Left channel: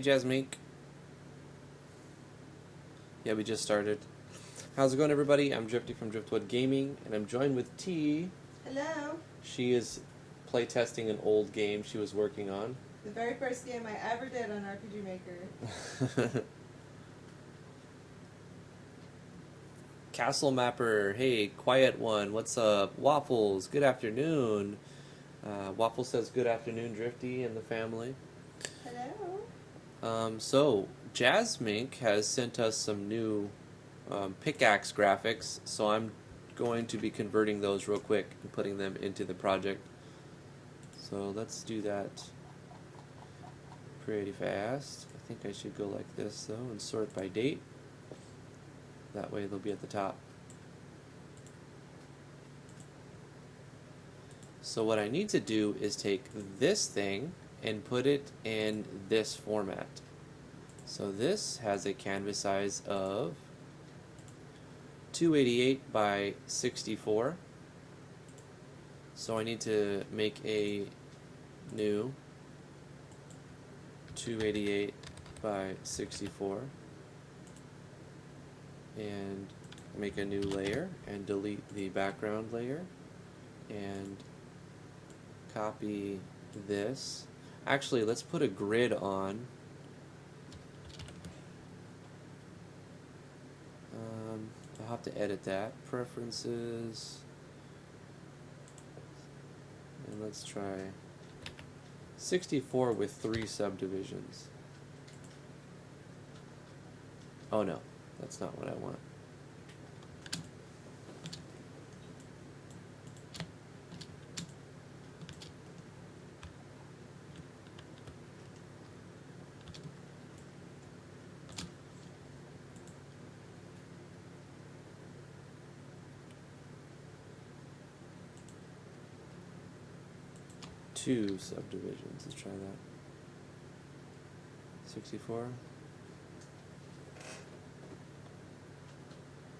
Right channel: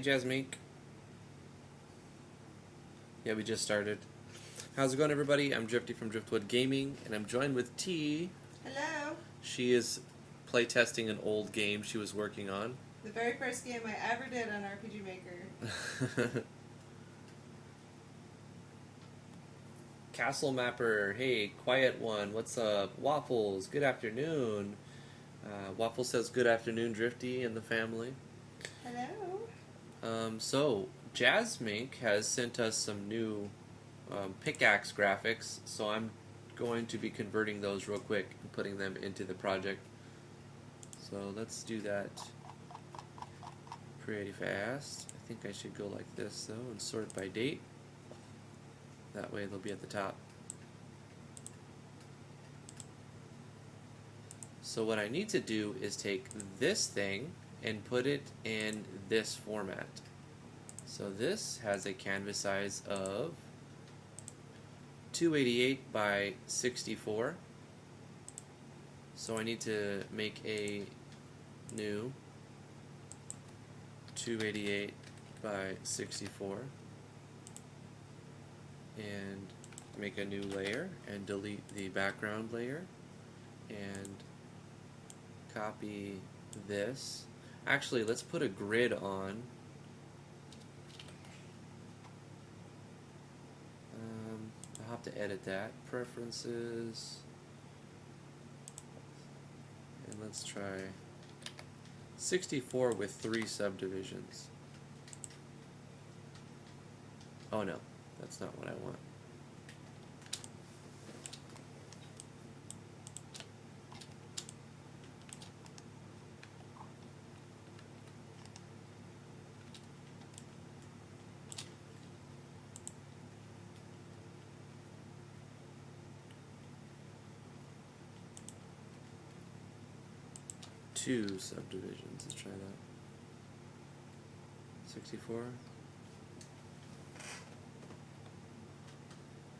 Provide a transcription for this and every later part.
Hey, Jasmine. Yeah, we just started. How's it going, everybody? I'm Drifty from Driftwood Gaming, and I'm joined with T. Hello. She is playtesting an old game she was working on. The very first game I ever did on RPG Maker. Castle Mapper, hey, quiet one, what's up? Waffles, good afternoon. Waffle says good afternoon, Drifty and the family. Hello. So, Jasmink has sent us some new pickaxe graphics, so I'm going to be converting those real quick and putting them into the project. So let's do that pretty fast. I think I should go like this though and sort by date. That way they'll be at the top. So what I need to do is take this thing and put it in this format. So this has a canvas size of 288 by 64. So I need to make a new 288 by 64 and make a new layer and delete the background layer and copy this. Actually, let's put a grid on. I'll have to edit that. Preferences. And let's try 64 with 3 subdivisions. Oh no, that's not what I want. Two subdivisions. Let's try that. 64.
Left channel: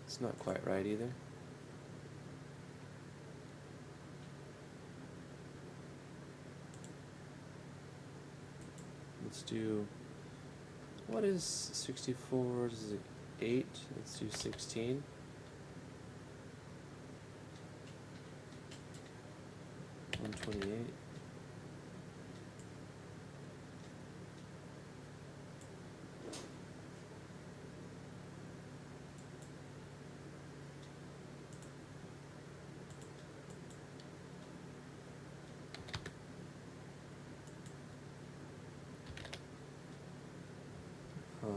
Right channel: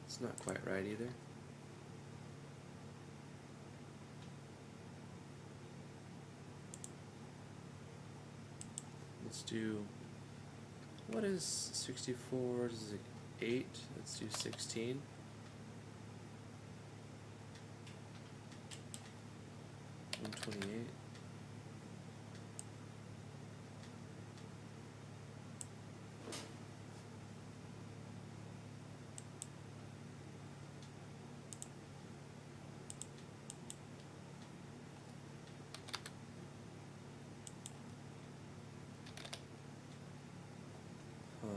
It's not quite right either. Let's do, what is 64 versus 8? Let's do 16. Huh.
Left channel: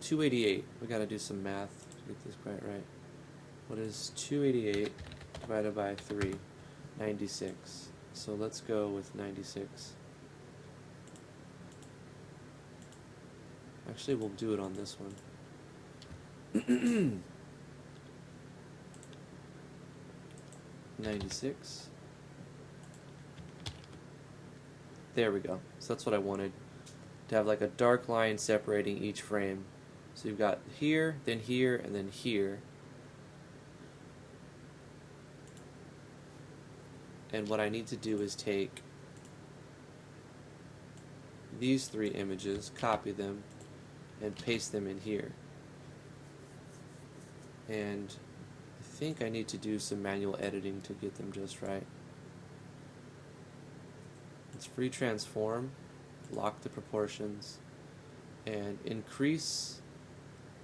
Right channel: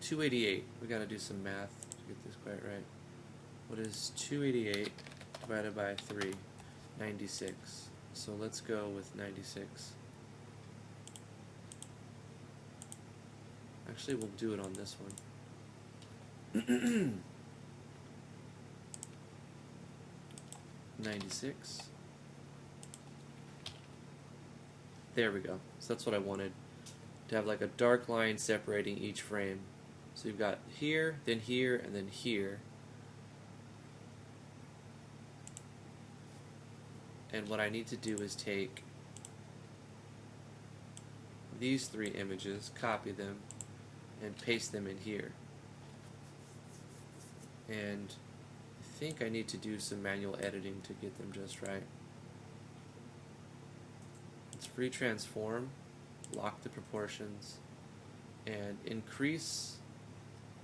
288. We gotta do some math to get this part right. What is 288 divided by 3? 96. So let's go with 96. Actually, we'll do it on this one. 96. There we go. So that's what I wanted. To have like a dark line separating each frame. So you've got here, then here, and then here. And what I need to do is take these 3 images, copy them, and paste them in here. And I think I need to do some manual editing to get them just right. Let's free transform, lock the proportions, and increase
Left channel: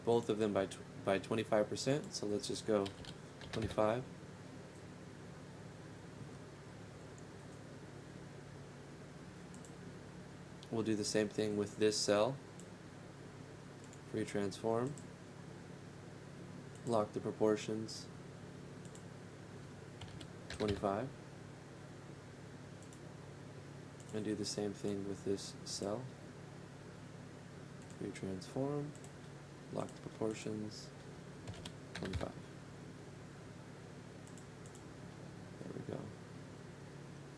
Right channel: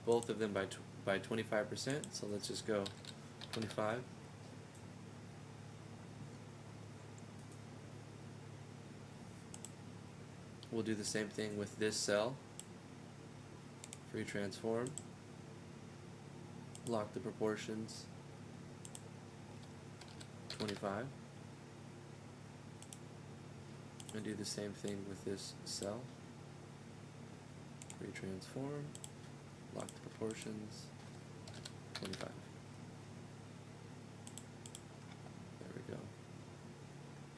both of them by 25%. So let's just go 25. We'll do the same thing with this cell. Free transform. Lock the proportions. 25. And do the same thing with this cell. Free transform. Lock the proportions. 25. There we go.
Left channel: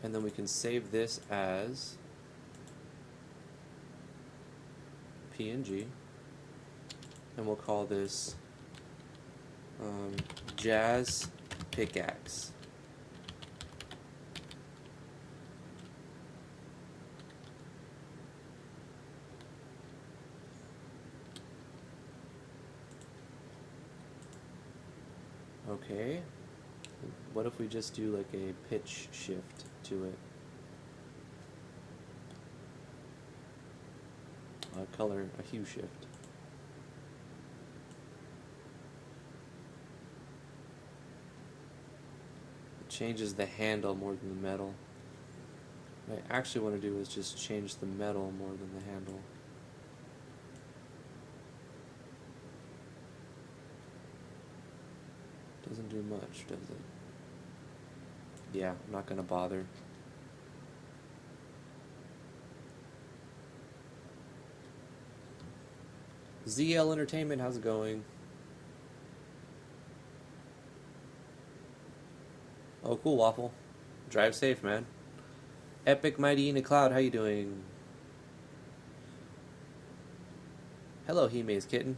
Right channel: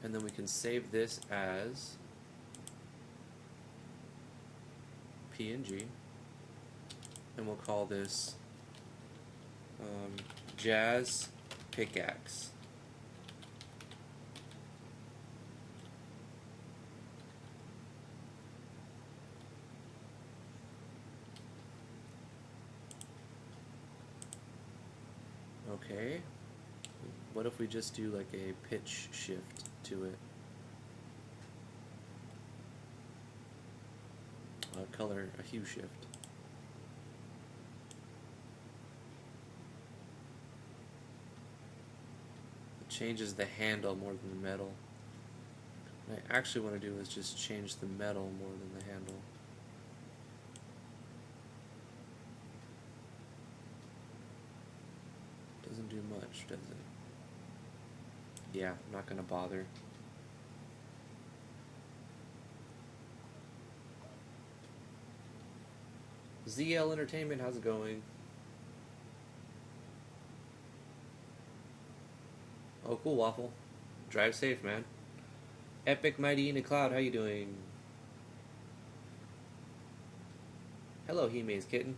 And then we can save this as PNG, and we'll call this Jazz Pickaxe. Okay. What if we just do like a pitch shift to it? A color, a hue shift. It changes the handle more than the metal. What I actually want to do is just change the metal more than the handle. Doesn't do much, does it? Yeah, I'm not gonna bother. ZL Entertainment, how's it going? Oh, cool, Waffle. Drive safe, man. Epic Mighty in the Cloud, how you doing? Hello, Hime's kitten.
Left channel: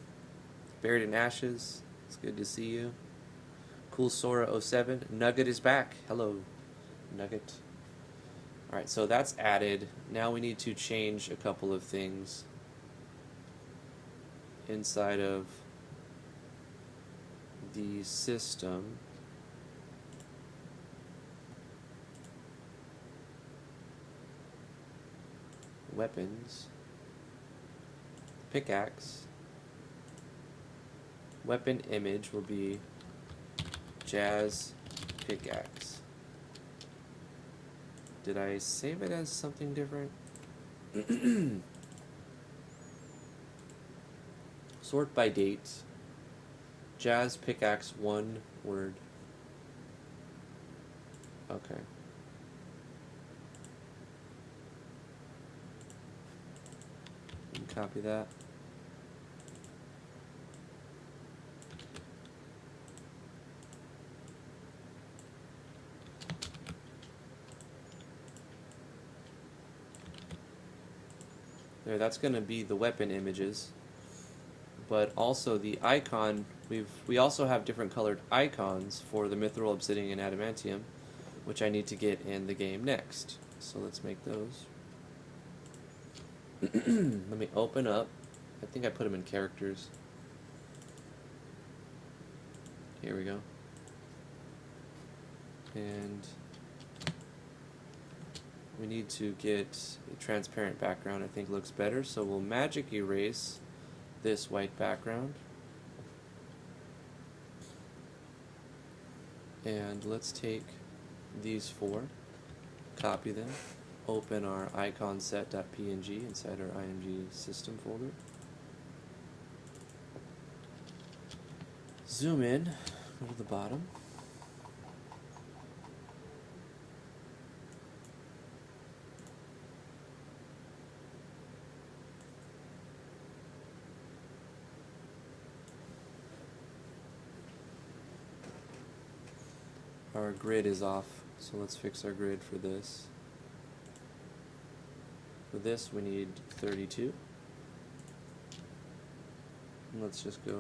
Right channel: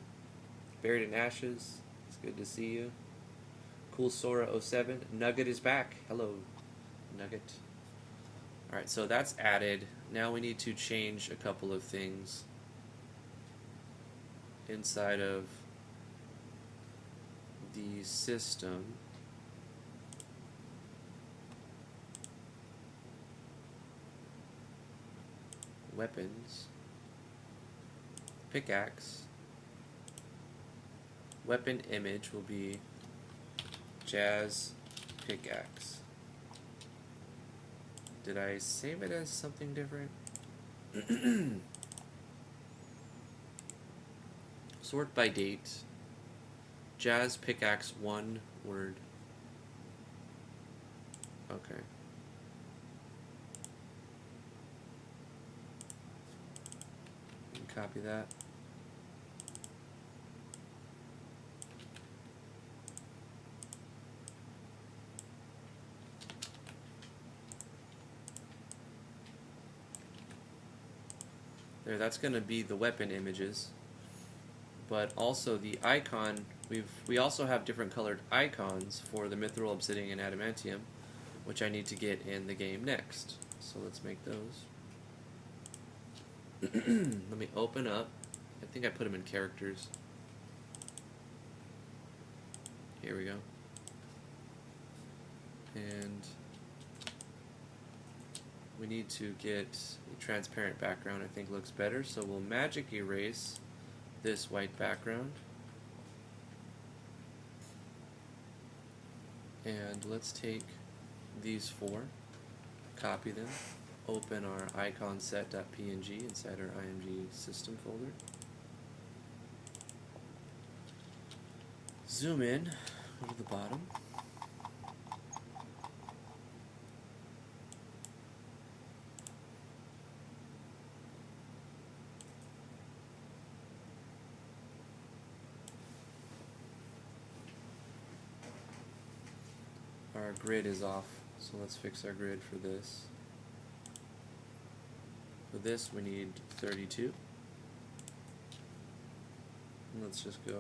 Buried in Ashes, it's good to see you. Cool Sora 07, Nugget is back. Hello, Nugget. Alright, so that's added. Now we need to change a couple of things inside of the system. Weapons, pickaxe, weapon image will be Jazz pickaxe. Did I save it as something different? Sort by date. Jazz pickaxe, one word. Okay. Copy that. There, that's going to be the weapon images. But also the icon, we also have different colored icons for the Mithril, Obsidian, and Adamantium, which I need to get in the game next. So let's make those. Let me open up. I think I put them in characters. Here we go. And we need to get a transparent background. I think looks better. So we'll magic erase this white background. And let's take these four, copy them, open our icon set.png inside our IMG system folder. Zoom in to the bottom. Our grid is off, so let's fix our grid for this. For this we need 32. Let's just go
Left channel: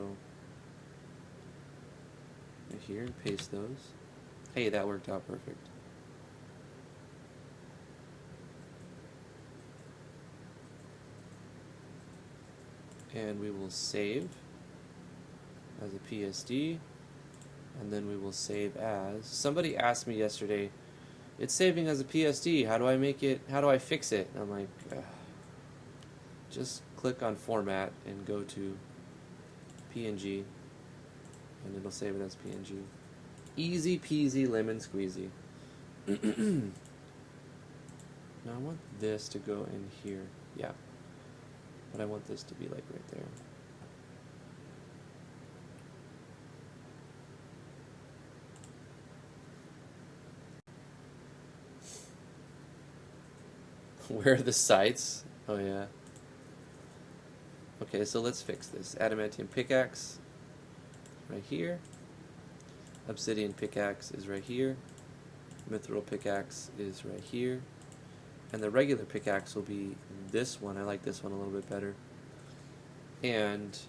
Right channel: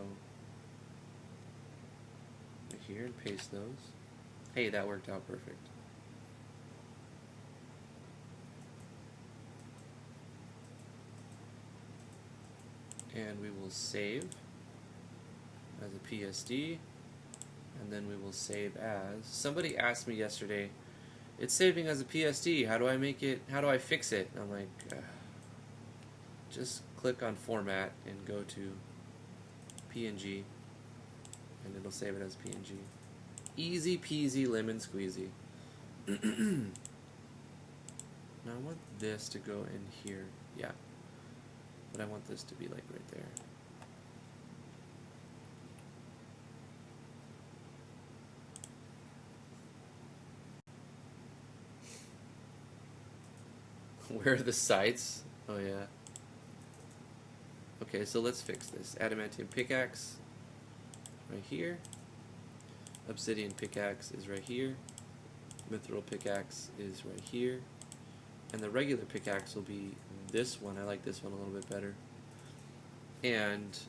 right here and paste those. Hey, that worked out perfect. And we will save as a PSD. And then we will save as. Somebody asked me yesterday, it's saving as a PSD, how do I make it, how do I fix it? And I'm like, just click on format and go to PNG, and it'll save it as PNG. Easy peasy lemon squeezy. Now I want this to go in here, yeah. But I want this to be like right there. Where are the sights? Oh yeah. Okay, so let's fix this. Adamantium pickaxe right here. Obsidian pickaxe is right here. Mithril pickaxe is right here. And the regular pickaxe will be this one. I like this one a little bit better. And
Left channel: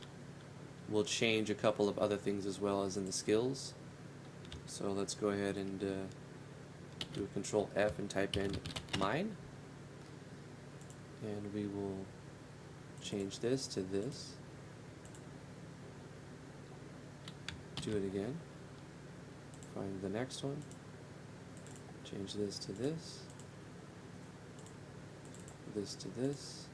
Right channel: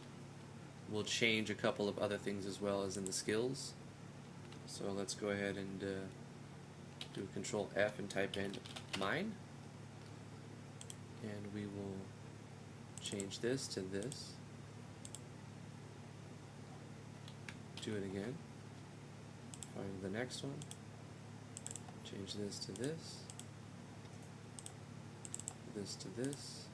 we'll change a couple of other things as well as in the skills. So let's go ahead and do Control F and type in mine. And we will change this to this. Do it again. next one. Change this to this. This to this.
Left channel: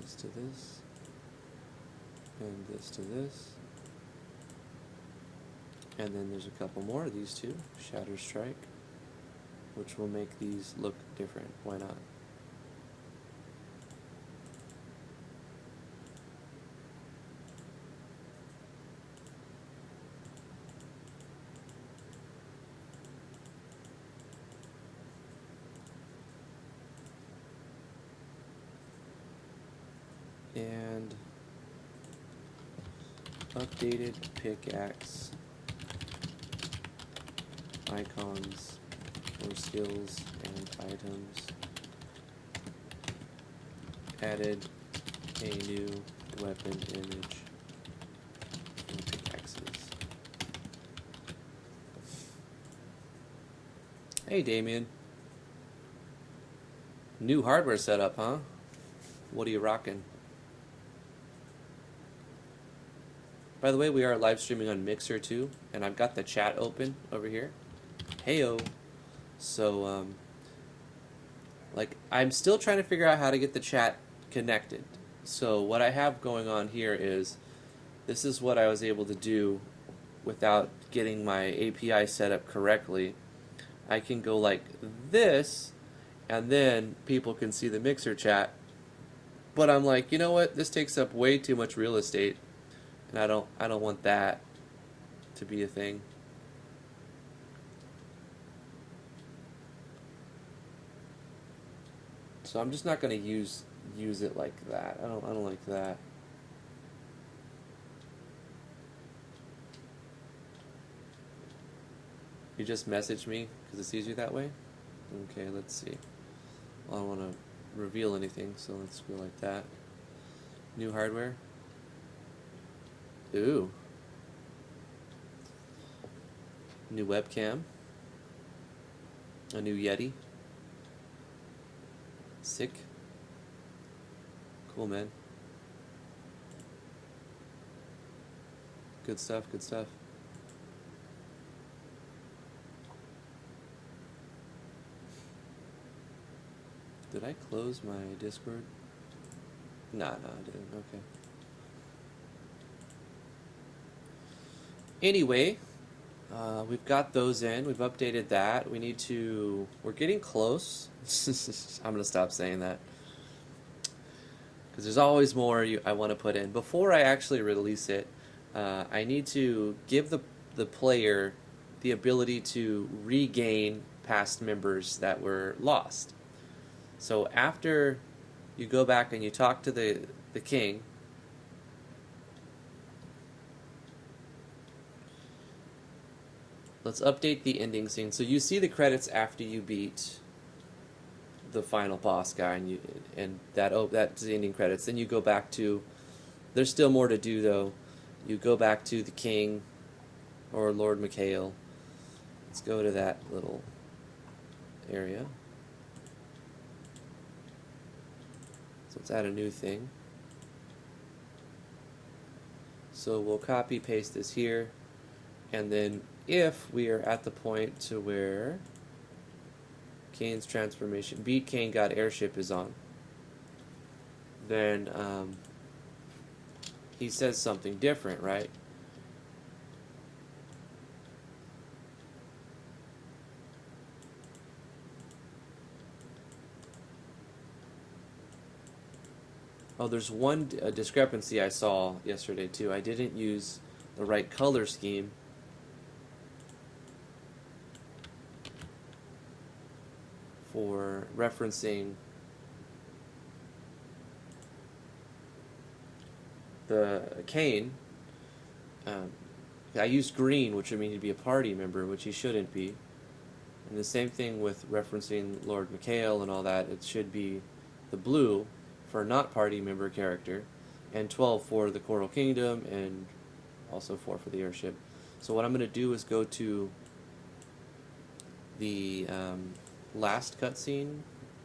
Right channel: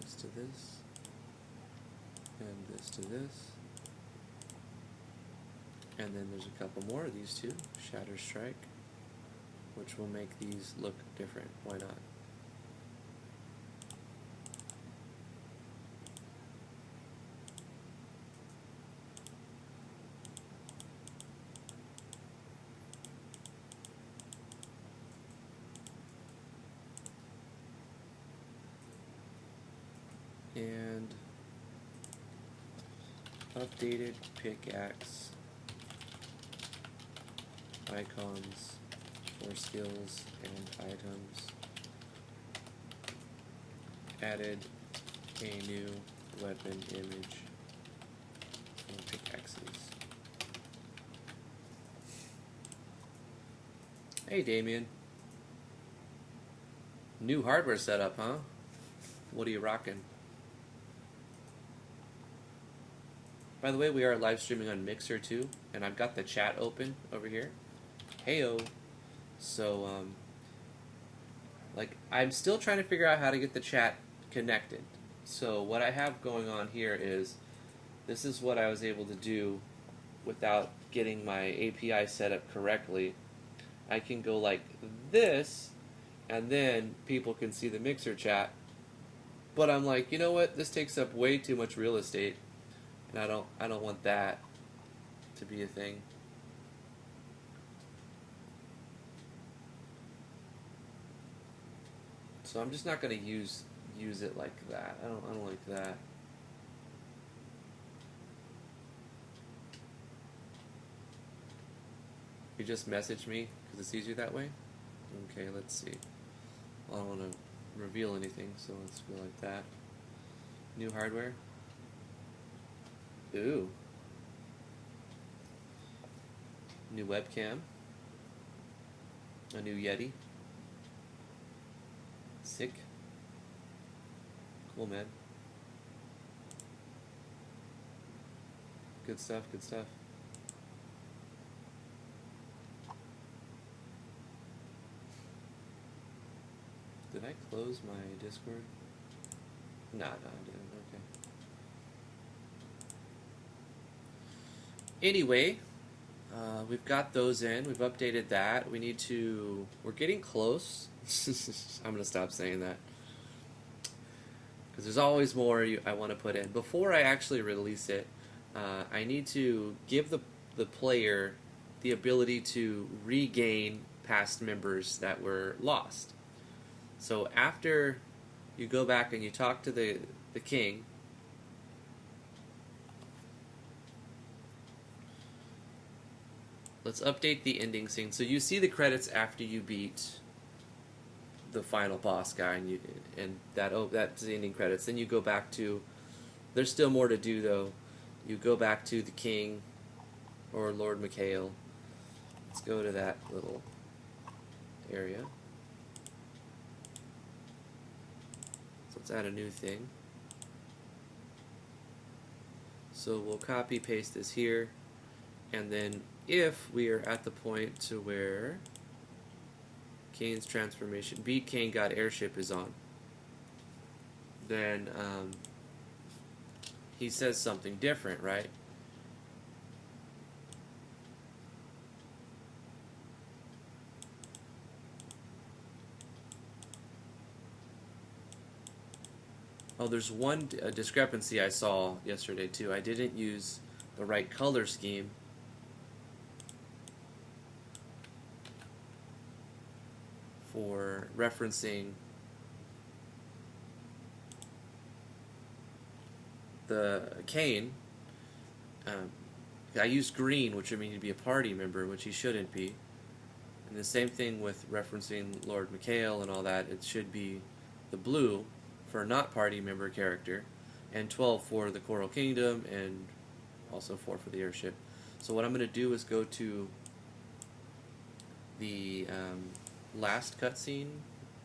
This to this. And this to this. And then there's a couple more of these two. Shatter Strike. Which will make these look different. Why not? Updated pickaxe icons for skills and items. Added a new weapon image in pickaxes. Hey Damian. New hardware setup, huh? What are you rocking? By the way, we are live streaming on Mixer too, and I've got the chat open over here. Heyo. So, like, I'm still trying to figure out how to get the chat connected. So what I have going on here is, this is what I was able to do without getting my API set up correctly. I can go like this, and then people can see the Mixer chat. But I'm like, you know what? This takes up way too much real estate. And I don't want that to be a thing. So I'm just not going to use it like that. I don't like that. You just message me because it's easier that way? Okay, let's see. I don't want to reveal anything, so let's go like that. New hardware. Ooh. New webcam. A new Yeti. Sick. Cool, man. Good stuff, good stuff. Did I close my Discord? Nah, I didn't. Okay. Anyway, we've got those in. We've updated that. We need to... We're getting close. I'm going to stop saying that. Because there's always more I want to put in. Before I actually release it, I need to give the player the ability to regain past members that were lost. So after you go back and you talk to the king... Let's update the ending scene. So you see the credits after you beat the final boss guy, and that's the ending credits. Then you go back to... There's still more to do, though. You go back to the king, or Lord Mikhail. Let's go to that little area. So let's add a new thing. So we'll copy, paste this here, and then if we are at the point to where Kane's transformation, beat Kane got airship is on, then he says something different, right? Oh, there's one discrepancy I saw yesterday too. I didn't use the right color scheme. For referencing the Kane, I used green, which would mean he'd be a party member, which he shouldn't be. And the same thing with referencing Lord Mikhail and all that. It should be the blue for not party member character, and 12 for the Coral Kingdom, and also 4 for the airship. So what I'm going to do is go to the last cutscene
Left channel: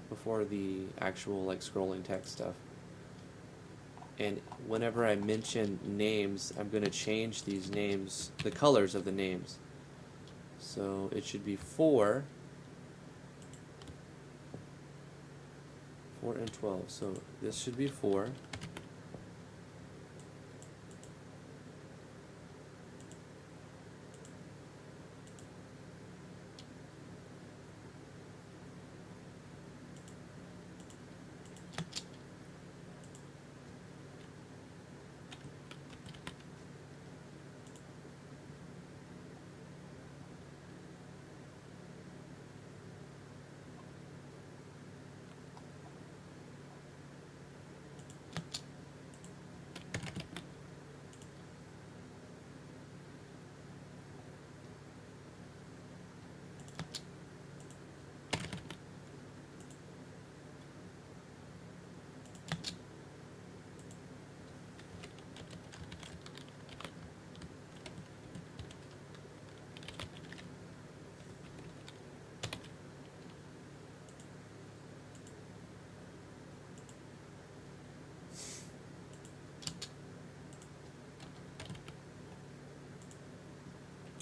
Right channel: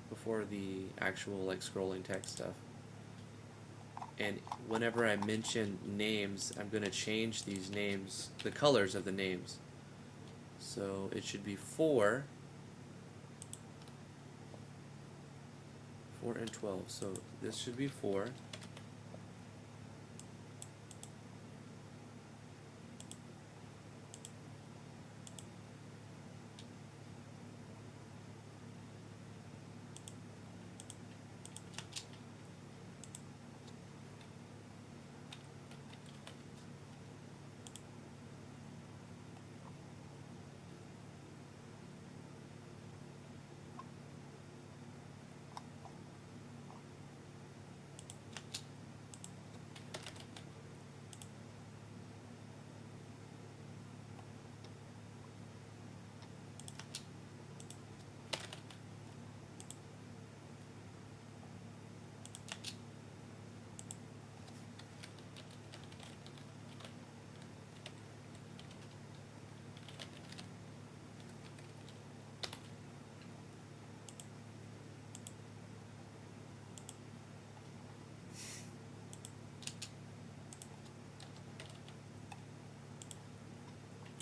before the actual like scrolling text stuff. and whenever I mention names, I'm going to change these names, the colors of the names. So it should be 4, 4 and 12. So this should be 4.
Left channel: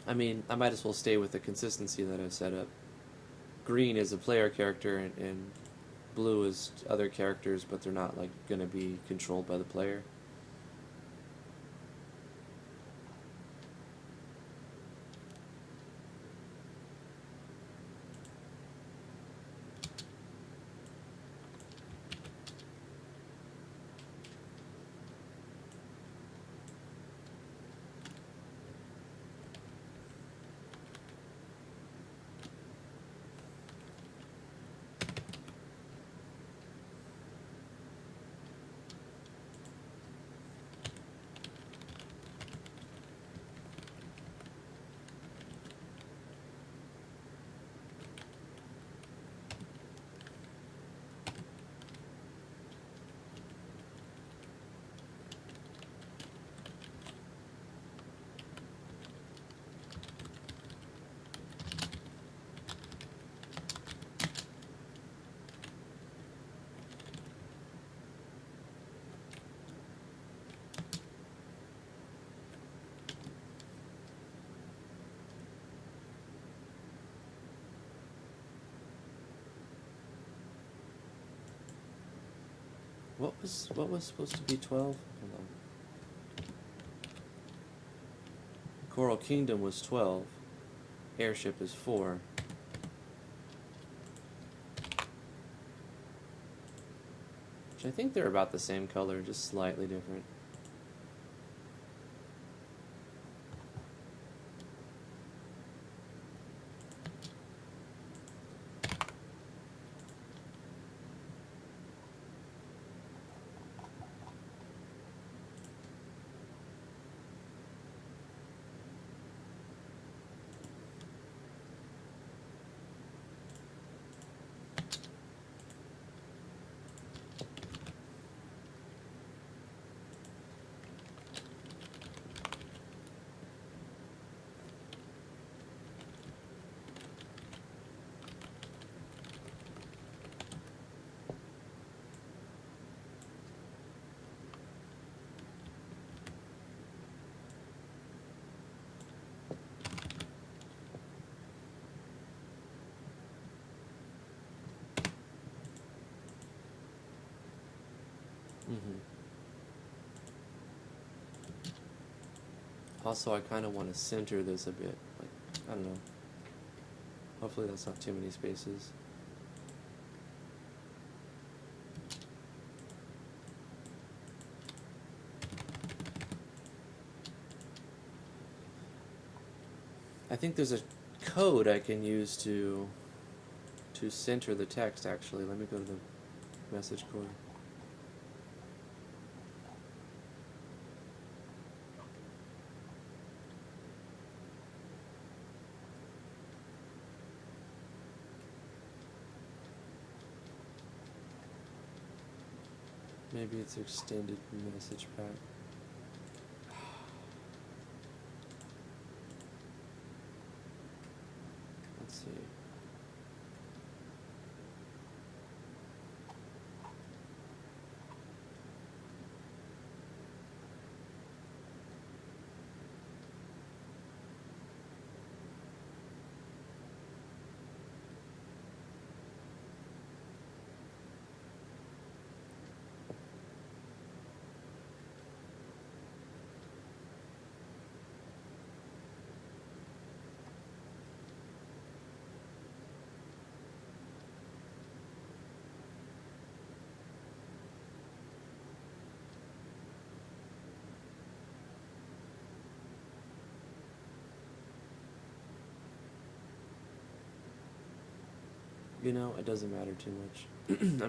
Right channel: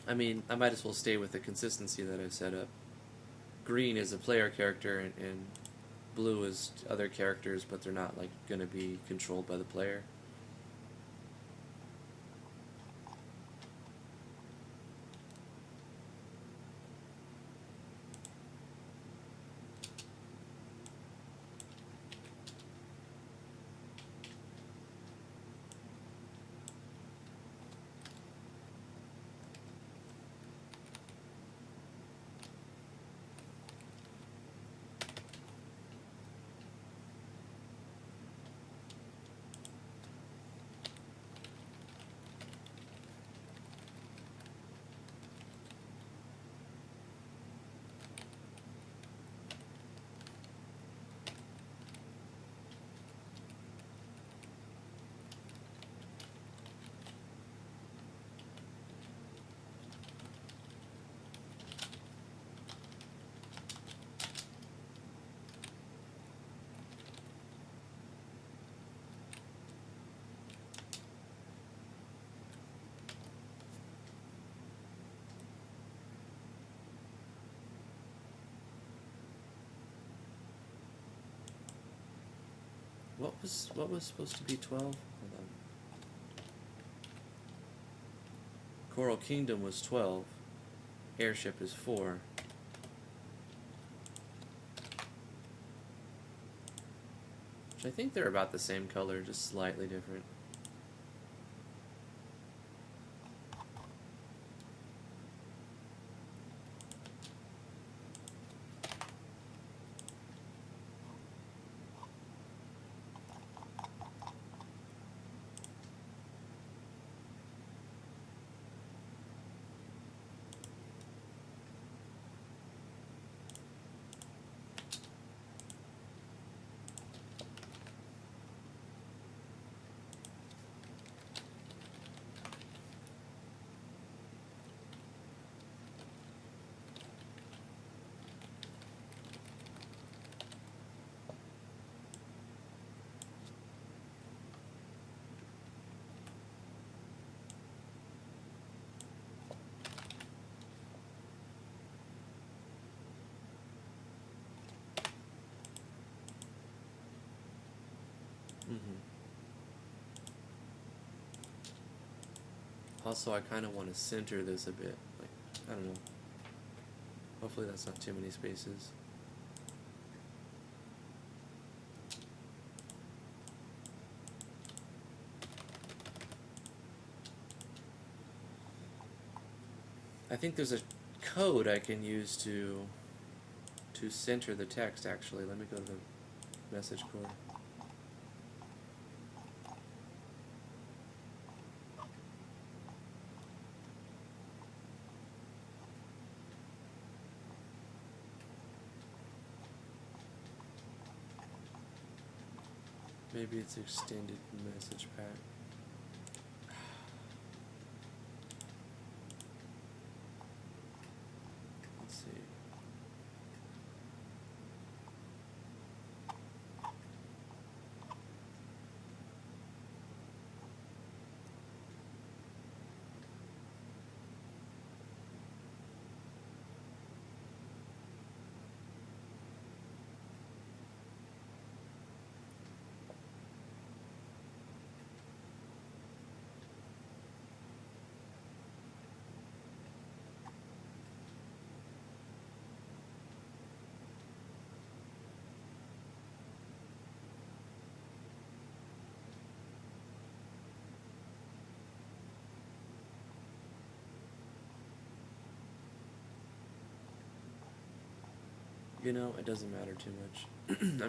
I mean, I might as well stay with the consistency that I set up. Green is a player character, and blue is other characters, but they're not like going to be controlled by the player. What was supposed to be 12? Coral Kingdom was 12. Airship is 4. Which I think they're about the same color, just slightly different. Also, I kind of want to center this a bit. I don't know. Hopefully that's not too many spaces. I think there's a code I can use to center the text, actually. Let me go to the message code. Maybe it's extended message pack. Let's see.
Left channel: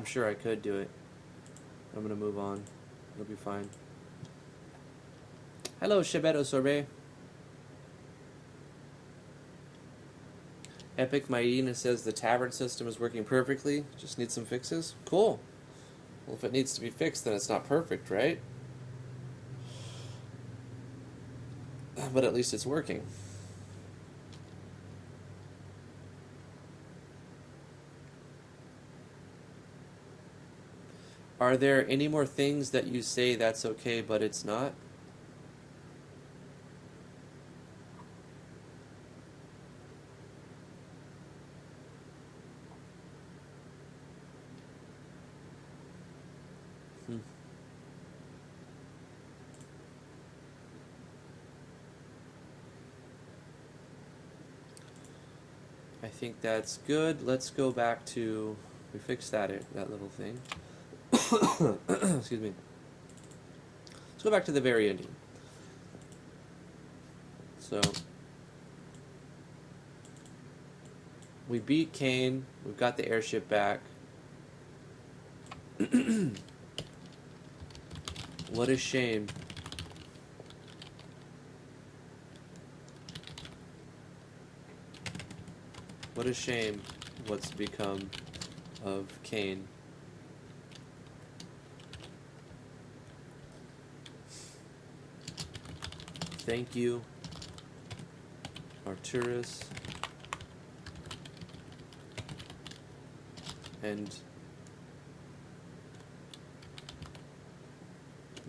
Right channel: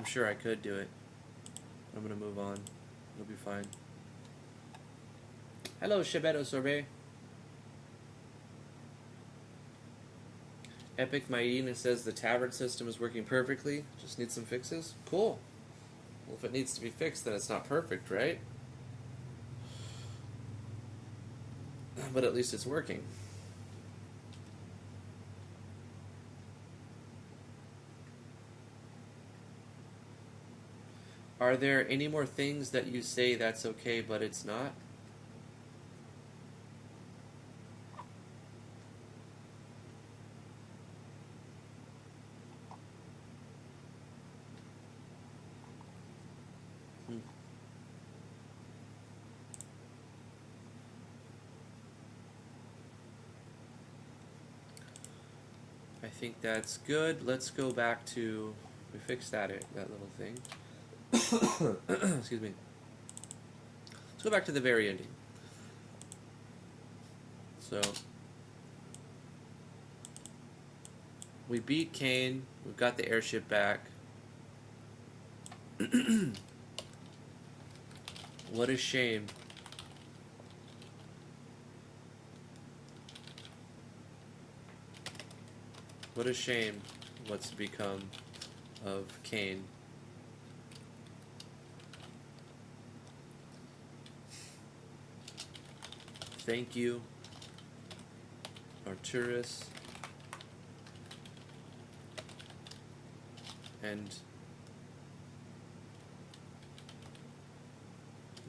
sure I could do it. I'm gonna move on. It'll be fine. Hello, Chebeto Sorbet. Epic Maïna says the tavern system is working perfectly. Just needs some fixes. Cool. Well, if it needs to be fixed, then it's not perfect, right? But at least it's working. Are there any more things that you say that's okay, but it's not? I think that's good. Let's go back to, we fixed that little thing. Excuse me. Let's go back to the very ending. So, we beat Kane. We've got the airship back. What a shame. What a shame what's become of Kane. Thank you, Arturus. And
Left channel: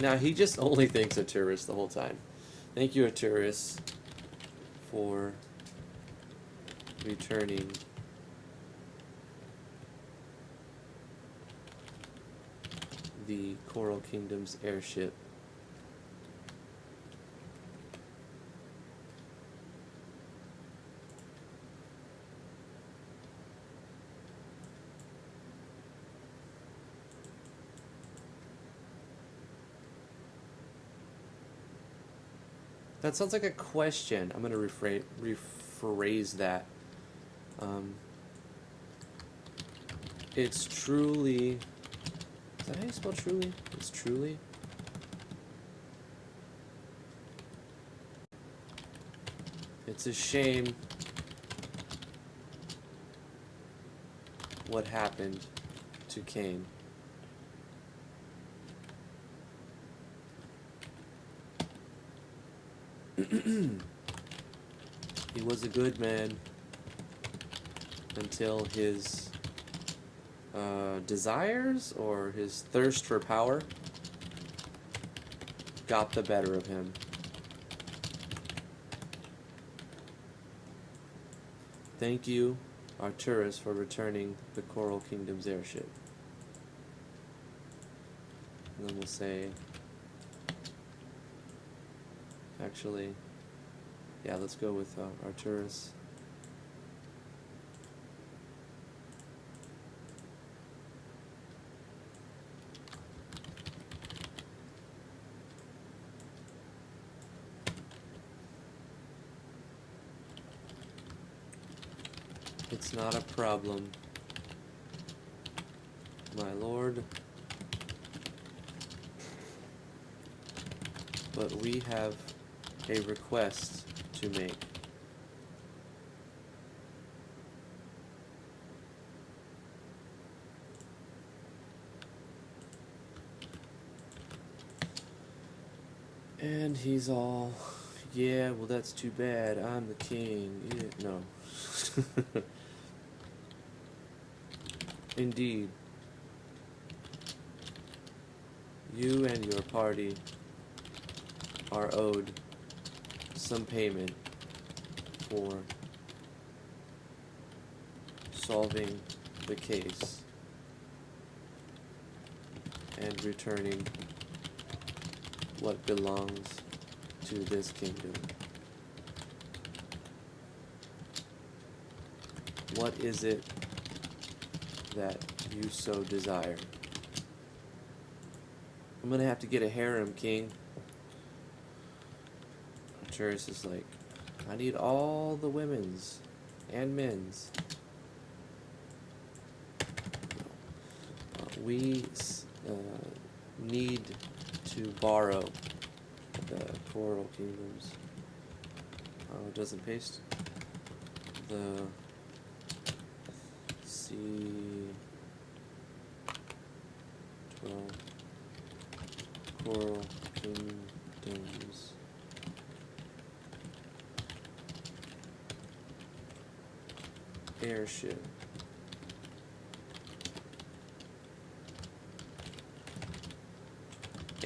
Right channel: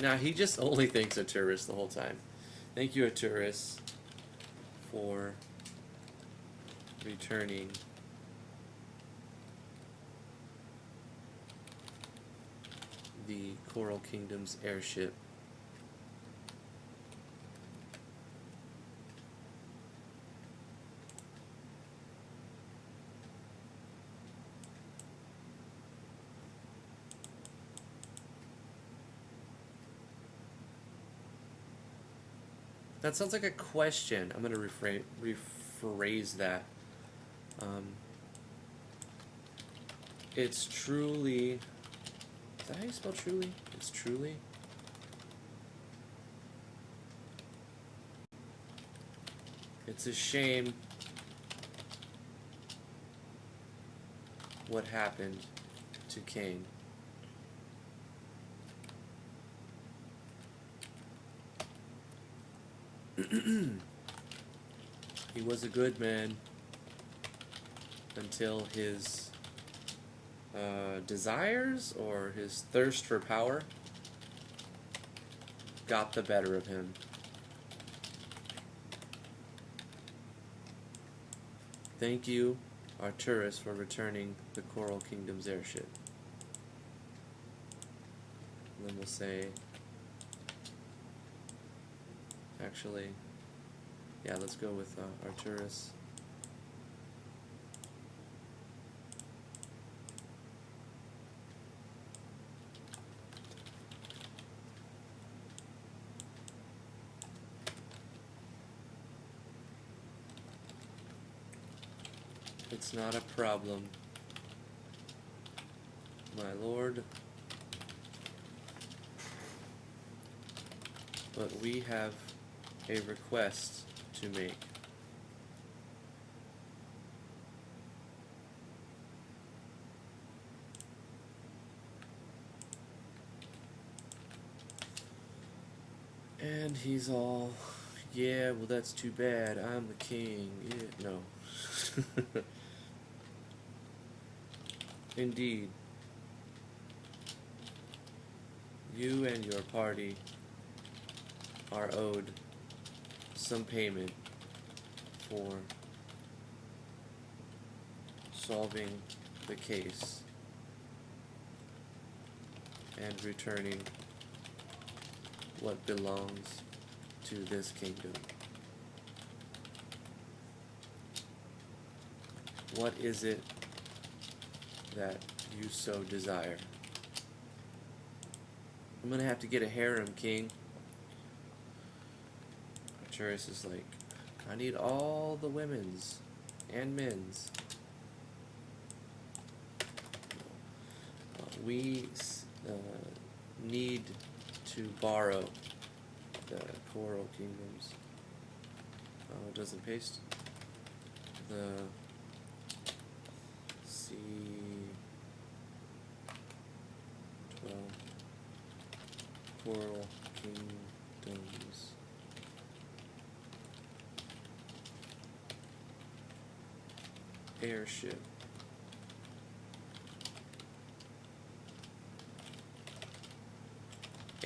now he just only thinks Arturus the whole time. Thank you, Arturus, for returning the Coral Kingdom's airship. That sounds like a question. I'm going to rephrase that. It's truly... Is that how you spell truly? It's truly? It's a shame what happened to Kane. He was a good man until his desires or his thirst for power got the better of him. Thank you, Arturus, for returning the Coral Kingdom's airship. And then we'll say... Actually, yeah, let's go with Arturus. It's not a problem, my lord. But we have a request to make. And he's all, yeah, well that's too bad, I'm the king. Yeah, no. Indeed. You and your party are owed some payment for solving the case and returning what belongs to this kingdom. What is it that you so desire? I'm gonna have to get a harem, king. Arturus is like, I need all the women's and men's. we need to borrow the Coral Kingdoms. Oh, it doesn't paste. The C12 Coral Kingdoms. Airship.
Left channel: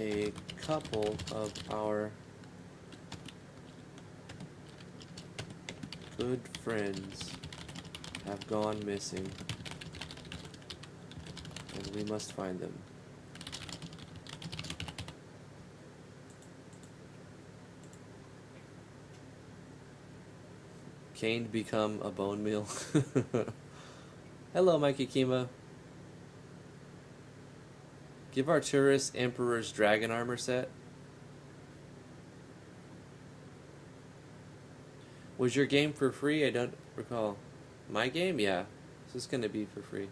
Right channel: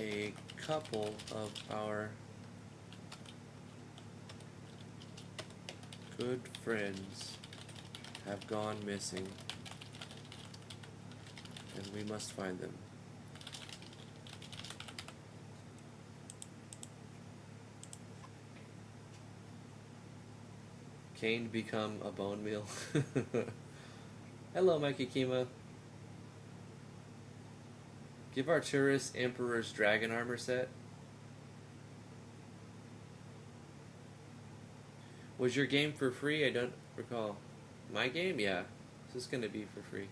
A couple of our good friends have gone missing, and we must find them. Kane become a bone meal. Hello, Mikey Kima. Give Arturus Emperor's Dragon Armor set. Was your game for free? I don't recall. My game? Yeah. This is going to be for free.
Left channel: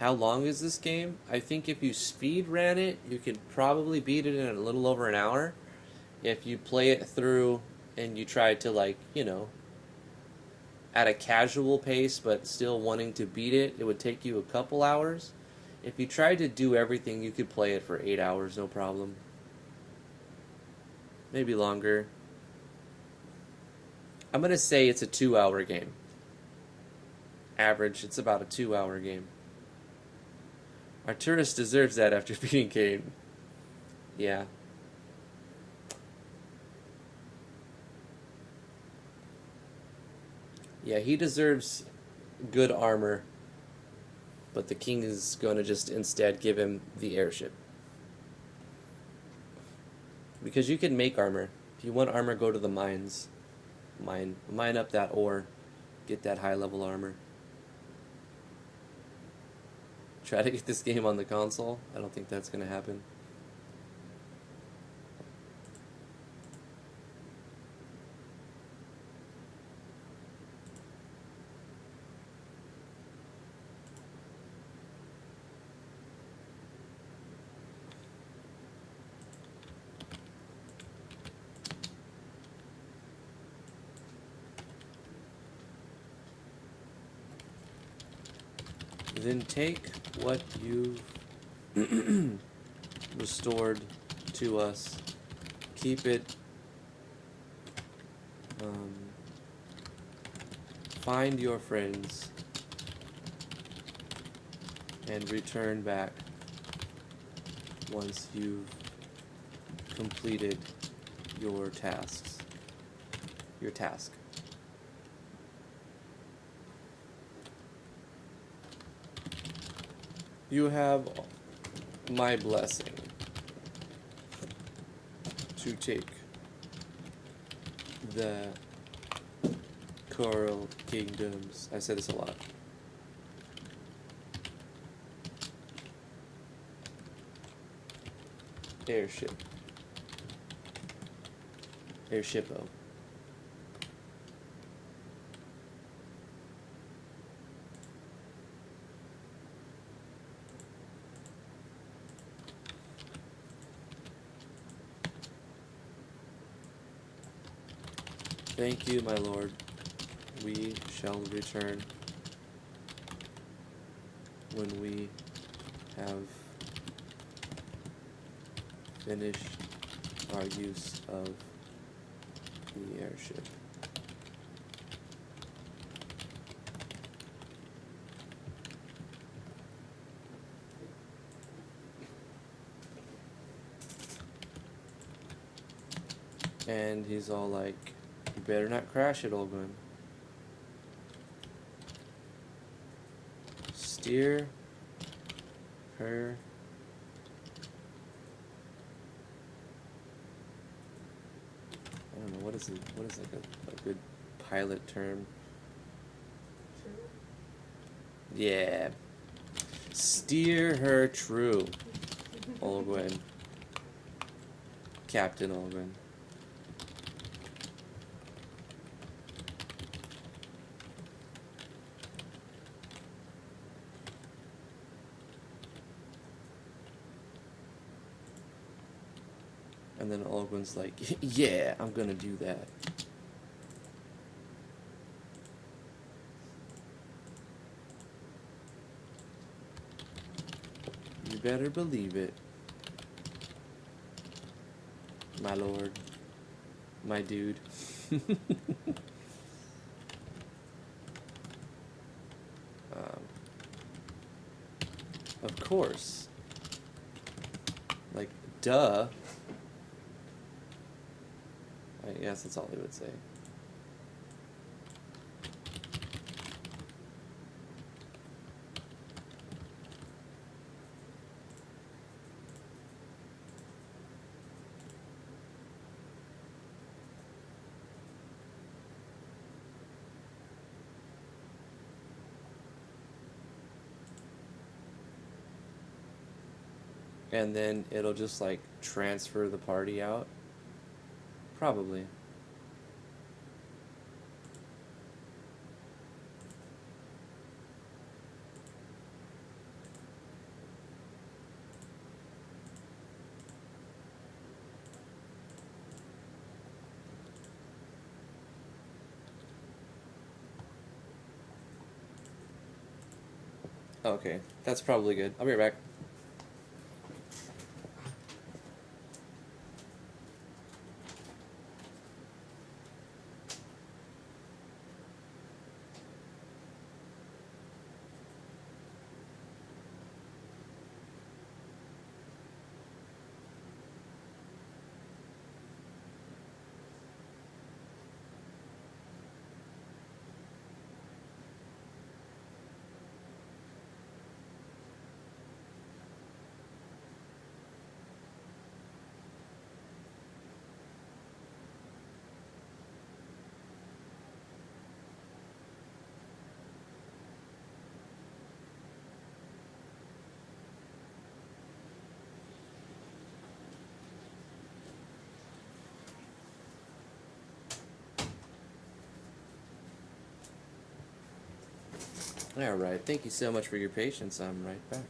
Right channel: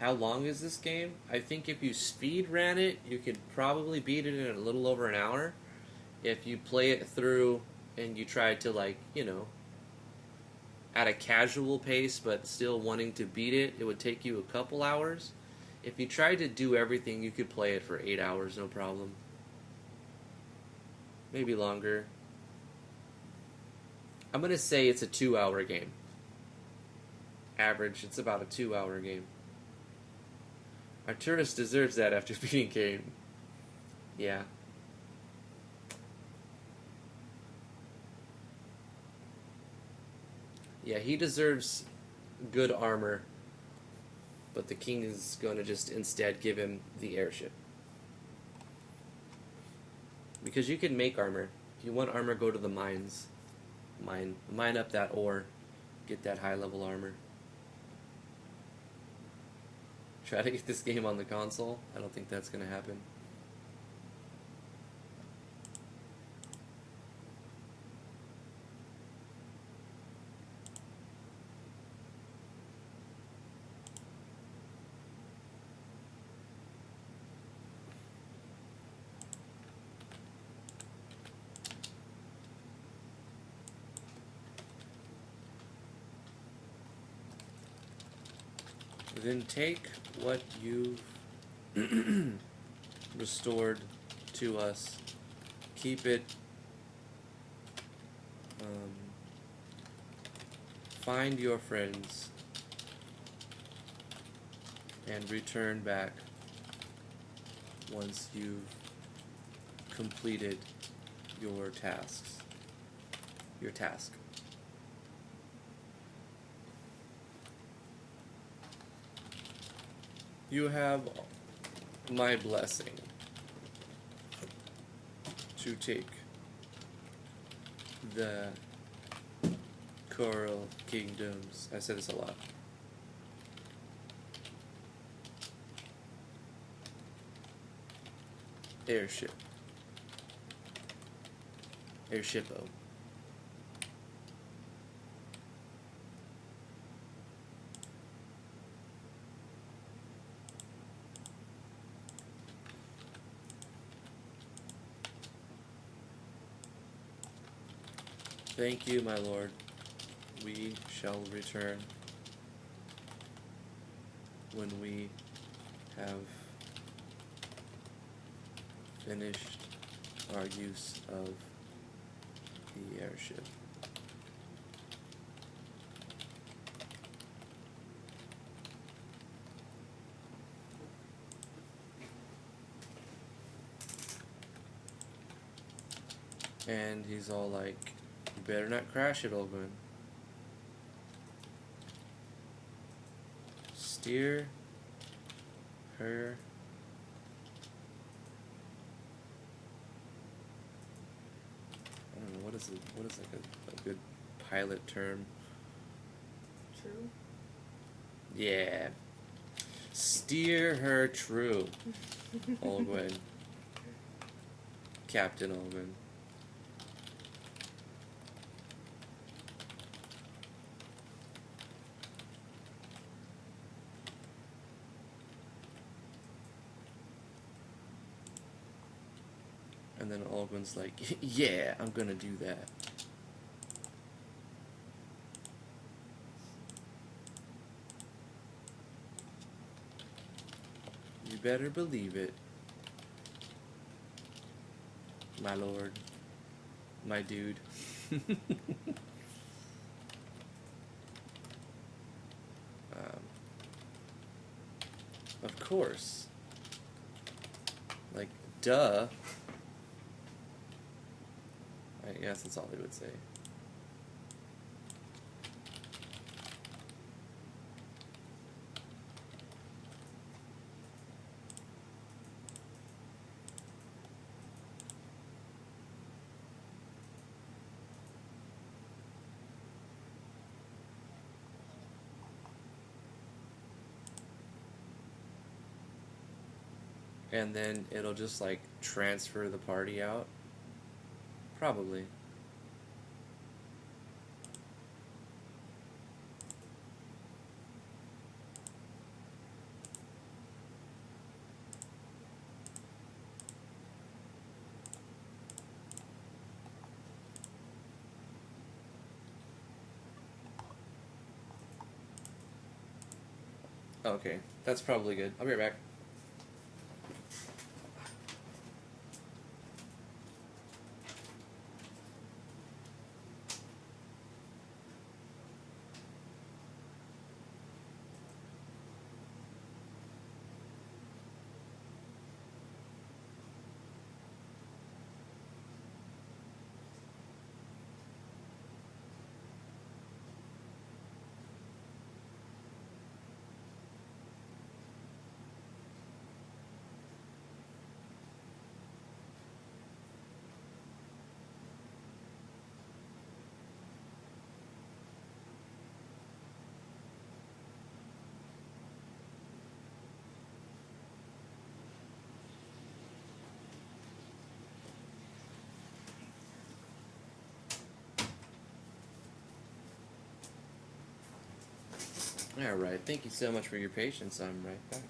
How long is this game? I think if you speed ran it, you could probably beat it in a little over an hour. If you play it through and you try to, like, you know, at a casual pace but still wanting to beat it, it would take you a couple hours. If you tried to do everything, you could play it for 8 hours, no problem. Maybe longer. I'm going to say it's a 2-hour game. Average, it's about a 2-hour game. Arturus deserves that after beating Kane. Yeah. Yeah, he deserves good armor, but the king is going to just instead give him the airship. Because you can make armor. If you want armor, go to the mines. Mine up that ore. Get that high level armor. Try to get this game on the console. I don't think that's going to happen. Then take what you've restored to us, keep it, find your friends, and return back once you've completed your tasks. Your task. You have my blessing to take the Coral Kingdoms. I say this a lot. Airship. Airship-o. Thank you, my lord. We shall return when we have finished our use of the airship. And he's all like, better not crash it, old man. Steer her I don't know, what is like a good pilot term? True. Yeah. Steer her true. Olgwen. Captain Olgwen. And then Olgun's like, yeah, I'm gonna do that. You better believe it. My lord. My dude. Of course. Like, duh. I guess that's all they would say. And then it'll just like transfer the party out. Probably. Okay, that's probably good. I'll be right back. Alright, thank you so much for your patience. I'm right back.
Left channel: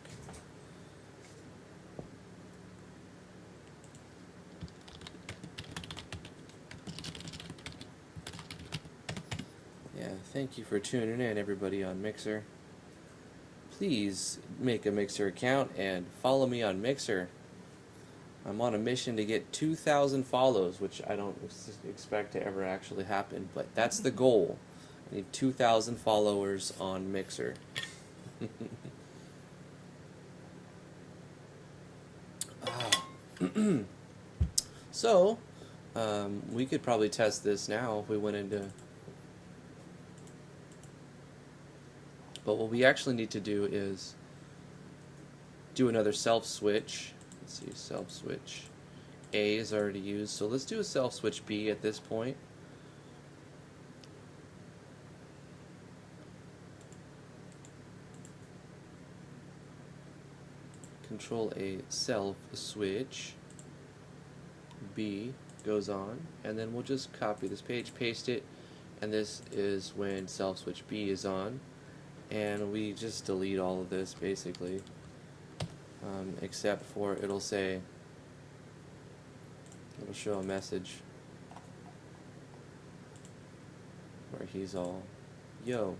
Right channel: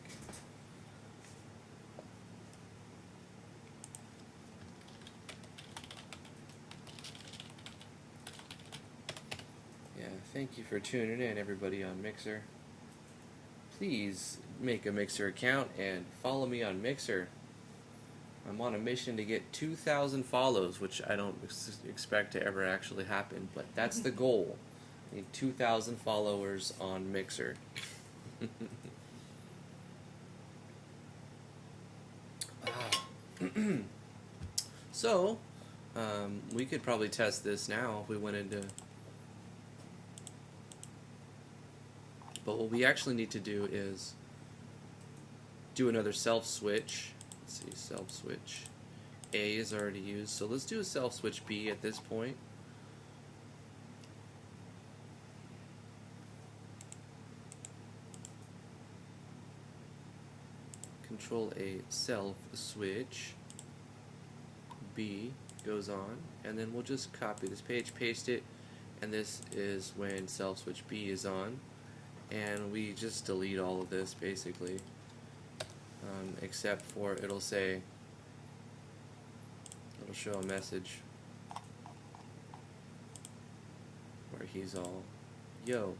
Yeah, thank you for tuning in, everybody on Mixer. Please make a Mixer account and follow me on Mixer. I'm on a mission to get 2,000 follows, which I don't expect to ever actually happen, but that's the goal. I need 2,000 followers on Mixer. So, we could probably test this now if we went into... But what we actually need to do is do another self-switch. Let's see, self-switch. A is already used, so let's do a self-switch B at this point. Control A, self-switch. B goes on, and then we'll just copy this page, paste it, and this is when self-switch B is on, and we just delete all of this basically, except for it'll show a message where he's all, yo.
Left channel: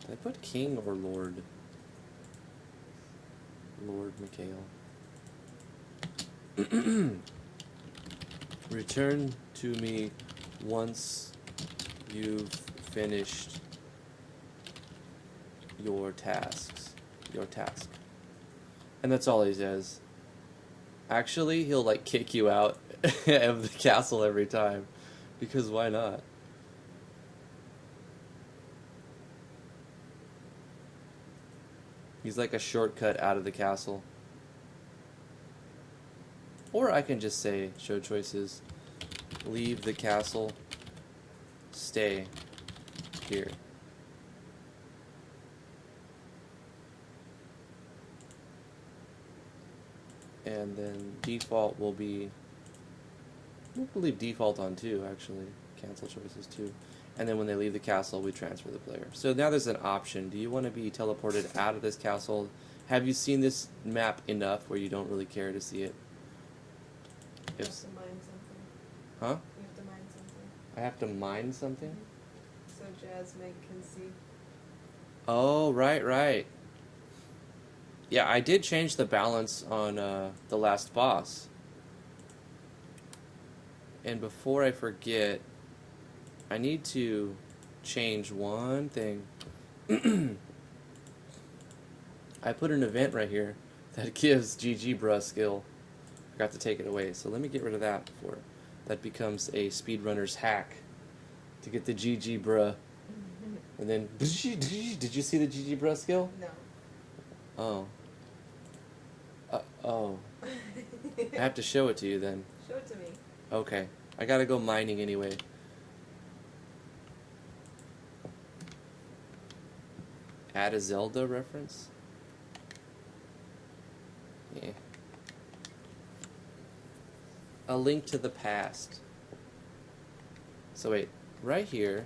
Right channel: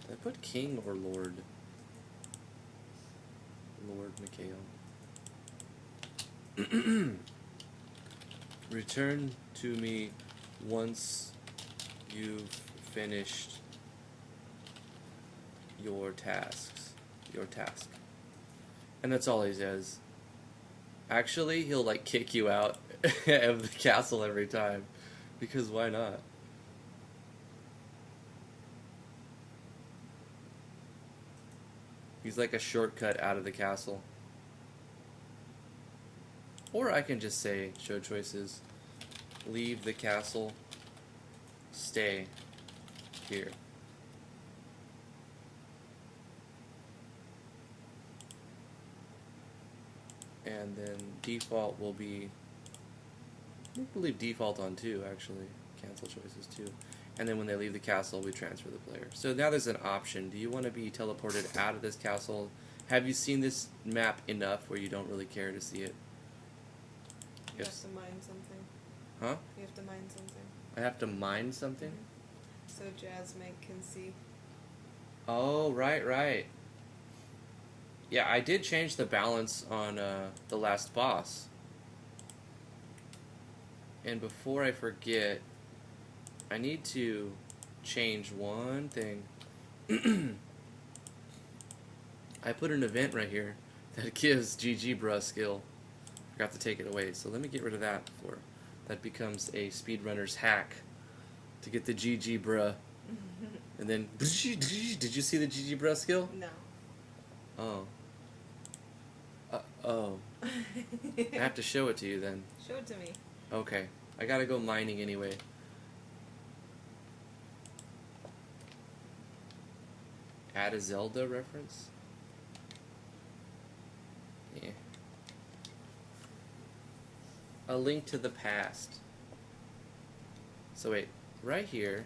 Did I put king or lord? Lord Mikhail. Return to me once you've finished your task. And that's all he says. Actually, he'll like kick you out of the castle every time, because why not? He's like a shortcut out of the castle. Or I can just say, show choices, leave the castle, stay here. And then default will be, we'll leave default on too, actually. Cancel choices too. and then when they leave the castle, we transfer the player. So now there's an option. Do you want to be teleported out of this castle? Have you seen this map enough where you don't really care to see it? You have to mine something. Huh? You have to mine something. I have to mine something? So Jasmine can see. Oh, right. Yeah, I did change the balance on the last boss. And before I forget, I need to change one thing. I put an event right here that gives GG Bruh skill. Forgot to take it away, so let me get rid of that before that becomes a speedrunner's hack to get the GG Bruh. And then, did you see the GG Bruh skill? No. Oh. Oh. I have to show it to you then. Show it to me. Okay. I gotta go mining anyway. Add a Zelda reference? Yeah. A link to the past. So wait, right here.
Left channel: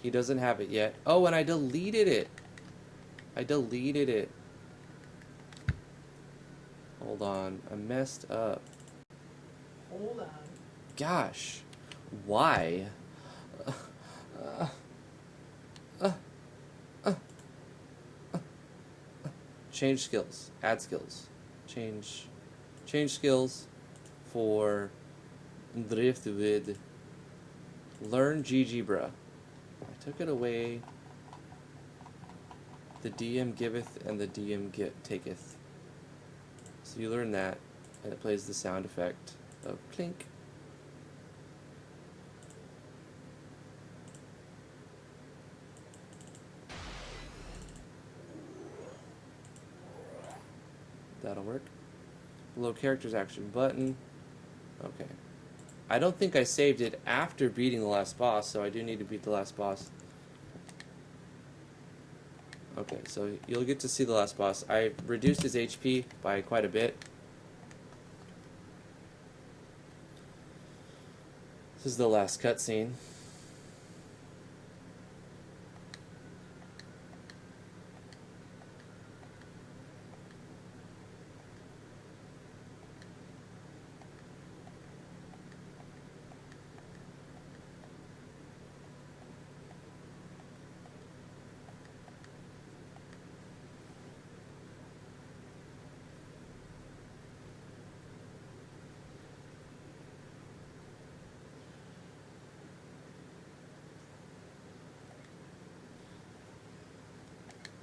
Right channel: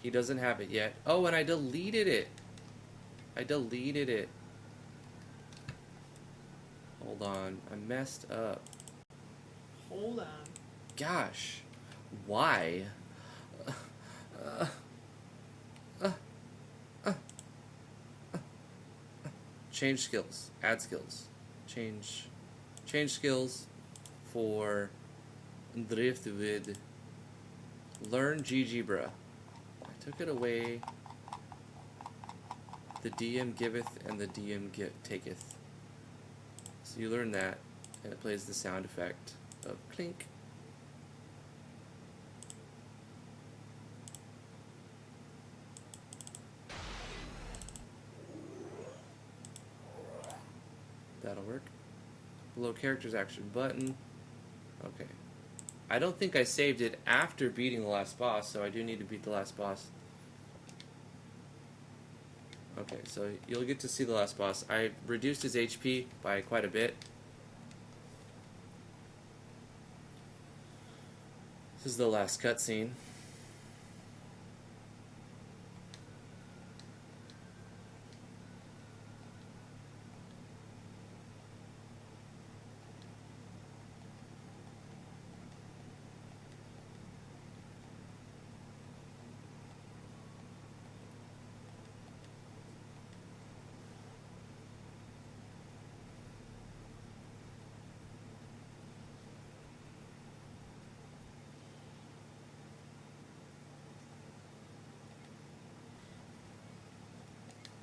He doesn't have it yet. Oh, and I deleted it. Hold on, I messed up. Hold on. Gosh, why? Change skills. Add skills. Change skills for Driftwood. Learn GG Bruh. I took it away. The DM giveth and the DM taketh. So you learn that, and it plays the sound effect of clink. That'll work. Below characters action button. Okay. I don't think I saved it after beating the last boss, so I do need to beat the last boss. Okay, so you'll get to see the last boss. I reduced his HP by quite a bit. This is the last cutscene.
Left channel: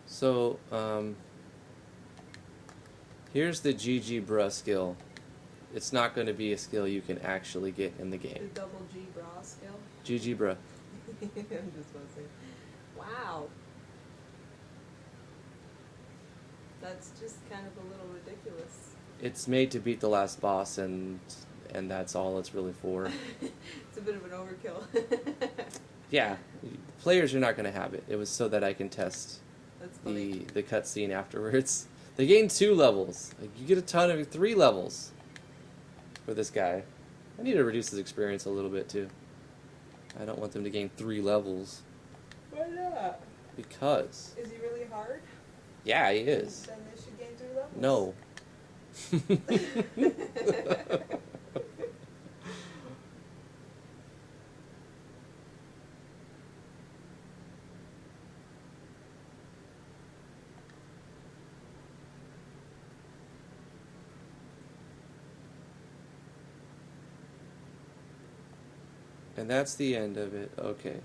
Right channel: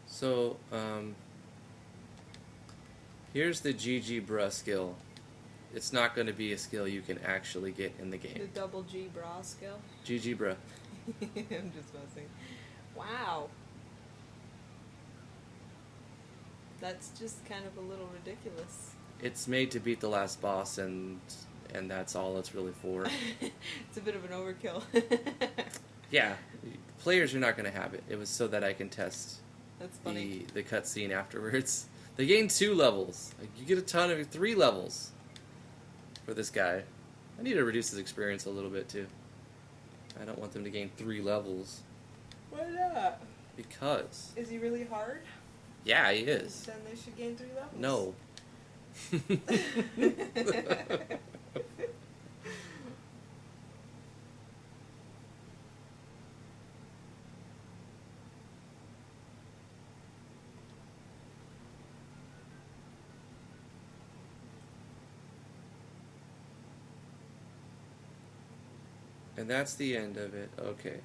So, here's the GG Bruh skill. It's not going to be a skill you can actually get in the game. The double G bra skill? GG Bruh. I'm just messing. Wow. That's just kind of a little ridiculous. It's made to beat the last boss, and that's all it's really for. It's a bit of an overkill. Yeah, players are not going to have it. It was so that I can test That's funny. the cutscene afterwards. They gain 2 levels. You get a ton of 3 levels for this guy. I need to reduce his experience a little bit too. I don't want them to gain 3 levels. Why not? Because. Is he really hard? Yeah, he is. Then they should gain 3 levels. No. And that's the end of it. Okay.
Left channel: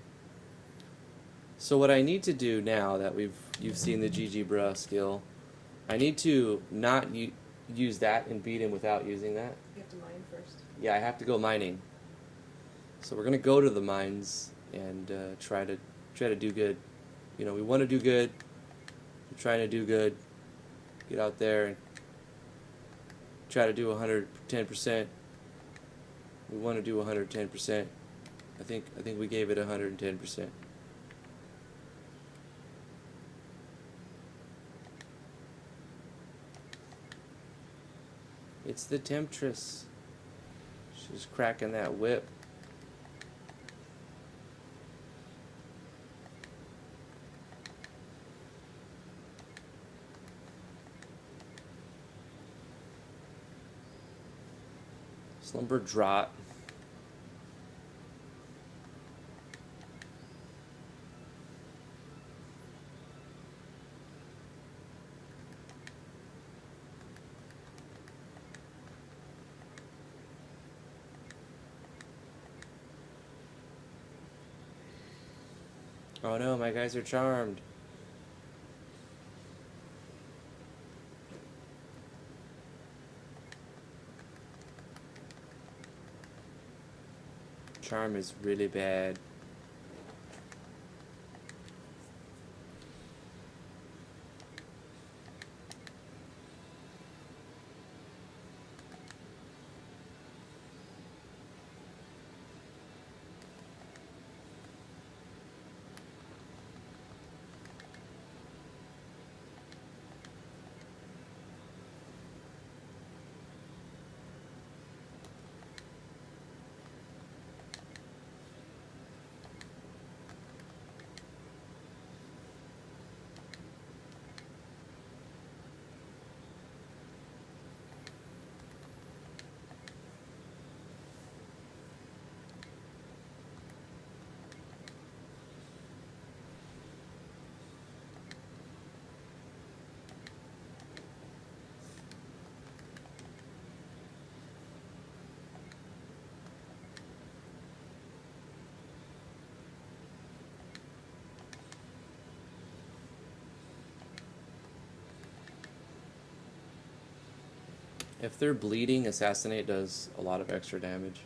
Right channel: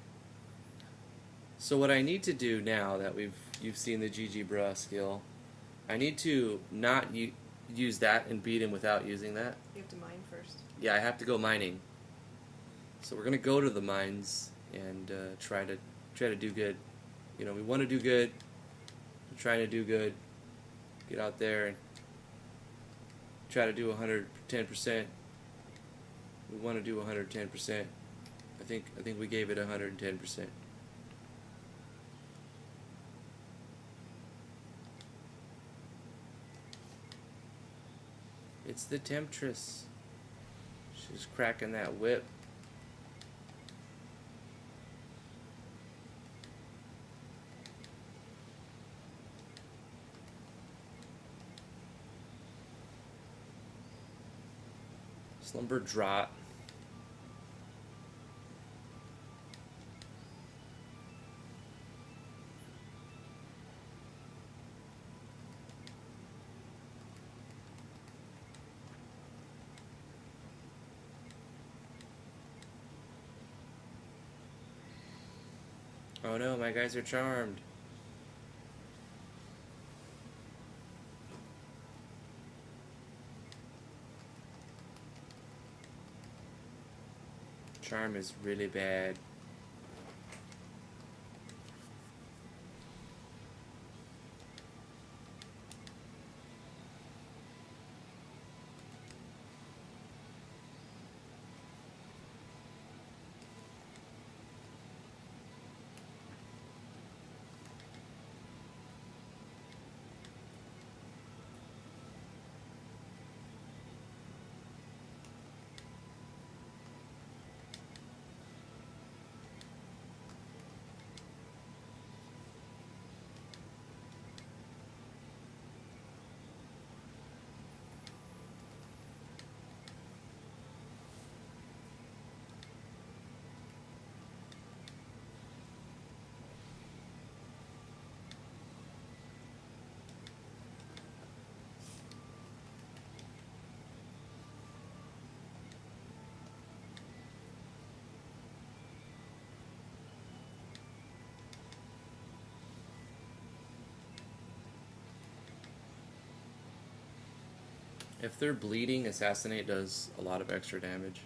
So what I need to do now that you've seen the GG Bruh skill, I need to not use that and beat him without using that. You have to mine first. Yeah, I have to go mining. So we're gonna go to the mines and try to do good. You know, we want to do good. We're trying to do good. Get out there and try to do 110%. We want to do 110%. I think we gave it 110%. It's the Temptress. She's cracking that whip. Slumber Draught. Oh no, my guys are charmed. Charm is really bad. If they're bleeding, Assassinate does a lot of extra damage.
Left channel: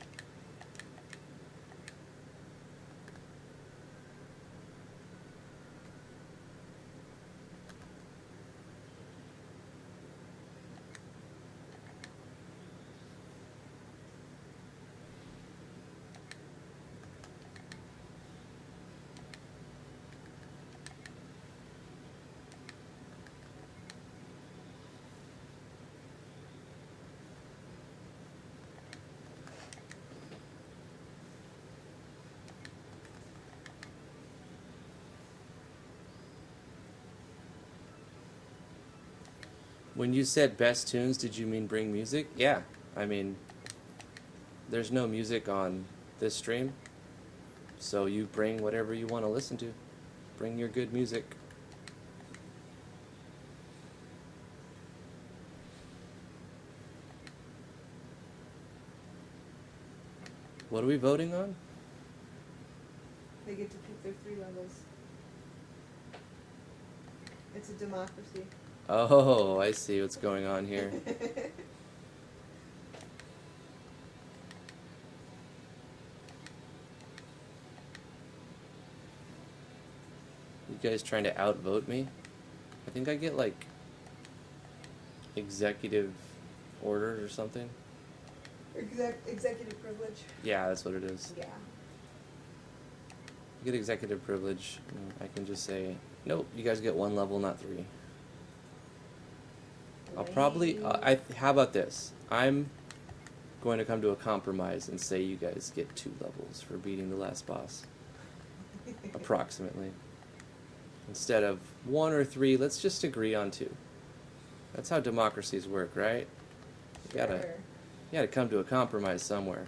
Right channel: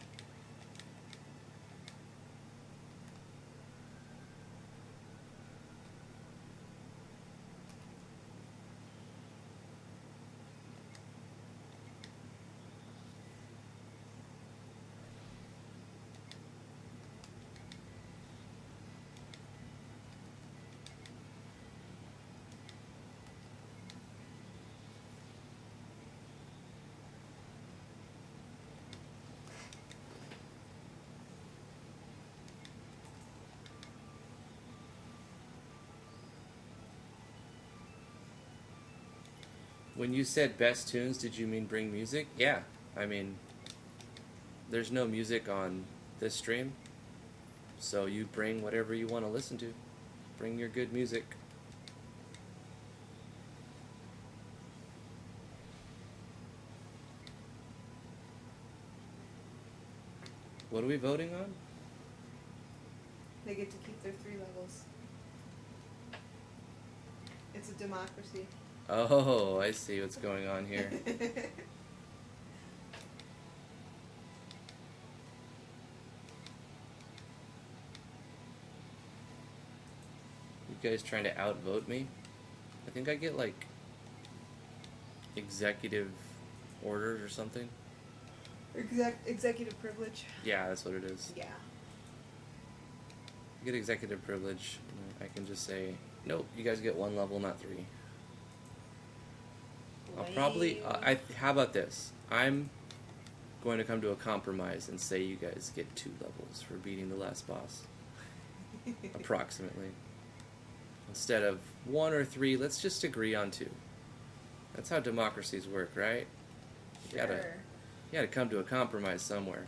When you said best tunes, did you mean bring music? Yeah, I mean, there's no music on this stream, so you bring whatever you want to listen to. Bring your good music. What are we voting on? They get to keep their 3 levels. It's a democracy. Oh, I see what's going on here. You guys trying to outvote me? I think I get like executive orders or something. Executive privilege. Yeah, that's what it is. Yeah. I get executive privilege. I can just say, nope, you guys get 1 level, not 3. I'll probably, how about this? I'm going to come to a compromise and say you guys get 2 levels for beating the last boss. Approximately. Instead of 1 or 3, let's just agree on 2. That's how democracies work, right? Sure. You gotta come to a compromise somewhere.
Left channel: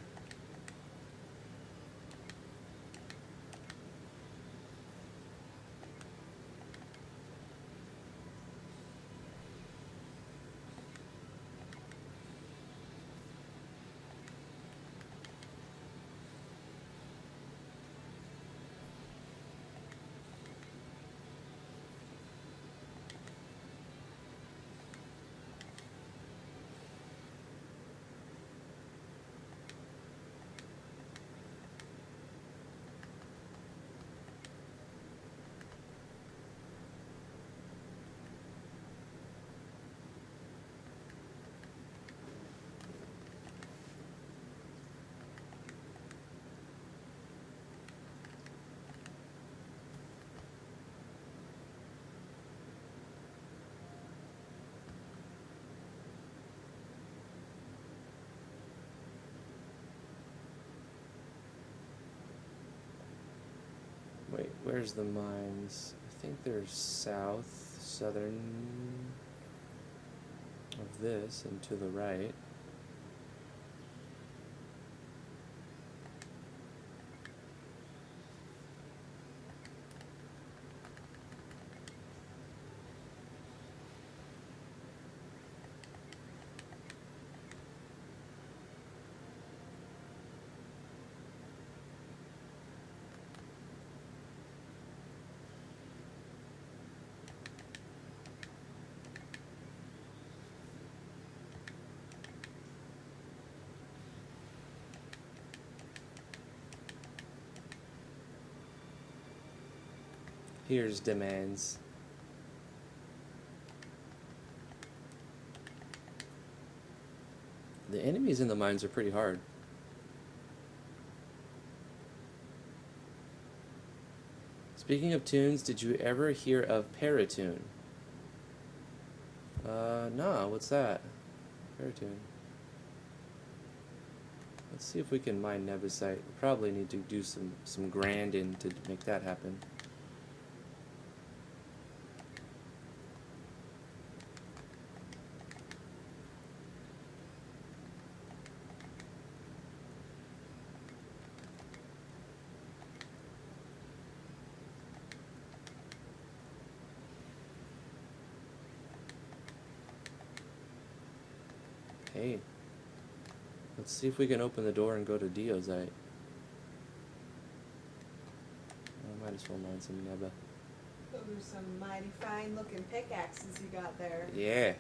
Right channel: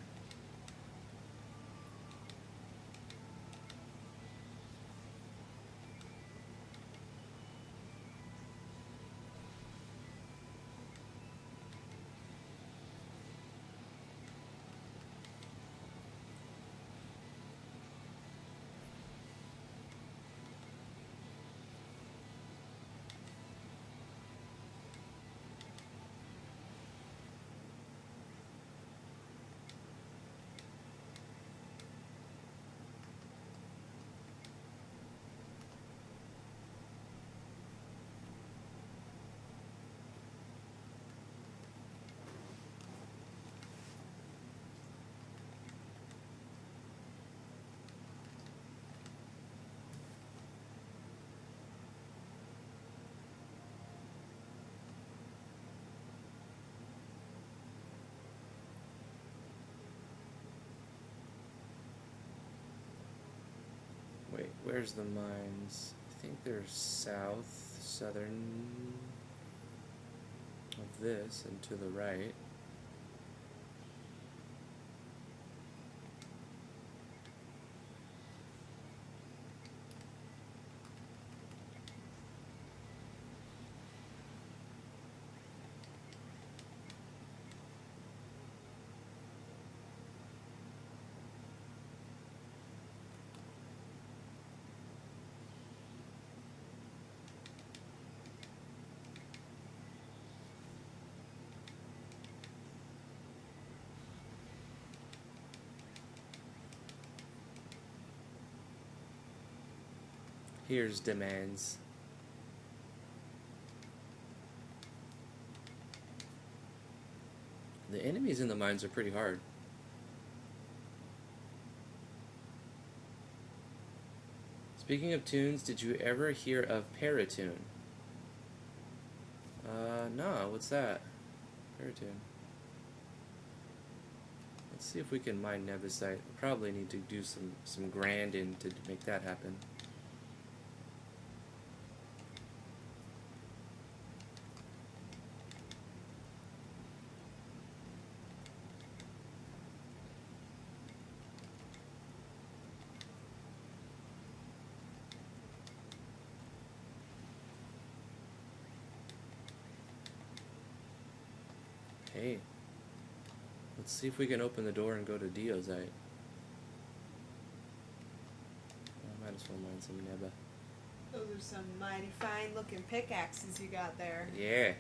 Where's the mines? I think they're southern of this and to the right. Here's demands. The enemies in the mines are pretty hard. Speaking of tunes, did you ever hear of Paratune? No, what's that? Paratune. Let's see if we can mine Nebusite. Probably need to do some granding to make that happen. See if we can open the door and go to Diozite. Might as well mine some Neba. Those are some mighty fine looking pickaxes you got there. Yeah.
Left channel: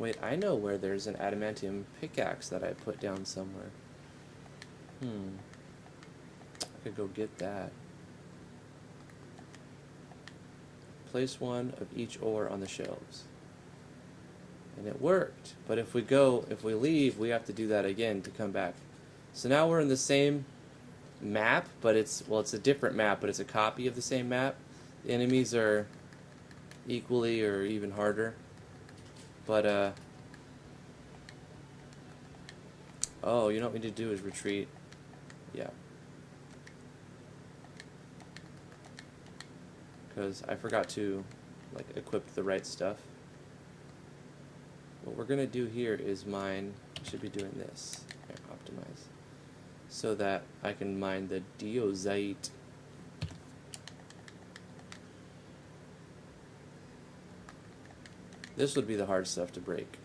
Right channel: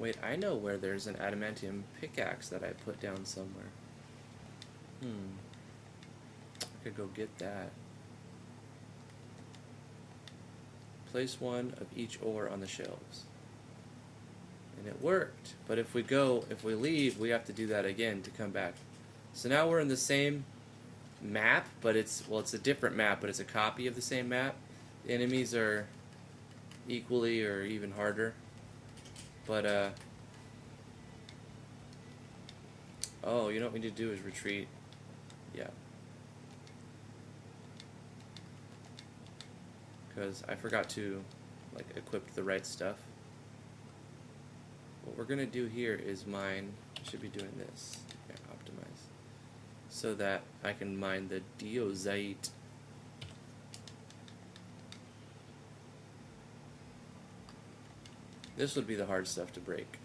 Wait, I know where there's an adamantium pickaxe that I put down somewhere. Could go get that. Place one of each ore on the shelves. And it worked. But if we leave, we have to do that again to come back. So now we're in the same map, but it's a different map, but it's a copy of the same map. The enemies are equally or even harder. But, oh, you know what we need to do is retreat. Yeah. Because I forgot to, equip the right stuff. What we're going to do here is mine, I should be doing this. Yeah, optimize. So that I can mine the Diozite. This would be the hard stuff to break.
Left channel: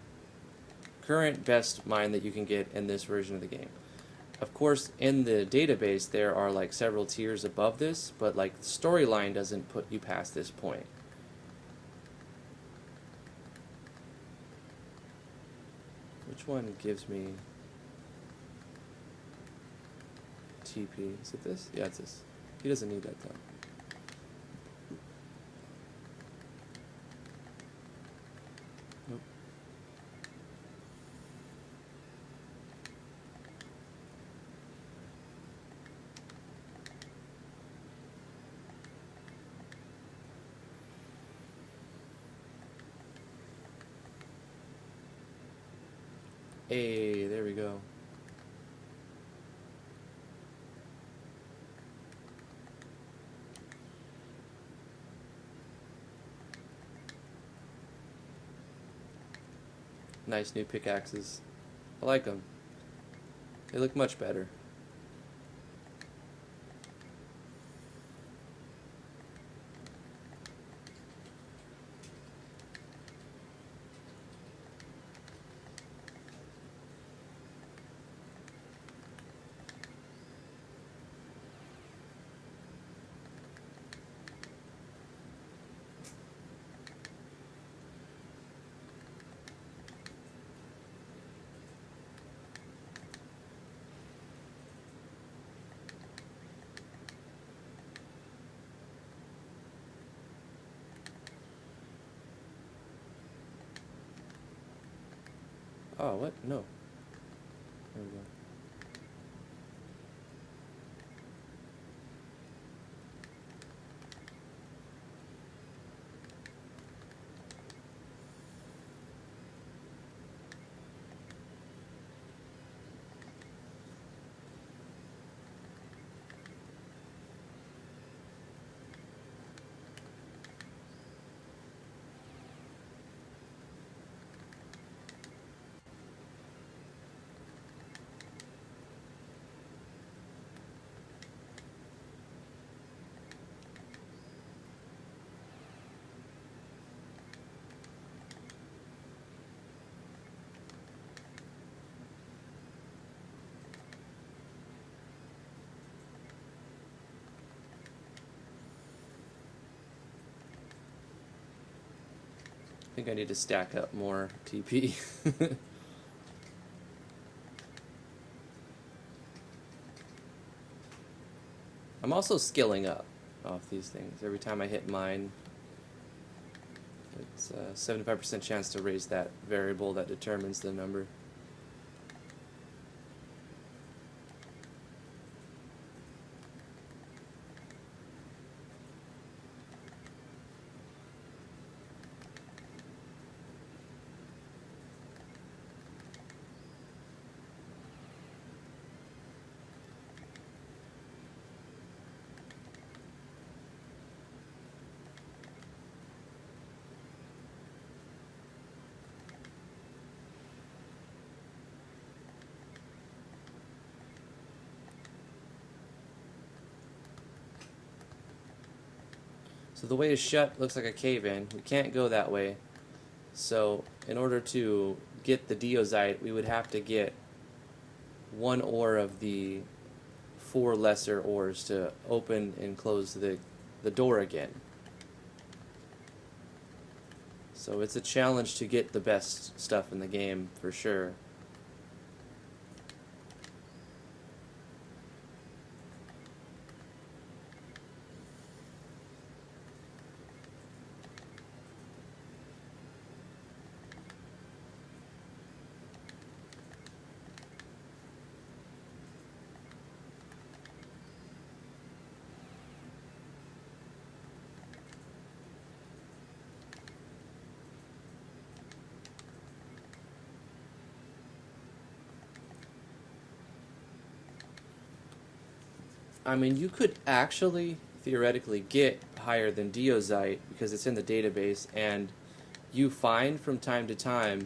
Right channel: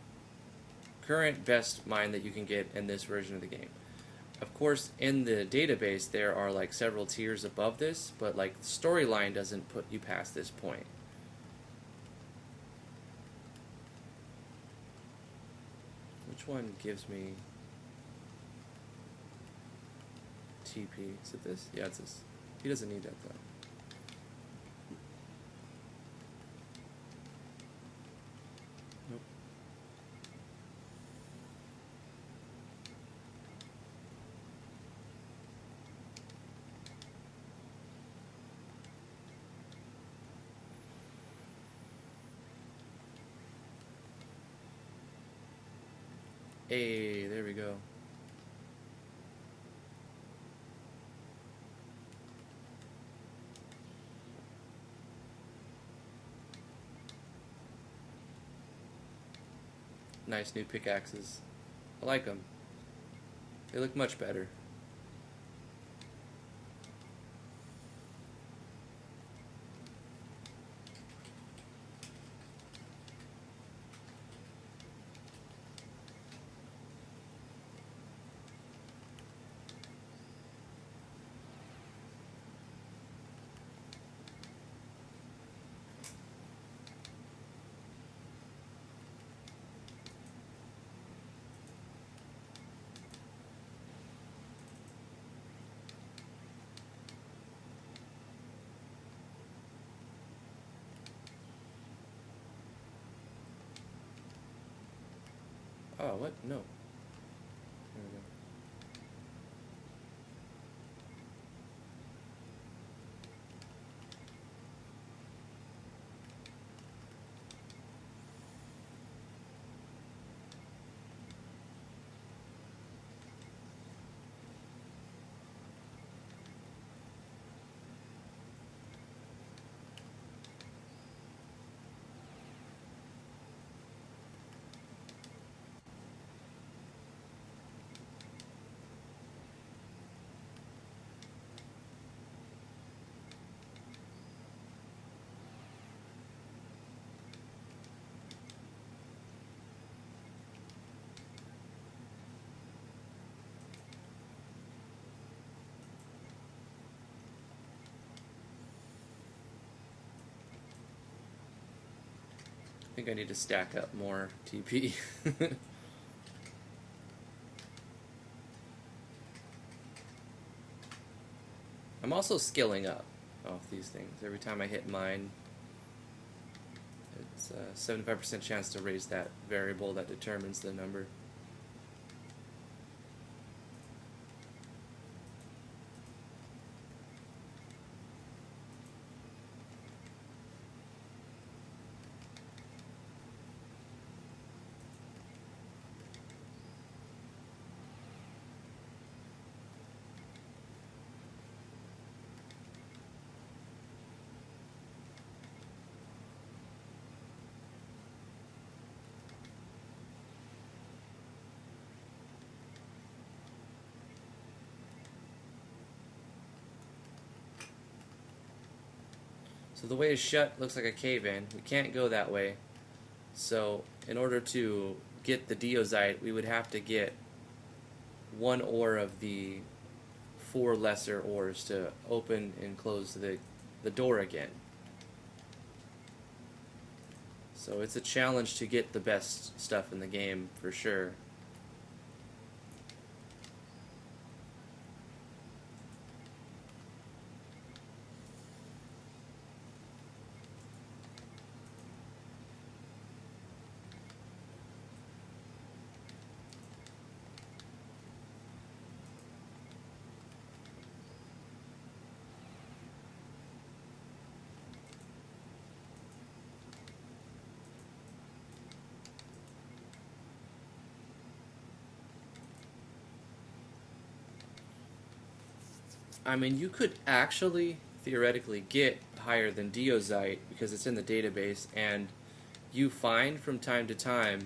Current best mine that you can get in this version of the game. Of course, in the database there are several tiers above this, but the storyline doesn't put you past this point. Which one gives me TP? Is it this? Yeah, it's this. He doesn't need that though. Hey, there we go. Nice new pickaxes. I like them. They look much better. think I need to stack up more TP. I'm also skilling up off these things. Every time I hit mine, it's a 75% chance to raise that variable that determines the number. So the way is shut looks like a cave-in. We can't go that way. So in order to get the Diozite, we would have to get one ore of the 4 lesser ores to open and close the door again. So it's a challenge to get the best stuff in the game, for sure. I mean, you could actually, theoretically, get higher than Diozite because it's in the database, and you find from time to time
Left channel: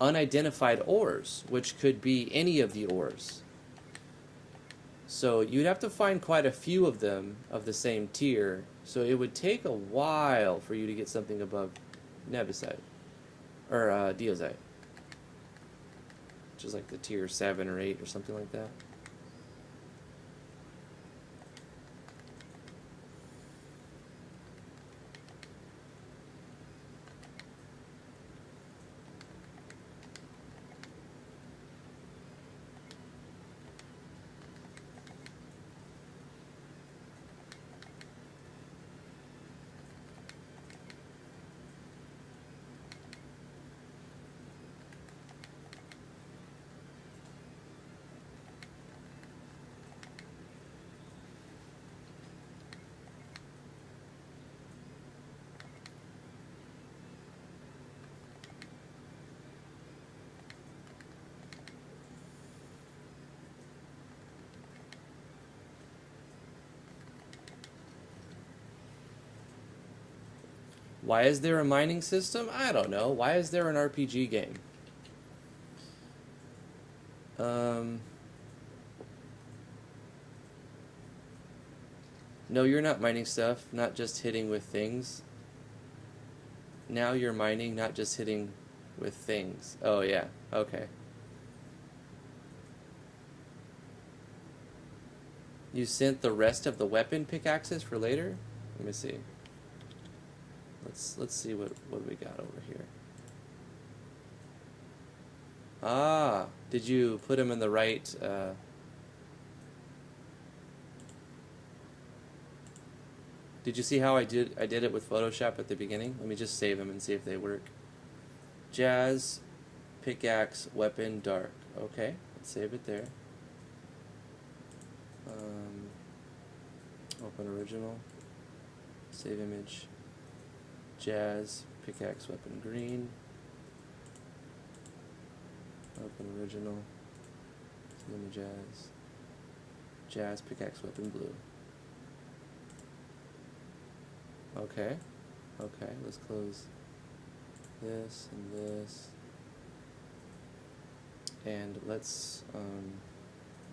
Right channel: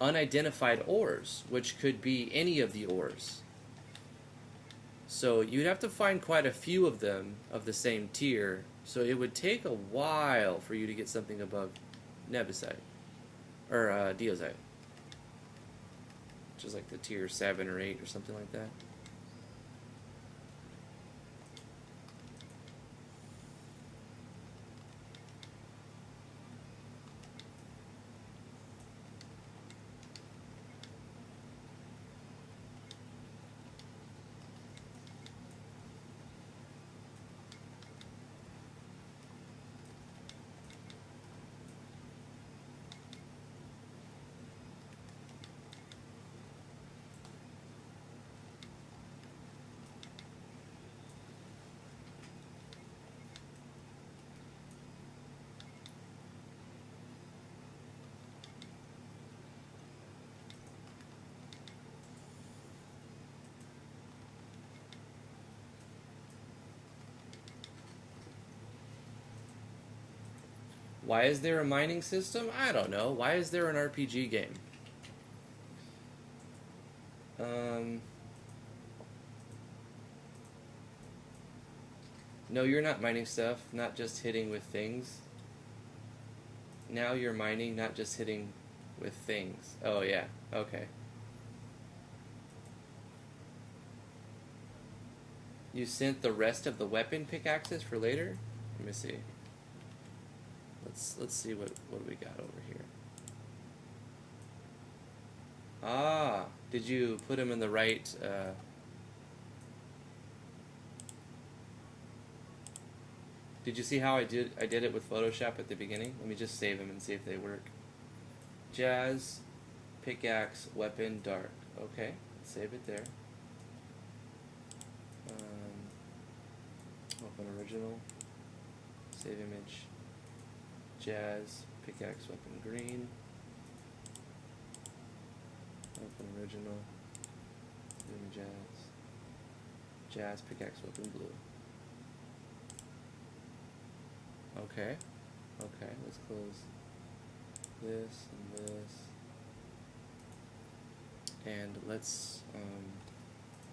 unidentified ores, which could be any of the ores. So you'd have to find quite a few of them of the same tier, so it would take a while for you to get something above Nebisite, or Diozite. Which is like the tier 7 or 8 or something like that. Why is there a mining system? I don't know. Why is there an RPG game? No, you're not mining stuff, not just hitting with things. Now you're mining, not just hitting with things. Oh, yeah. Okay. You sent the rest of the weapon pickaxes for later? Let me see. Let's see what we got over here. Ah, did you put them in the right? Did you see how I did it with Photoshop at the beginning? Let me just save them and see if they work. Jazz, pickaxe, weapon, dark. Okay, let's save it there. Open original. Save image. Jazz, pickaxe, weapon, green. Open original. And jazz. Jazz, pickaxe, weapon, blue. Okay. Okay, let's close this and this. And let's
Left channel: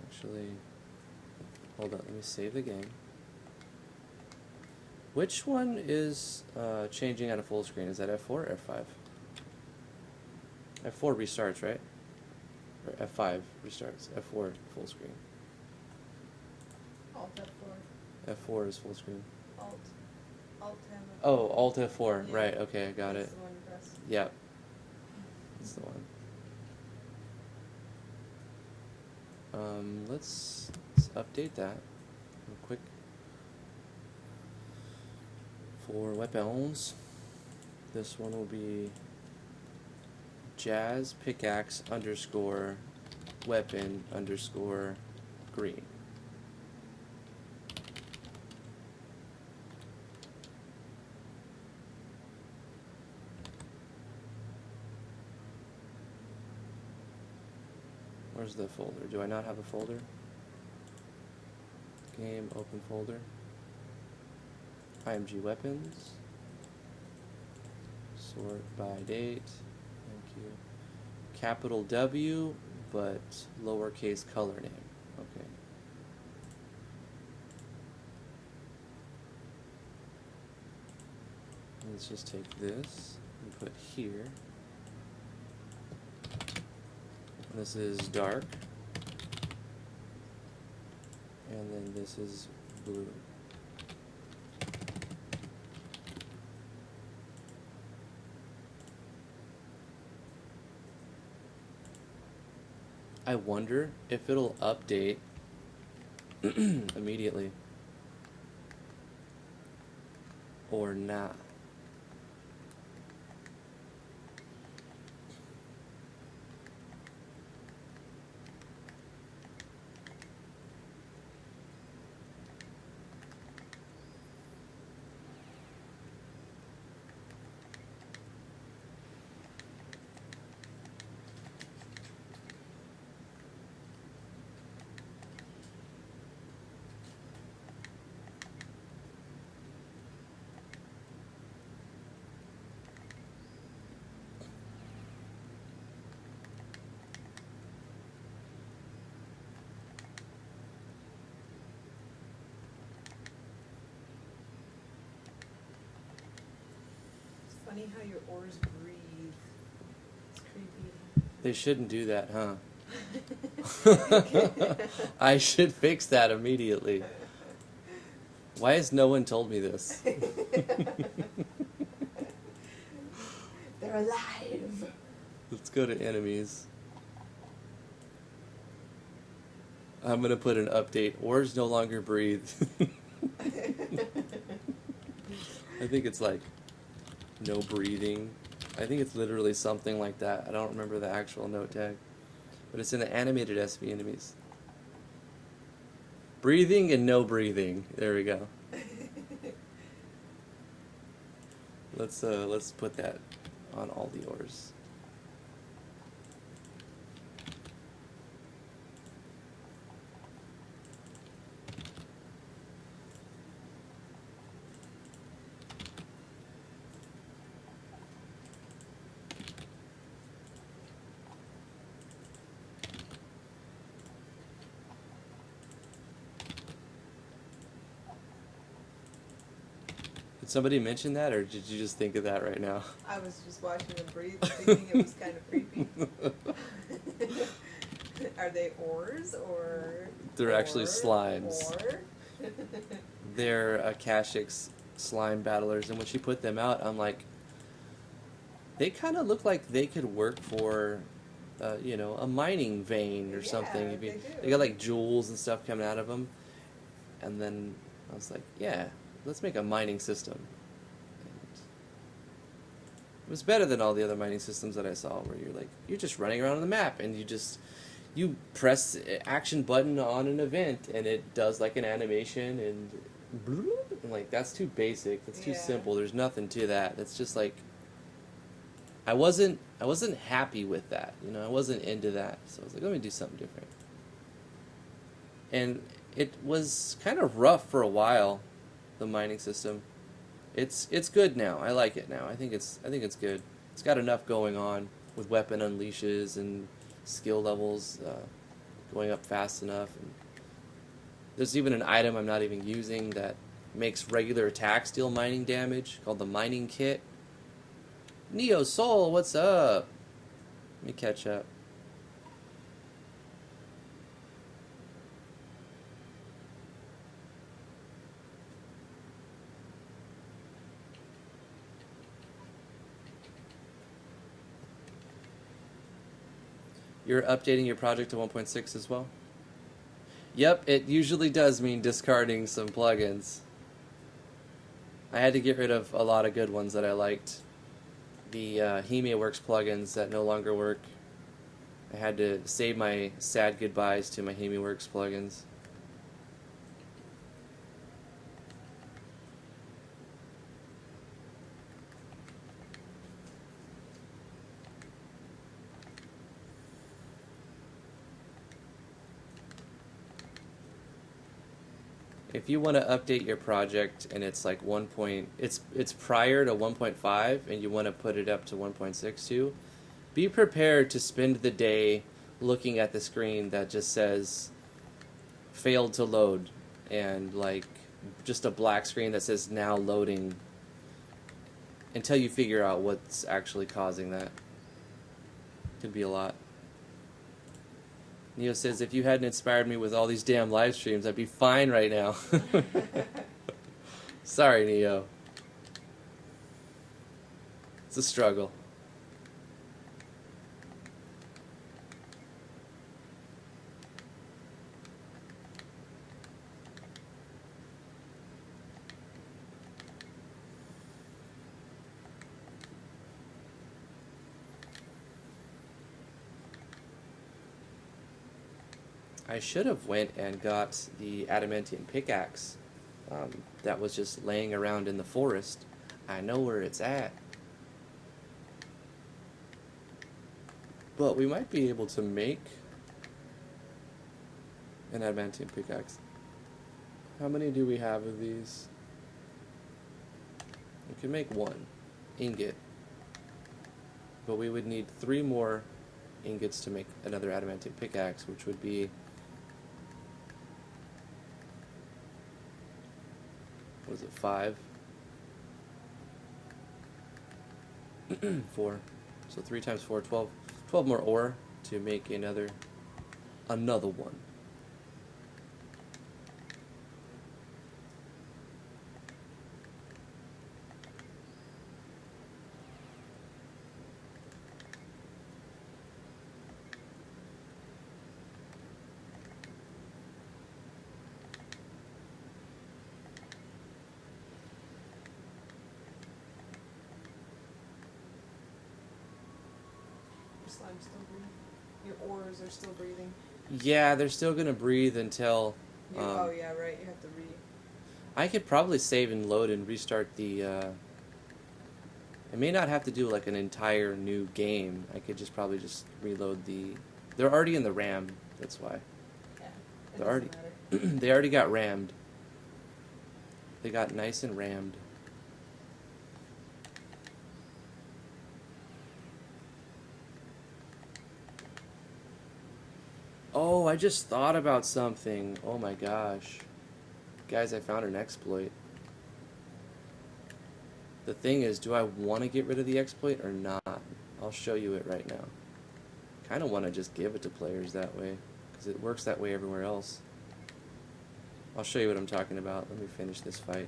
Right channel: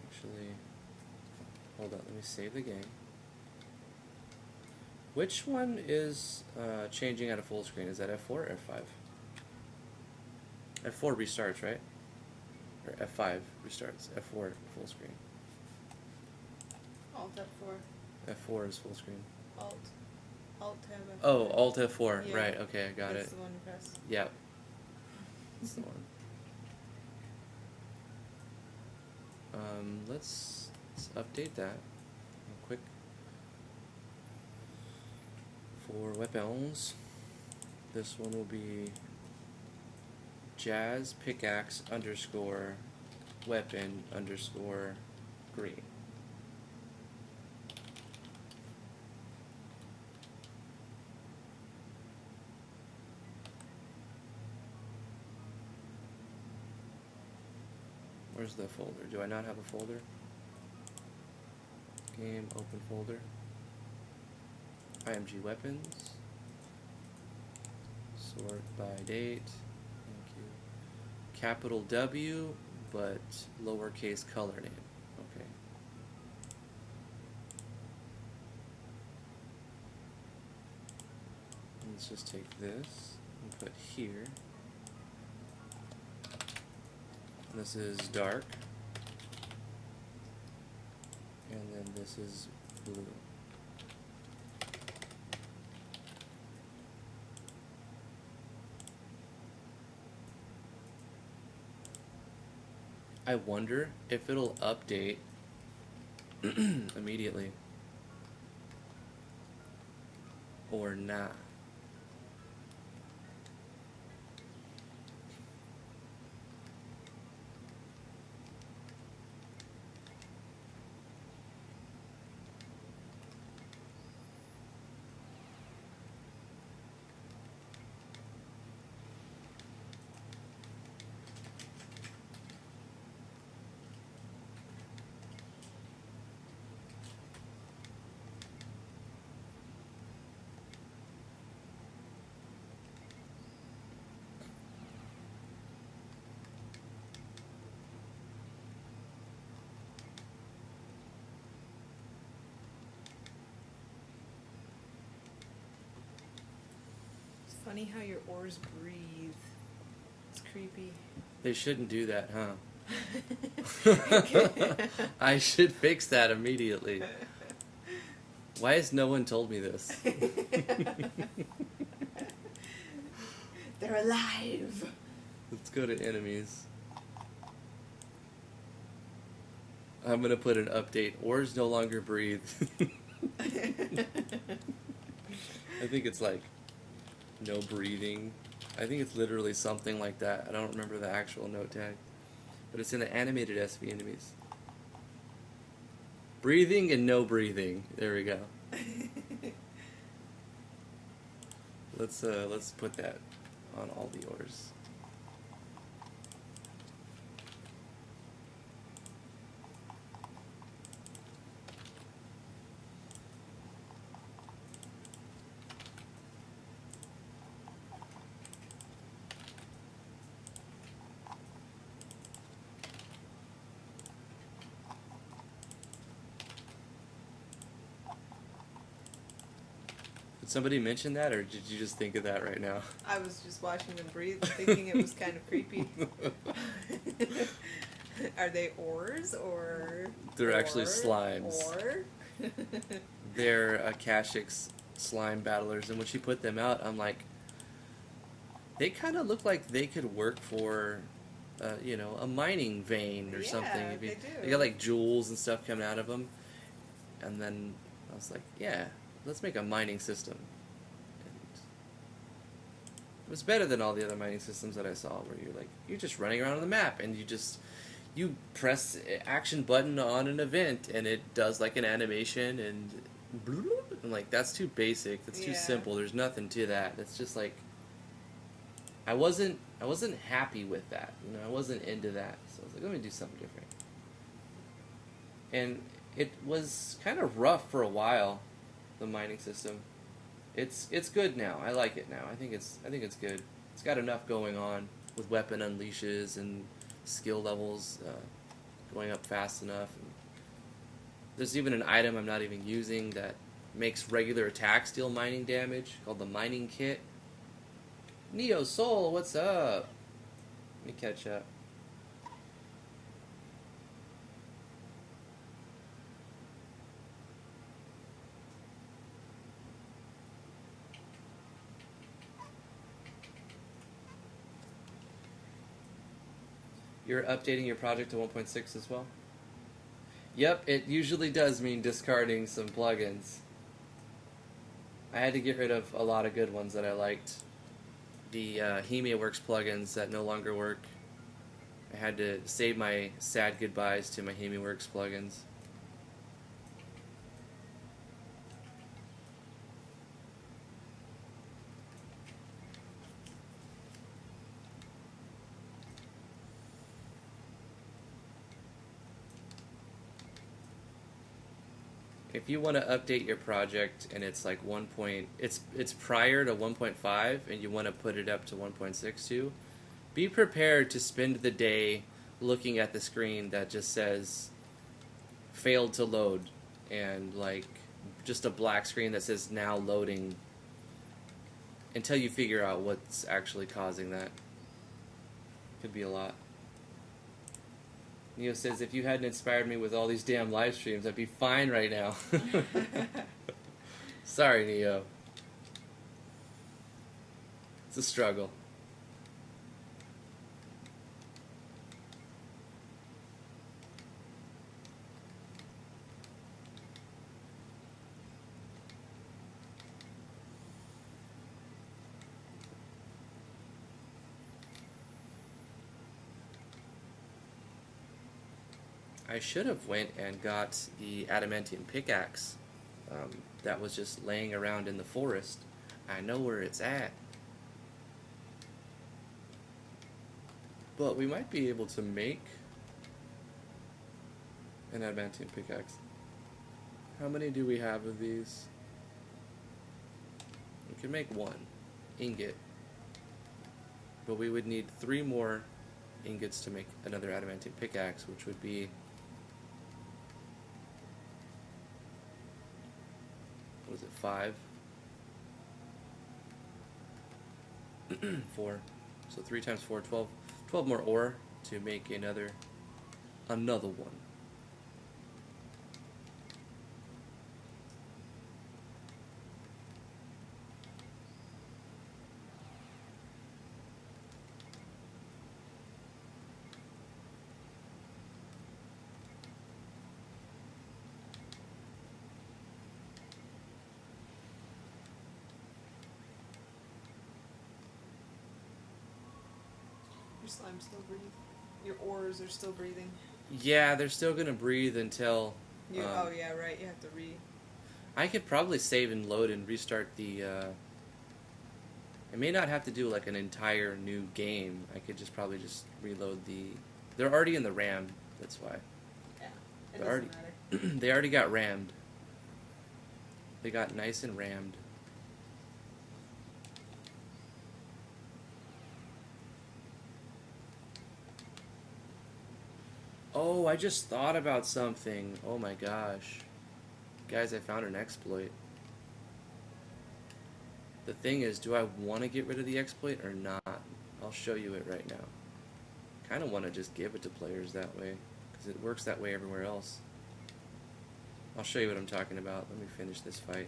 actually hold on, let me save the game. Which one is changing out of full screen? Is that F4 or F5? F4 restarts, right? Or F5 restarts. F4 full screen. Alt F4. F4 is full screen. Alt. Alt tab. Oh, Alt F4. Yeah. Right. Okay, I got That's it. the one you press. Yeah. So, let's update that real quick. For weapons, this one will be Jazz Pickaxe underscore weapon underscore green. Where's the folder? Do I not have a folder? Game, open folder. IMG weapons. Sort by date. Thank you. Capital W, but lowercase color name. Okay. Let's just take this and put here. This is dark. And then this is blue. I wonder if it'll update immediately or not. Funny how your oars breathe. It's creepy. They shouldn't do that, huh? I should fix that immediately. Why has no one told me this? They're alive. Let's go to enemies. I'm gonna put an update. Oars no longer breathe. I think it's like no breathing. I think it's literally something like that. I don't remember the actual note tag. But it's in the animated SV enemies. Breathing and no breathing. There we go. Let's put that on all the oars. Somebody mention that, or did you just think of that right now? I was just watching them breathe and thinking it was kind of creepy. Are they oars or? They're actually slimes. Or? They're Akashic's slime battlers, and when she put them out, I'm like, they kind of look like they could work for, you know, a mining vein or something. Yeah, they do. They got like jewels and stuff coming out of them, and then I was like, yeah. Let's make a mining system. It was better than all the other mining systems that I saw, where you're just running around on the map and you press action button on an event and it does like an animation and like that's too basic. That's too simple. There's nothing to that. It's just like I wasn't happy with that. You know, I wasn't into that. So I was like, let me do something different. And it was kind of rough for a while. The mining system, it's good now. I like it now. I think it's good. It's got enough going on with weapon unleashes and skill levels going up fast enough. There's even an item I'm not even using that makes regular attacks deal mining damage called the mining kit. Neo Soul, what's up? Let me catch up. You're updating your project to 1.6 as well? Yep, it usually does mean discarding some plugins. I had to get rid of a lot of good ones that I liked. The Jaime Works plugins that no longer work. I had to say my sad goodbyes to my Jaime Works plugins. If you want to update your project and it's like it's prior to 1.5 and you want to put it up to 1.62, be prepared to spend the day looking at the screen that just says failed to load and like just a black screen that says now loading until you figure out what's actually causing that. Could be a lot. Neo says, if you hadn't inspired me with all these damn live streams, I'd be fine right now. Sorry, Neo. It's a struggle. I should have went and got the adamantium pickaxe that was just laying around in the forest. I know where it's at. But we might be able to make an adamantium pickaxe. How many do we have of these? We can make one ingot. But we would need 3 more ingots to make another adamantium pickaxe, which would be... what is it, 5? 4. So 3 times 4, 12. 12 more ore to make another one. Slime's still breathing. Your ores are still breathing. Yeah, they're still gonna breathe until. Oh yeah, right. You have to I could probably save and load and restart the. I may not have to do like an entire new game. I could just probably just reload the. They're already in the RAM. That's why. Yeah, it doesn't matter. They already got rammed. They got nice and rammed. Oh, I just thought about something. Oh my gosh. Guys, I found an exploit. The thing is, do I want to get rid of the exploit or not? I'll show you it right now. Kind of want to just give it to players that way, because it works that way everywhere else. I'll show you what I'm talking about. Let me finish this fight.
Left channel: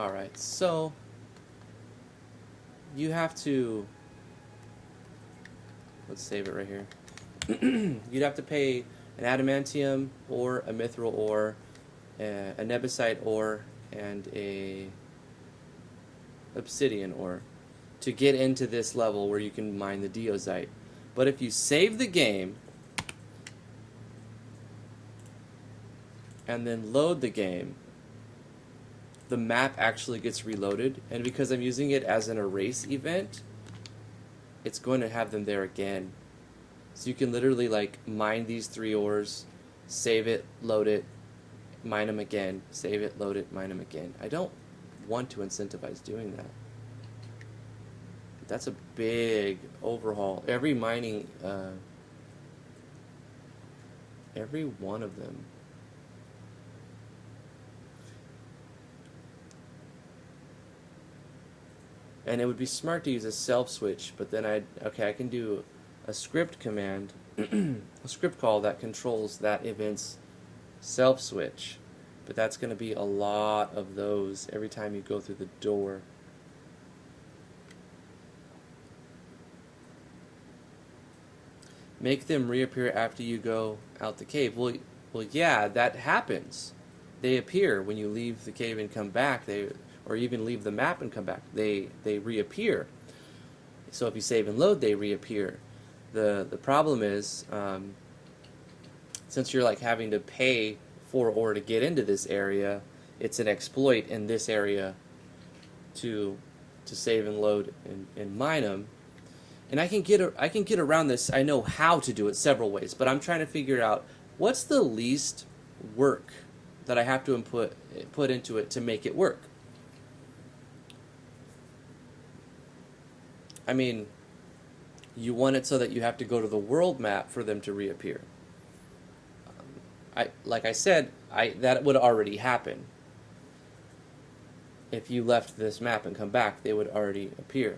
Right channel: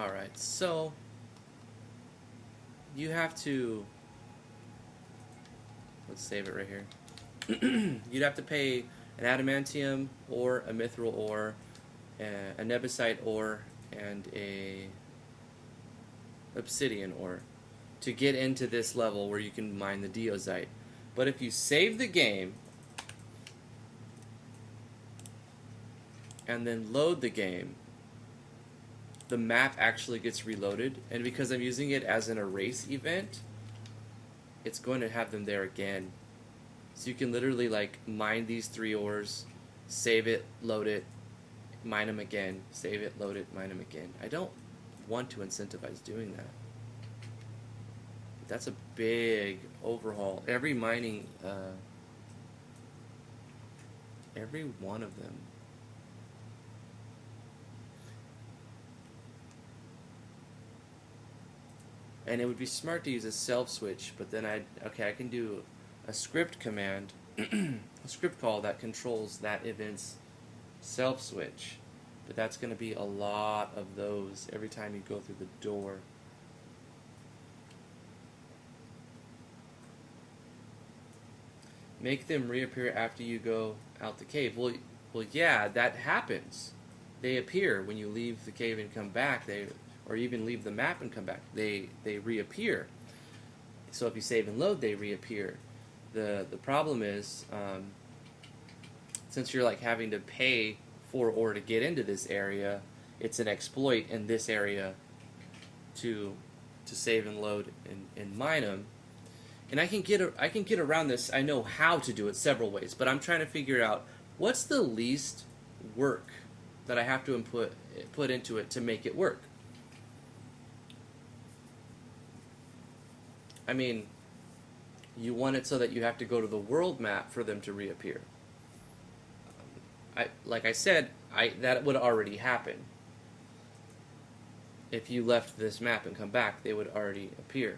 Alright, so you have to, let's save it right here. You'd have to pay an adamantium or a mithril ore, a nebesite ore, and a obsidian ore to get into this level where you can mine the deozite. But if you save the game and then load the game, the map actually gets reloaded, and because I'm using it as an erase event, it's going to have them there again. So you can literally like mine these 3 ores, save it, load it, mine them again, save it, load it, mine them again. I don't want to incentivize doing that. That's a big overhaul. Every mining, every one of them. And it would be smart to use a self switch, but then I can do a script command. script call that controls that event's self switch. But that's going to be a lot of those every time you go through the door. Make them reappear after you go out the cave. Well, yeah, that happens. They appear when you leave the cave and come back. Or even leave the map and come back. They reappear. So if you save and load, they reappear. The problem is, since you're like having to pay for ore to get into this area, it's an exploit in this area to save and load and mine them. And I can get around this. I know how to do it several ways, but I'm trying to figure out what's the least work that I have to put into it to make it work. I mean, you want it so that you have to go to the world map for them to reappear. Like I said, that would already happen. If you left this map and come back, they would already appear.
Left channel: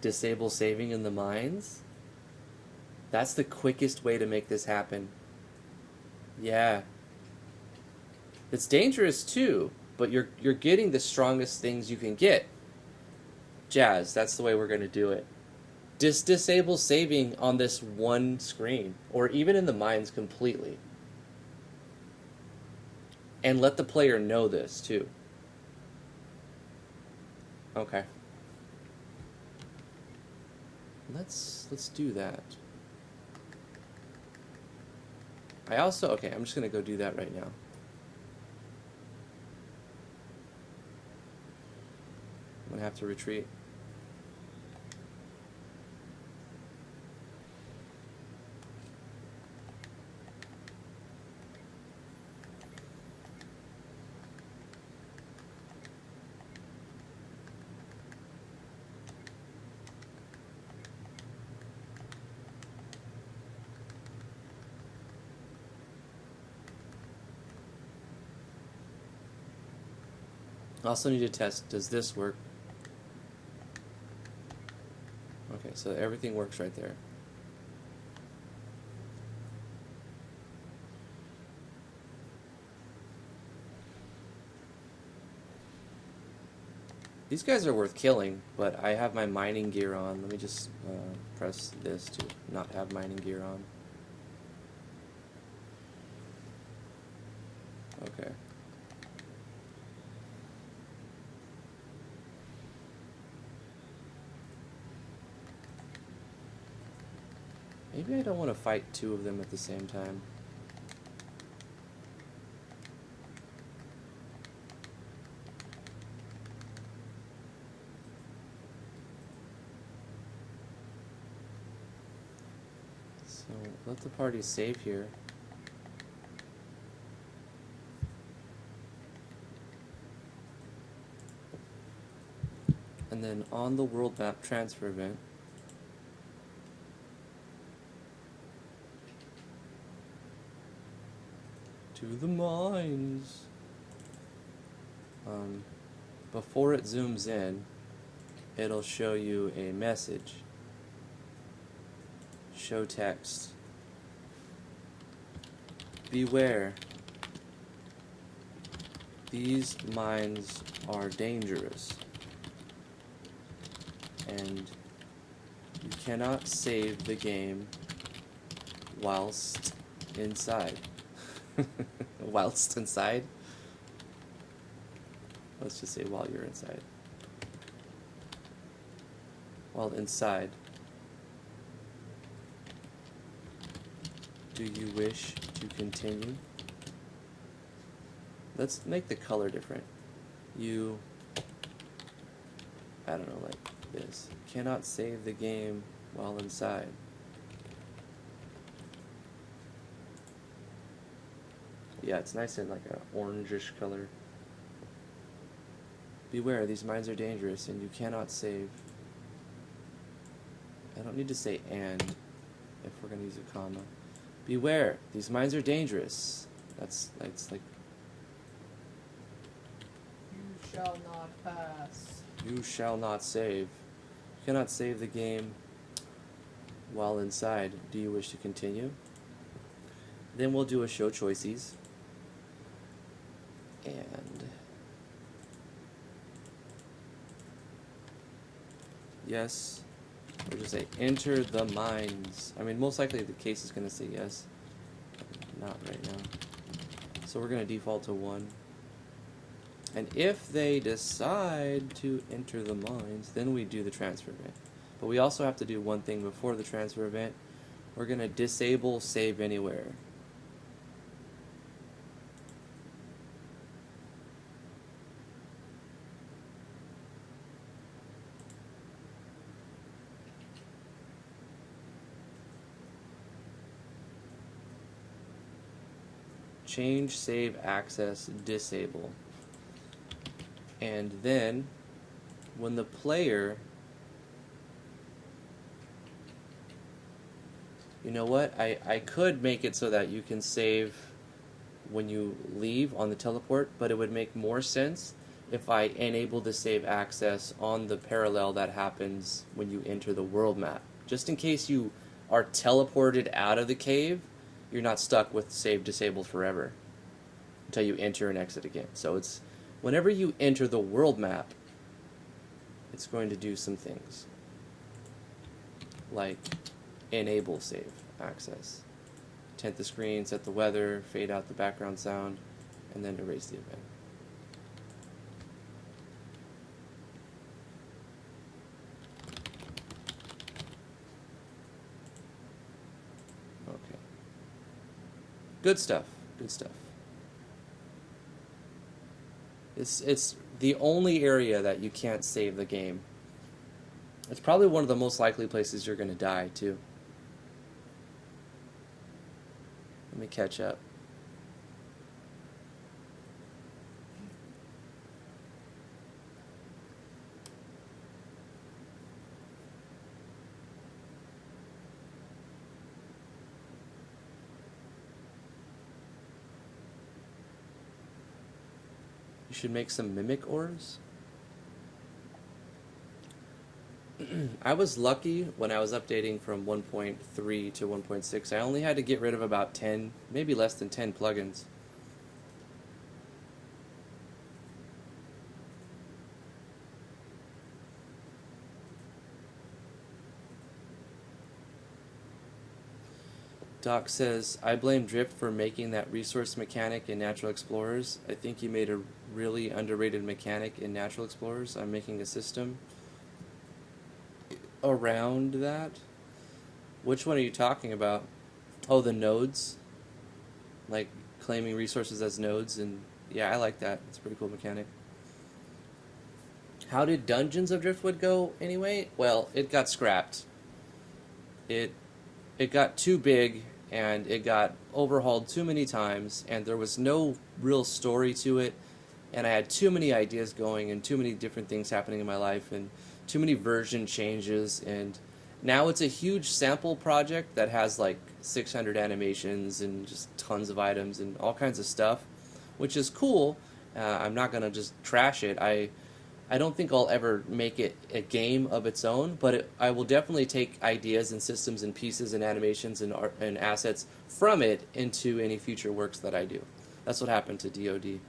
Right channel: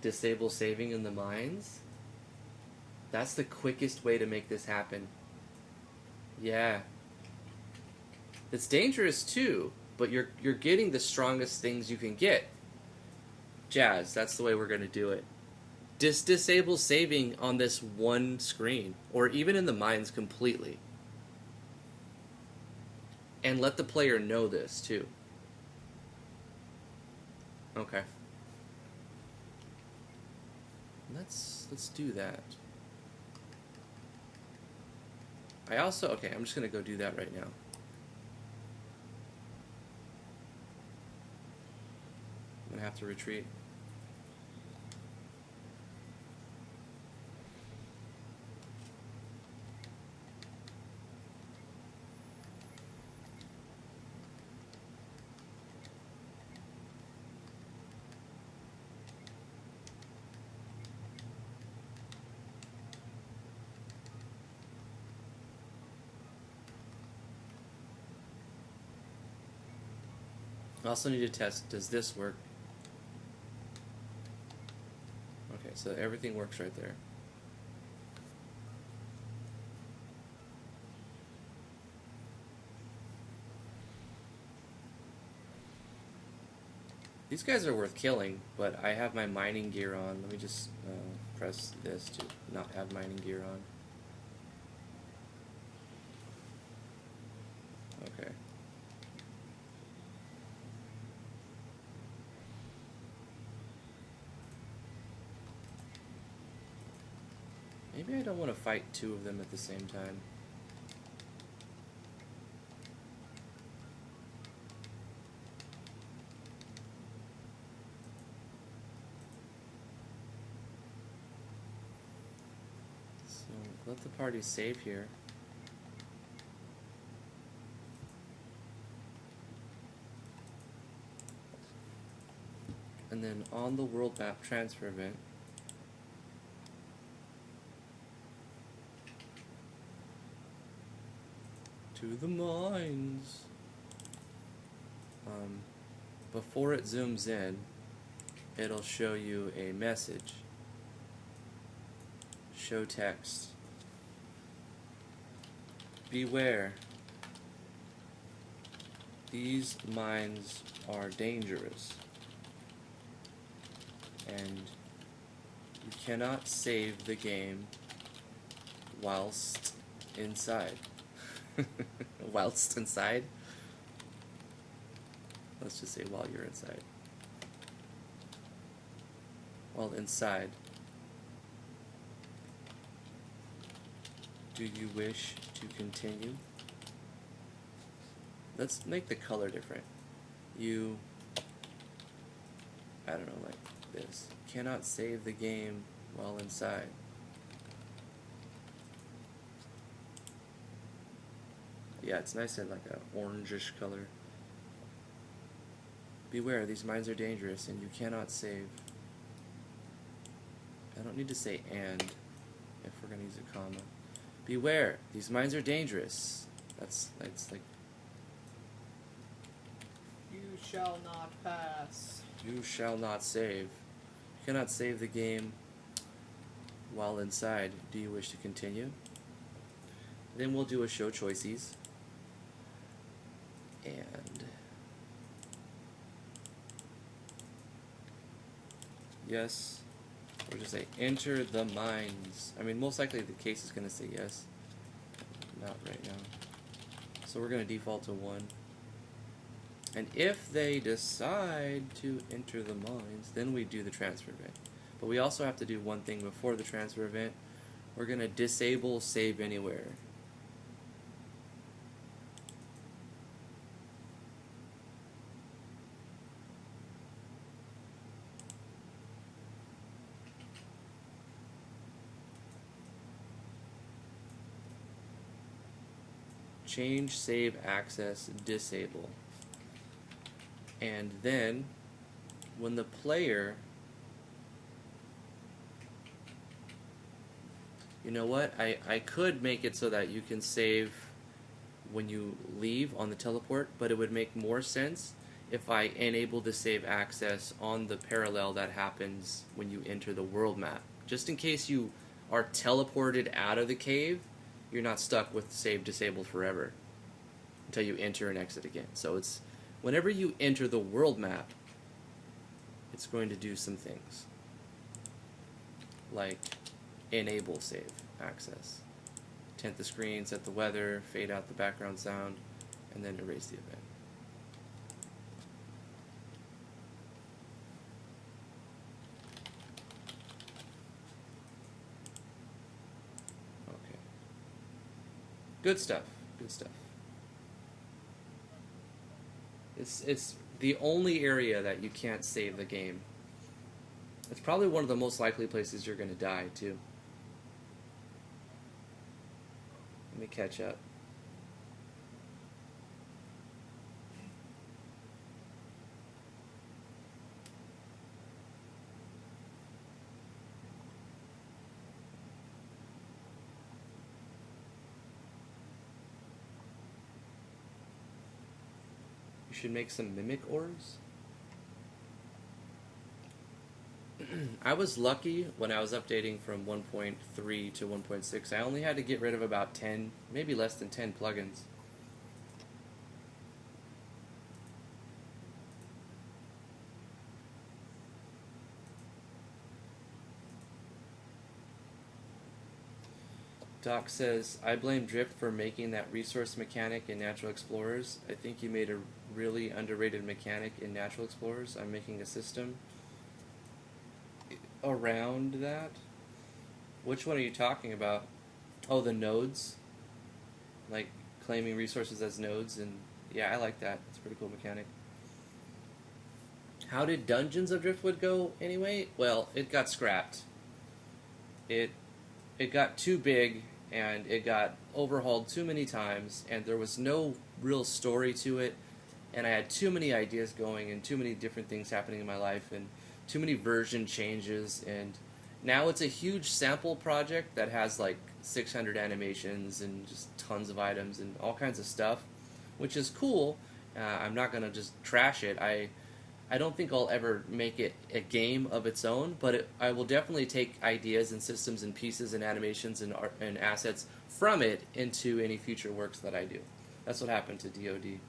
Disable saving in the mines? That's the quickest way to make this happen. Yeah. It's dangerous too, but you're getting the strongest things you can get. Jazz, that's the way we're going to do it. Disable saving on this one screen, or even in the mines completely. And let the player know this too. Okay. Let's do that. Okay, I'm just going to go do that right now. I'm going to have to retreat. I also need to test, does this work? Okay, so everything works right there. These guys are worth killing, but I have my mining gear on. Let me just press this to not have mining gear on. Okay. Maybe I don't want to fight two of them at the same time. So let the party save here. And then on the world map transfer event, the mines. Before it zooms in, it'll show you a message. Show text. Beware. These mines are dangerous. And you cannot save the game whilst inside. Whilst inside? Let's just say while you're inside. While inside. Do you wish to continue? Let's make the color different. You, I don't know, like this. Cannot save the game while inside. Yeah, it's nice in like an orangish color. Beware, these mines are dangerous and you cannot save. I don't need to say and if we're going to use a comma. Beware, these mines are dangerous. That's like... You shall not pass. You shall not save. You cannot save the game while inside, do you wish to continue? Then we'll do a show choices. And yes, we'll just say enter the mines. I mean, most likely the case is going to say yes. Not right now. So we're going to default to 1. And if they decide to enter the mines, then we do the transfer event. But we also have to do one thing before the transfer event. We're going to disable save anywhere. Change save access disable. And then when the player, you know what, I could make it so that you can save when you leave on the teleport, but it would make more sense if I enable the save access on the parallel that happens when you enter the world map. Just in case you are teleported out of the cave, you're not stuck with save disabled forever until you enter and exit again. So it's whenever you enter the world map, it's going to do some things like enable save access, tint the screen, set the weather, fade out the background sound, and then erase the event. Okay. Good stuff. Good stuff. It's the only area that you can't save the game. It's probably one of the most likely places you're going to die, too. Let me catch up. You should make some mimic ores. I was lucky when I was updating from 1.3 to 1.6. I only had to get rid of about 10, maybe less than 10 plugins. Doc says, I blame Drift for making that resource mechanic in Natural Explorers. I think you made a really underrated mechanic in Natural Explorers. I'm making a system around that. Which one are you talking about? Oh, the nodes? Like claiming resources as nodes, and yeah, I like that. It's a pretty cool mechanic. How did Dungeons of Driftwood go anyway? Well, it got scrapped. It got too big, and it got overhauled too many times, and there was no real story to it, and I had too many ideas going and too many different things happening in my life and too many version changes, and now it's a huge sample project that has like 600 animations and just tons of items and all kinds of stuff, which is cool. I'm not going to just trash it. I don't think I'll ever make it a game of its own, but I will definitely take ideas and systems and pieces and animations and art and assets from it into any future works that I do. That's what happened to DoD.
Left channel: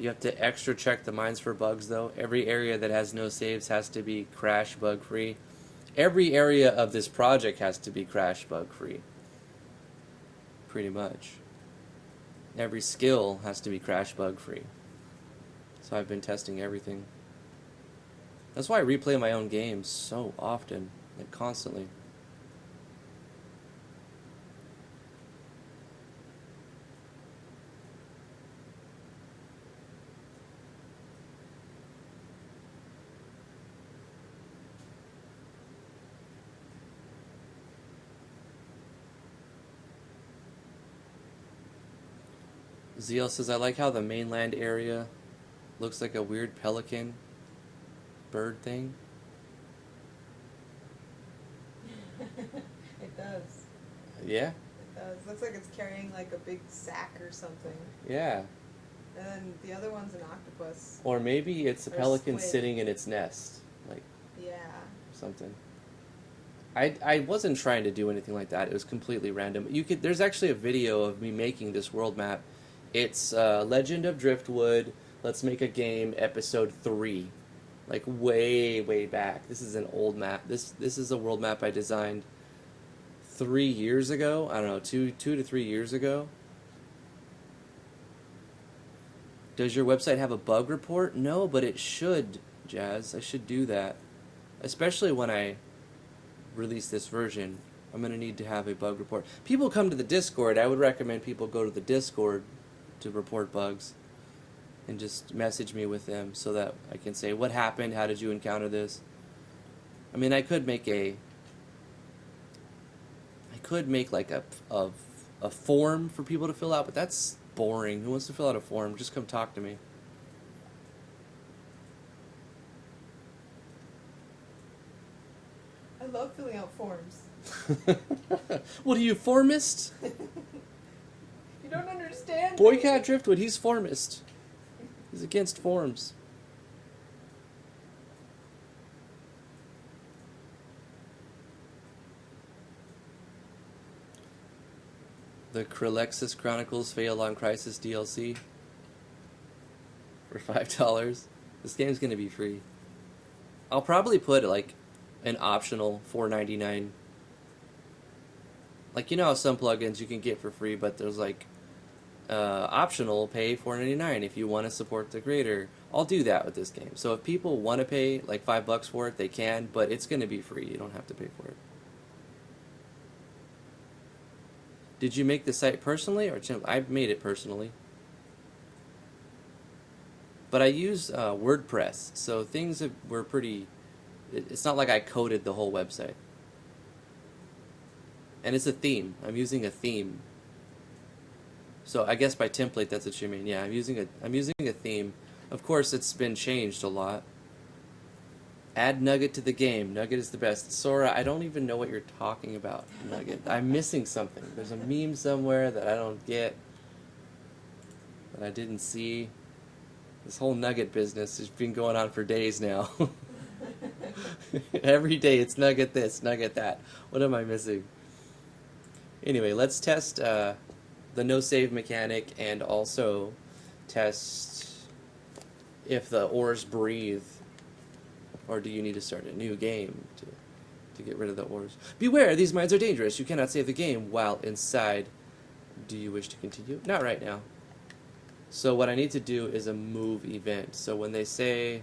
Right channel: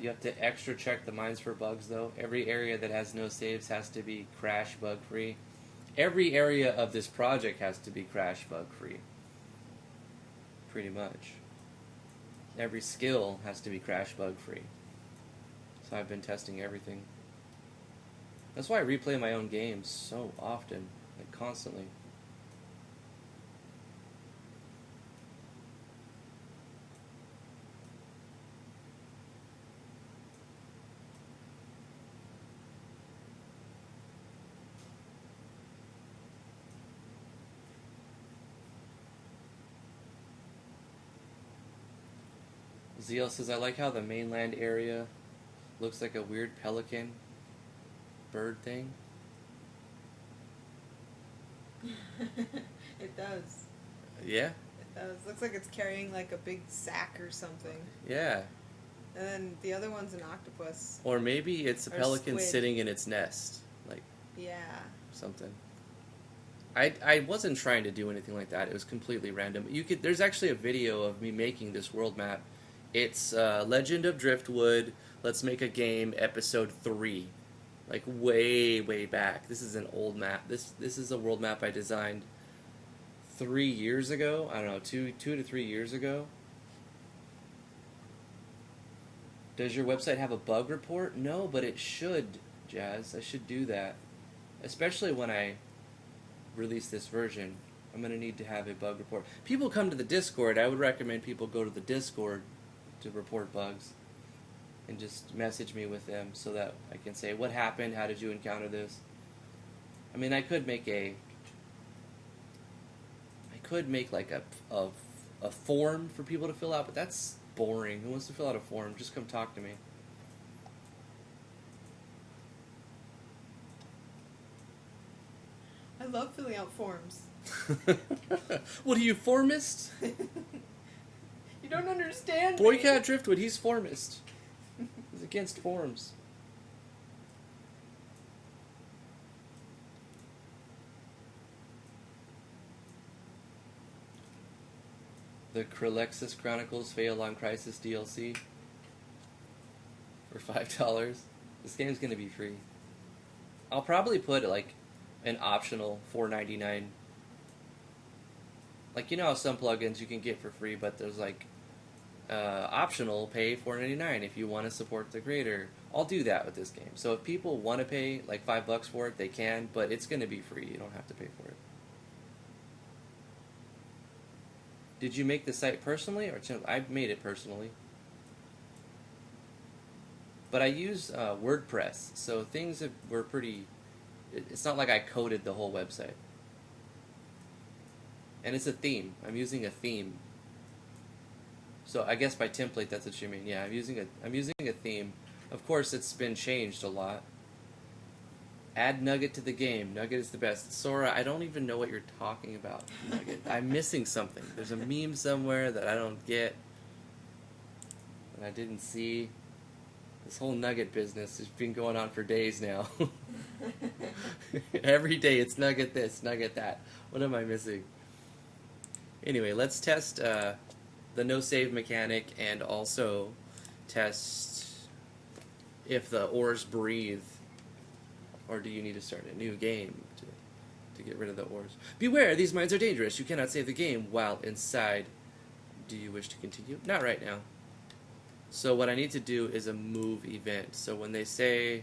You have to extra check the mines for bugs, though. Every area that has no saves has to be crash bug free. Every area of this project has to be crash bug free. Pretty much. Every skill has to be crash bug free. So I've been testing everything. That's why I replay my own games so often, like constantly. Zeal says, I like how the mainland area looks like a weird pelican bird thing. It does. Yeah. It does. Looks like it's carrying like a big sack or something. Yeah. And then the other one's an octopus. Or maybe it's a Or pelican squid. sitting in its nest. Like Yeah. something. I wasn't trying to do anything like that. It was completely random. There's actually a video of me making this world map. It's Legend of Driftwood. Let's make a game, episode 3. Like way back. This is an old map. This is a world map I designed 3 years ago. I don't know, 2 to 3 years ago. Does your website have a bug report? No, but it should, Jazz. I should do that. Especially when I release this version, I'm going to need to have a bug report. People come to the Discord. I would recommend people go to the Discord to report bugs and just message me with them so that I can say, what happened? How did you encounter this? I mean, I could make like a form for people to fill out, but that's boring. Who wants to fill out a form? Just come talk to me. I love filling out forms. What are you, formist? You don't understand me. Boycott Driftwood, he's formist. He's against forms. The Krelexis Chronicles Fail on Crisis DLC for $5. This game's gonna be free. I'll probably put like an optional $4.99. Like, you know how some plugins you can get for free, but there's like optional pay $4.99 if you want to support the creator. I'll do that with this game. So if people want to pay like $5 for it, they can, but it's gonna be free. You don't have to pay for it. Did you make the site personally, or I've made it personally? But I use WordPress, so things were pretty. It's not like I coded the whole website. And it's a theme. I'm using a theme. So I guess by template, that's what you mean. Yeah, I'm using a theme. Of course, it's been changed a lot. Add Nugget to the game. Nugget is the best. Sora, I don't even know what you're talking about, Nugget. I'm missing something. There's a meme somewhere that I don't get, that I didn't see. This whole Nugget business has been going on for days now. Every day it's Nugget this, Nugget that. What am I missing? Anyway, let's test the no save mechanic and also test if the ores breathe. Or do you need to start a new game to get rid of the ores? Beware, these mines are dangerous. You cannot save the game while inside. Do you wish to continue? Not right now. So what I need to do is a move event. So when they say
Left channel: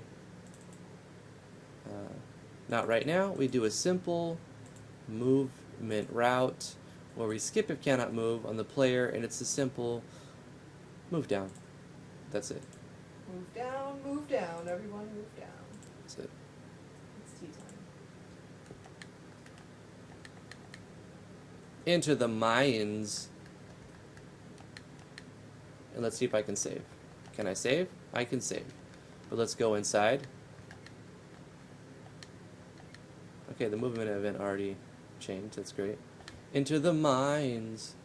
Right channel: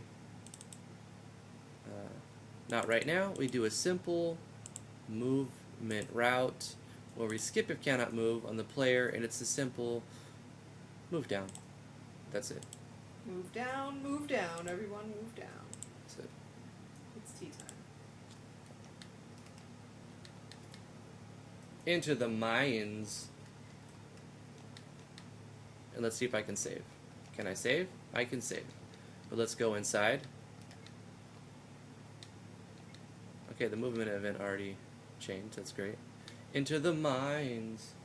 not right now, we do a simple movement route where we skip if cannot move on the player, and it's a simple move down. That's it. Move down, everyone move down. That's it. It's tea time. Enter the Mayans. And let's see if I can save. Can I save? I can save. But let's go inside. Okay, the movement event already changed. That's great. Enter the mines.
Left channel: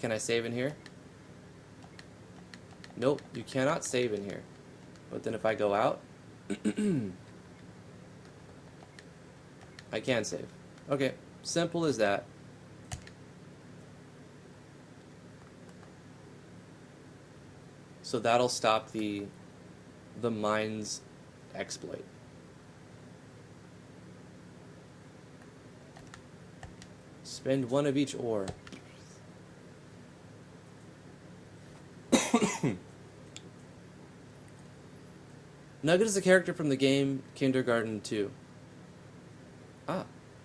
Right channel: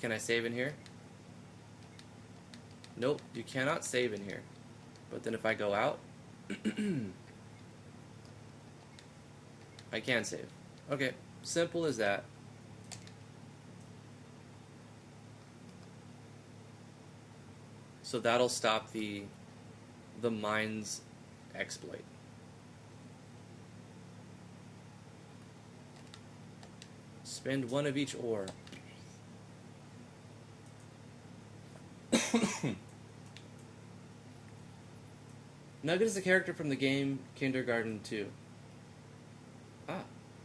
Can I save in here? Nope, you cannot save in here. But then if I go out, I can save. Okay, simple as that. So that'll stop the mines exploit. Spend one of each ore. Nugget is a character from the game Kindergarten 2. Ah.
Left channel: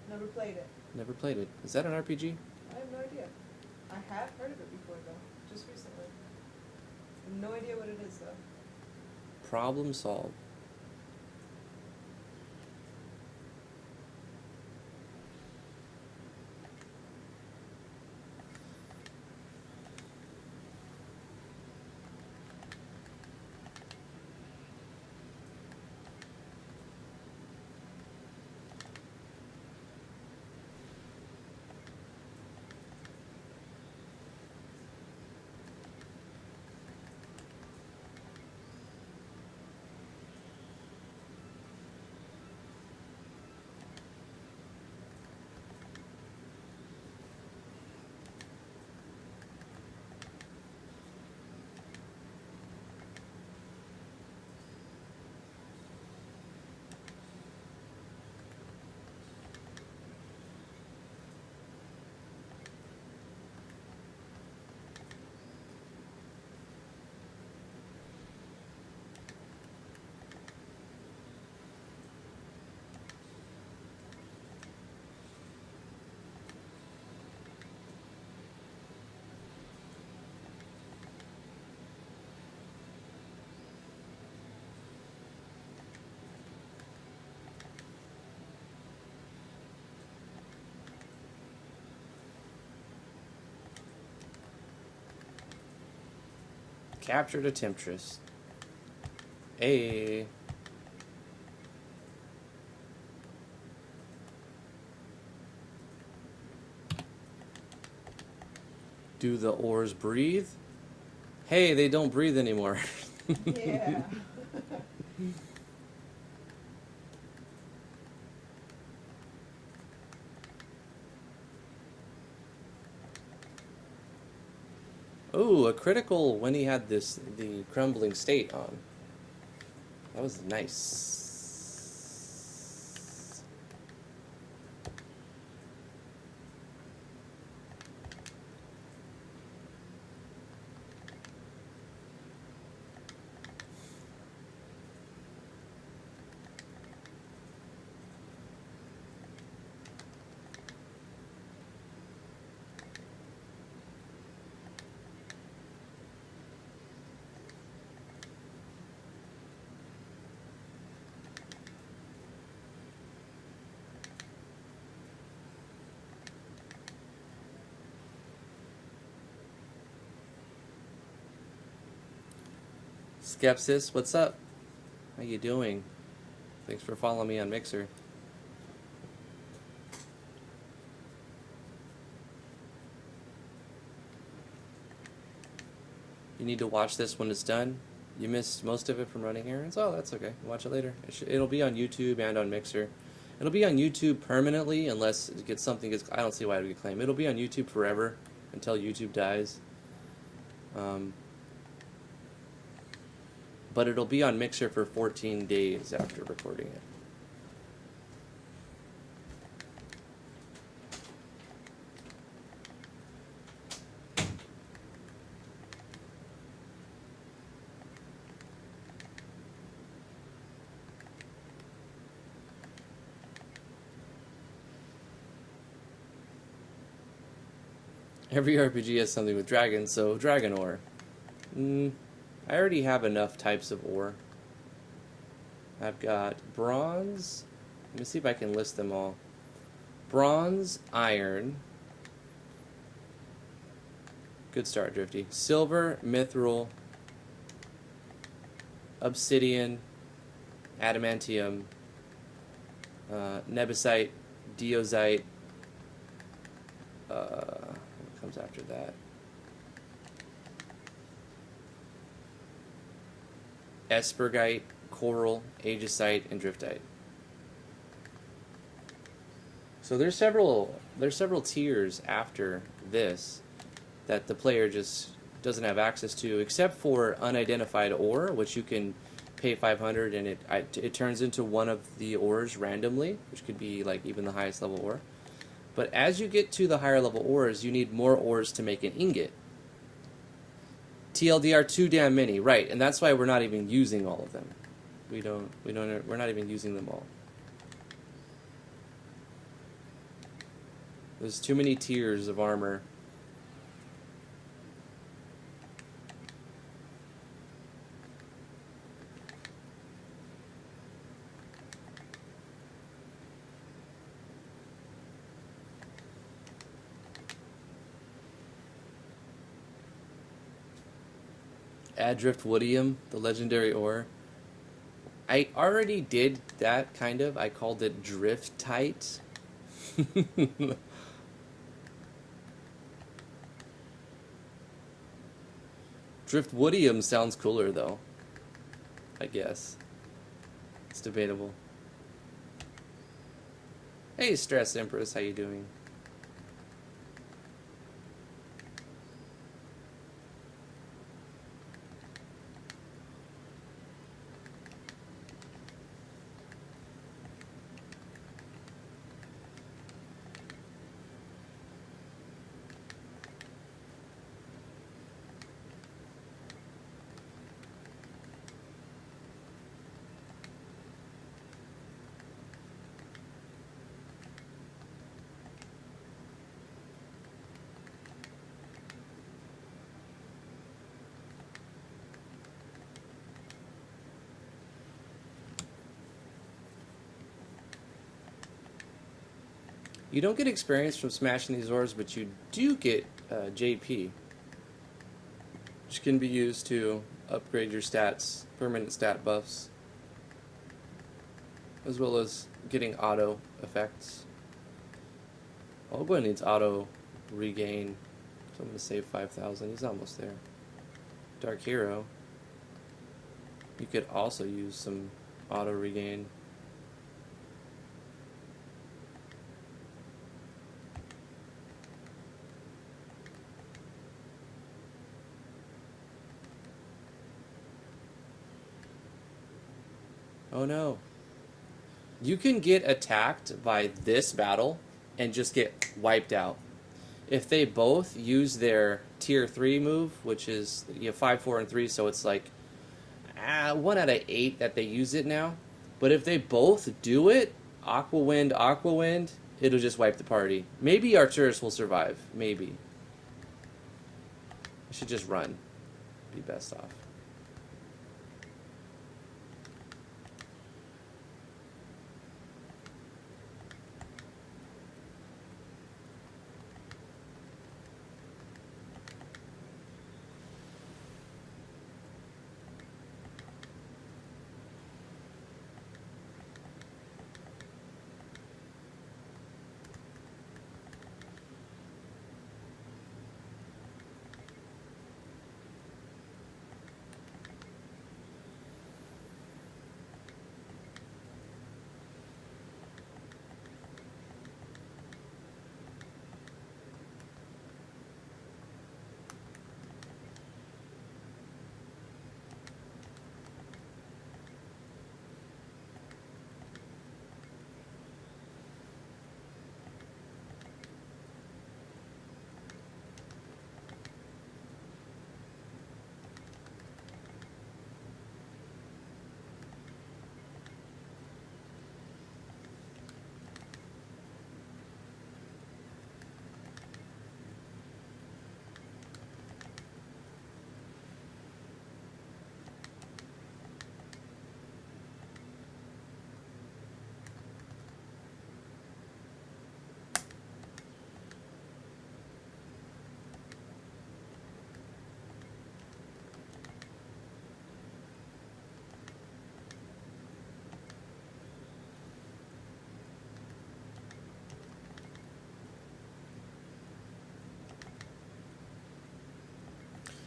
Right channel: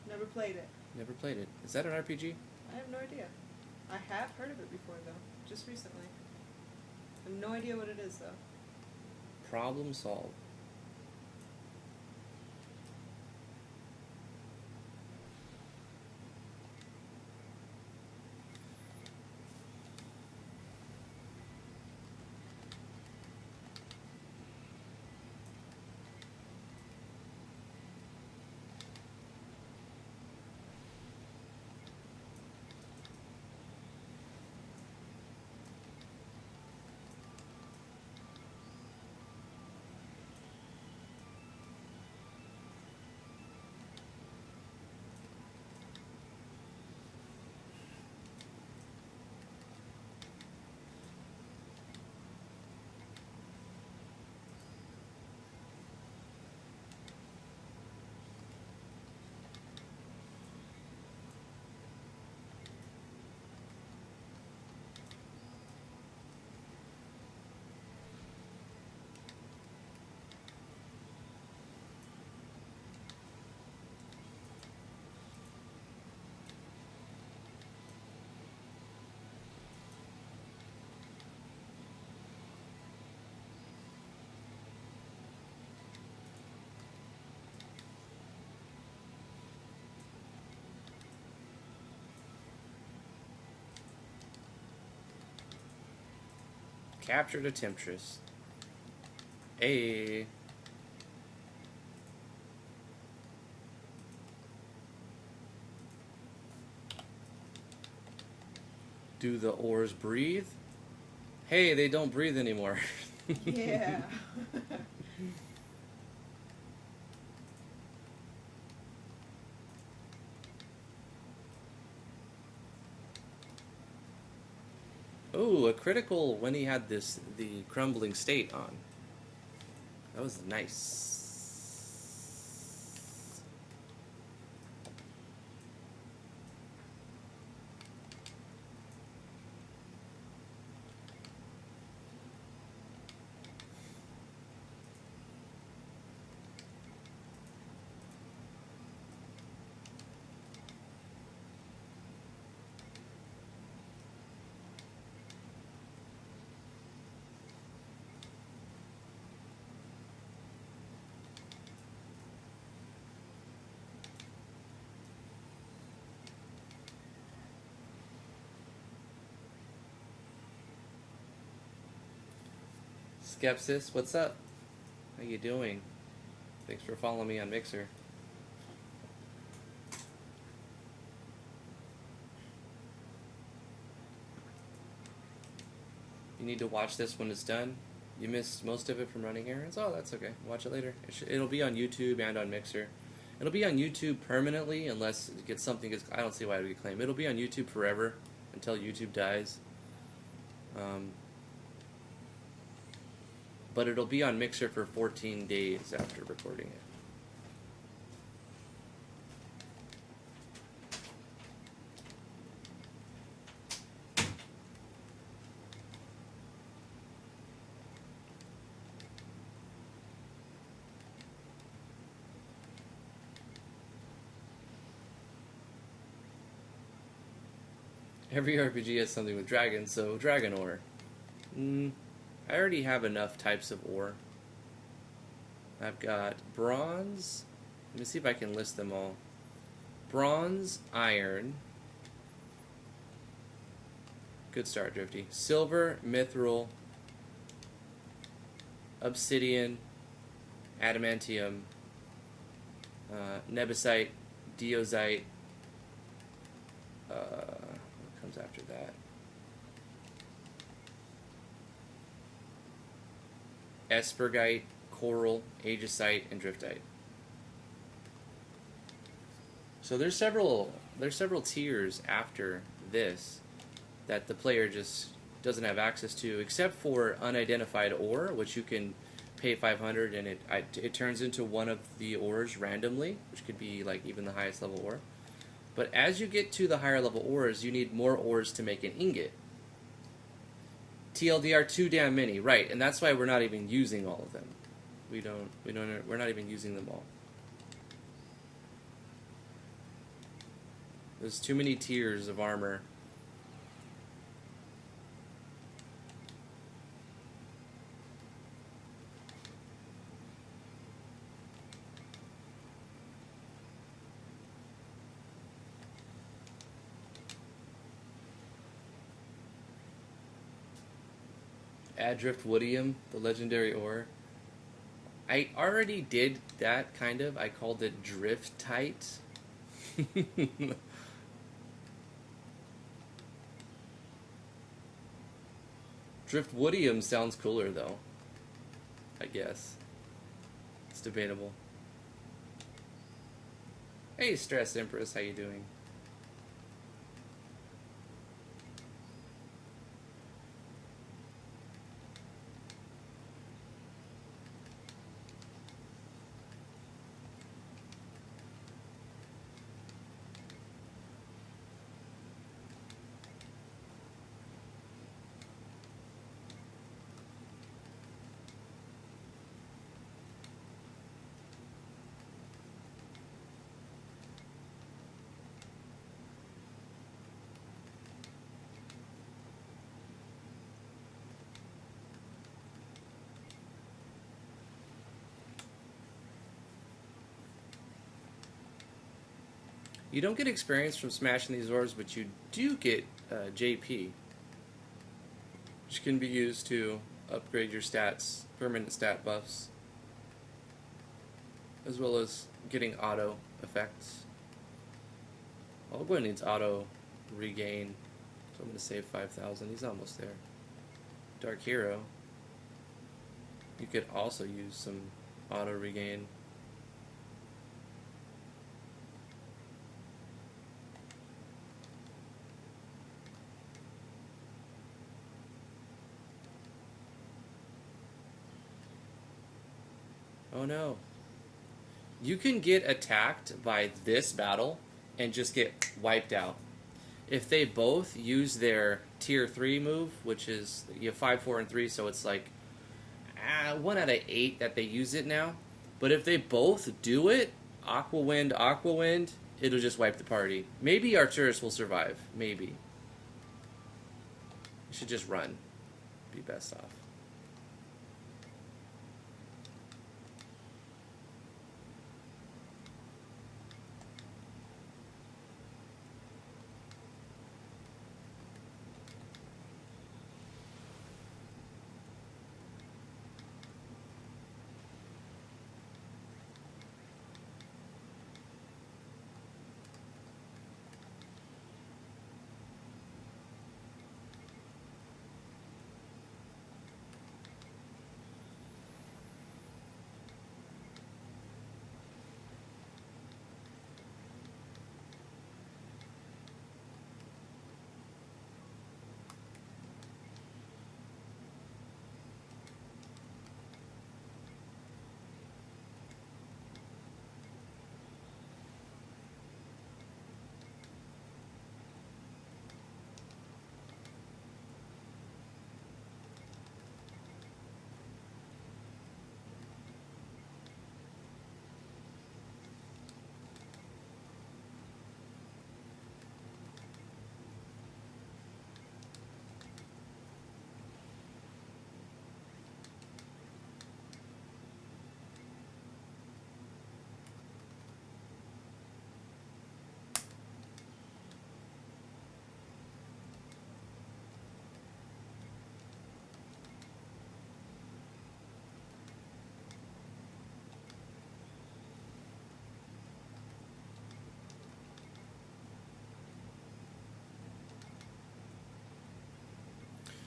Never played it. Never played it. Is that an RPG? I have no idea. I have heard of it before, though. Just recently. I have no idea what it is, though. Problem solved. Captured a Temptress. Hey. Do the ores breathe? Hey, they don't breathe anymore. Yeah. Ooh, a critical when he had the crumbling state on. That was nice. Skepsis, what's up? How you doing? Thanks for following me on Mixer. You need to watch this when it's done. You missed most of it from running errands. Oh, that's okay. Watch it later. It'll be on YouTube and on Mixer. It'll be on YouTube permanently unless it gets something. I don't see why it would get claimed. It'll be on YouTube forever until YouTube dies. But it'll be on Mixer for 14 days after recording it. Every RPG has something with dragons, so dragon ore. I already have enough types of ore. I've got bronze. Let me see if I can list them all. Bronze, iron. Good start, Drifty. Silver, mithril, obsidian, adamantium, nebesite, deosite. What comes after that? Espergite, coral, aegisite, and driftite. So there's several tiers after this that the player just doesn't have access to, except for unidentified ore, which you can pay 500 and it turns into one of the ores randomly, which could be like even the highest level ore. But as you get to the higher level ores, you need more ores to make an ingot. TLDR too damn many, right? And that's why we're not even using all of them. We're not even using them all. There's too many tiers of armor. Add Driftwoodium, the legendary ore. I already did that, kind of. I called it Driftite. Driftwoodium sounds cooler, though. I guess. It's debatable. Hey, Stress Empress, how you doing? You don't get experience from smashing these ores, but you do get JP. which can be used to upgrade your stats, permanent stat buffs, as well as getting auto effects. Oba needs auto regain, so I'm going to save 5,000. He's almost there. Dark Hero. You could also use some auto regain. Oh no. You can get attacked by this battle and just get wiped out. If they both use their tier 3 move, which is 5, 4, and 3, so it's like 1 out of 8 that they use it now. But if they both do it, Aqua Wind, it'll just wipe the party. Maybe Arcturus will survive. Maybe. You should just run. Be best off.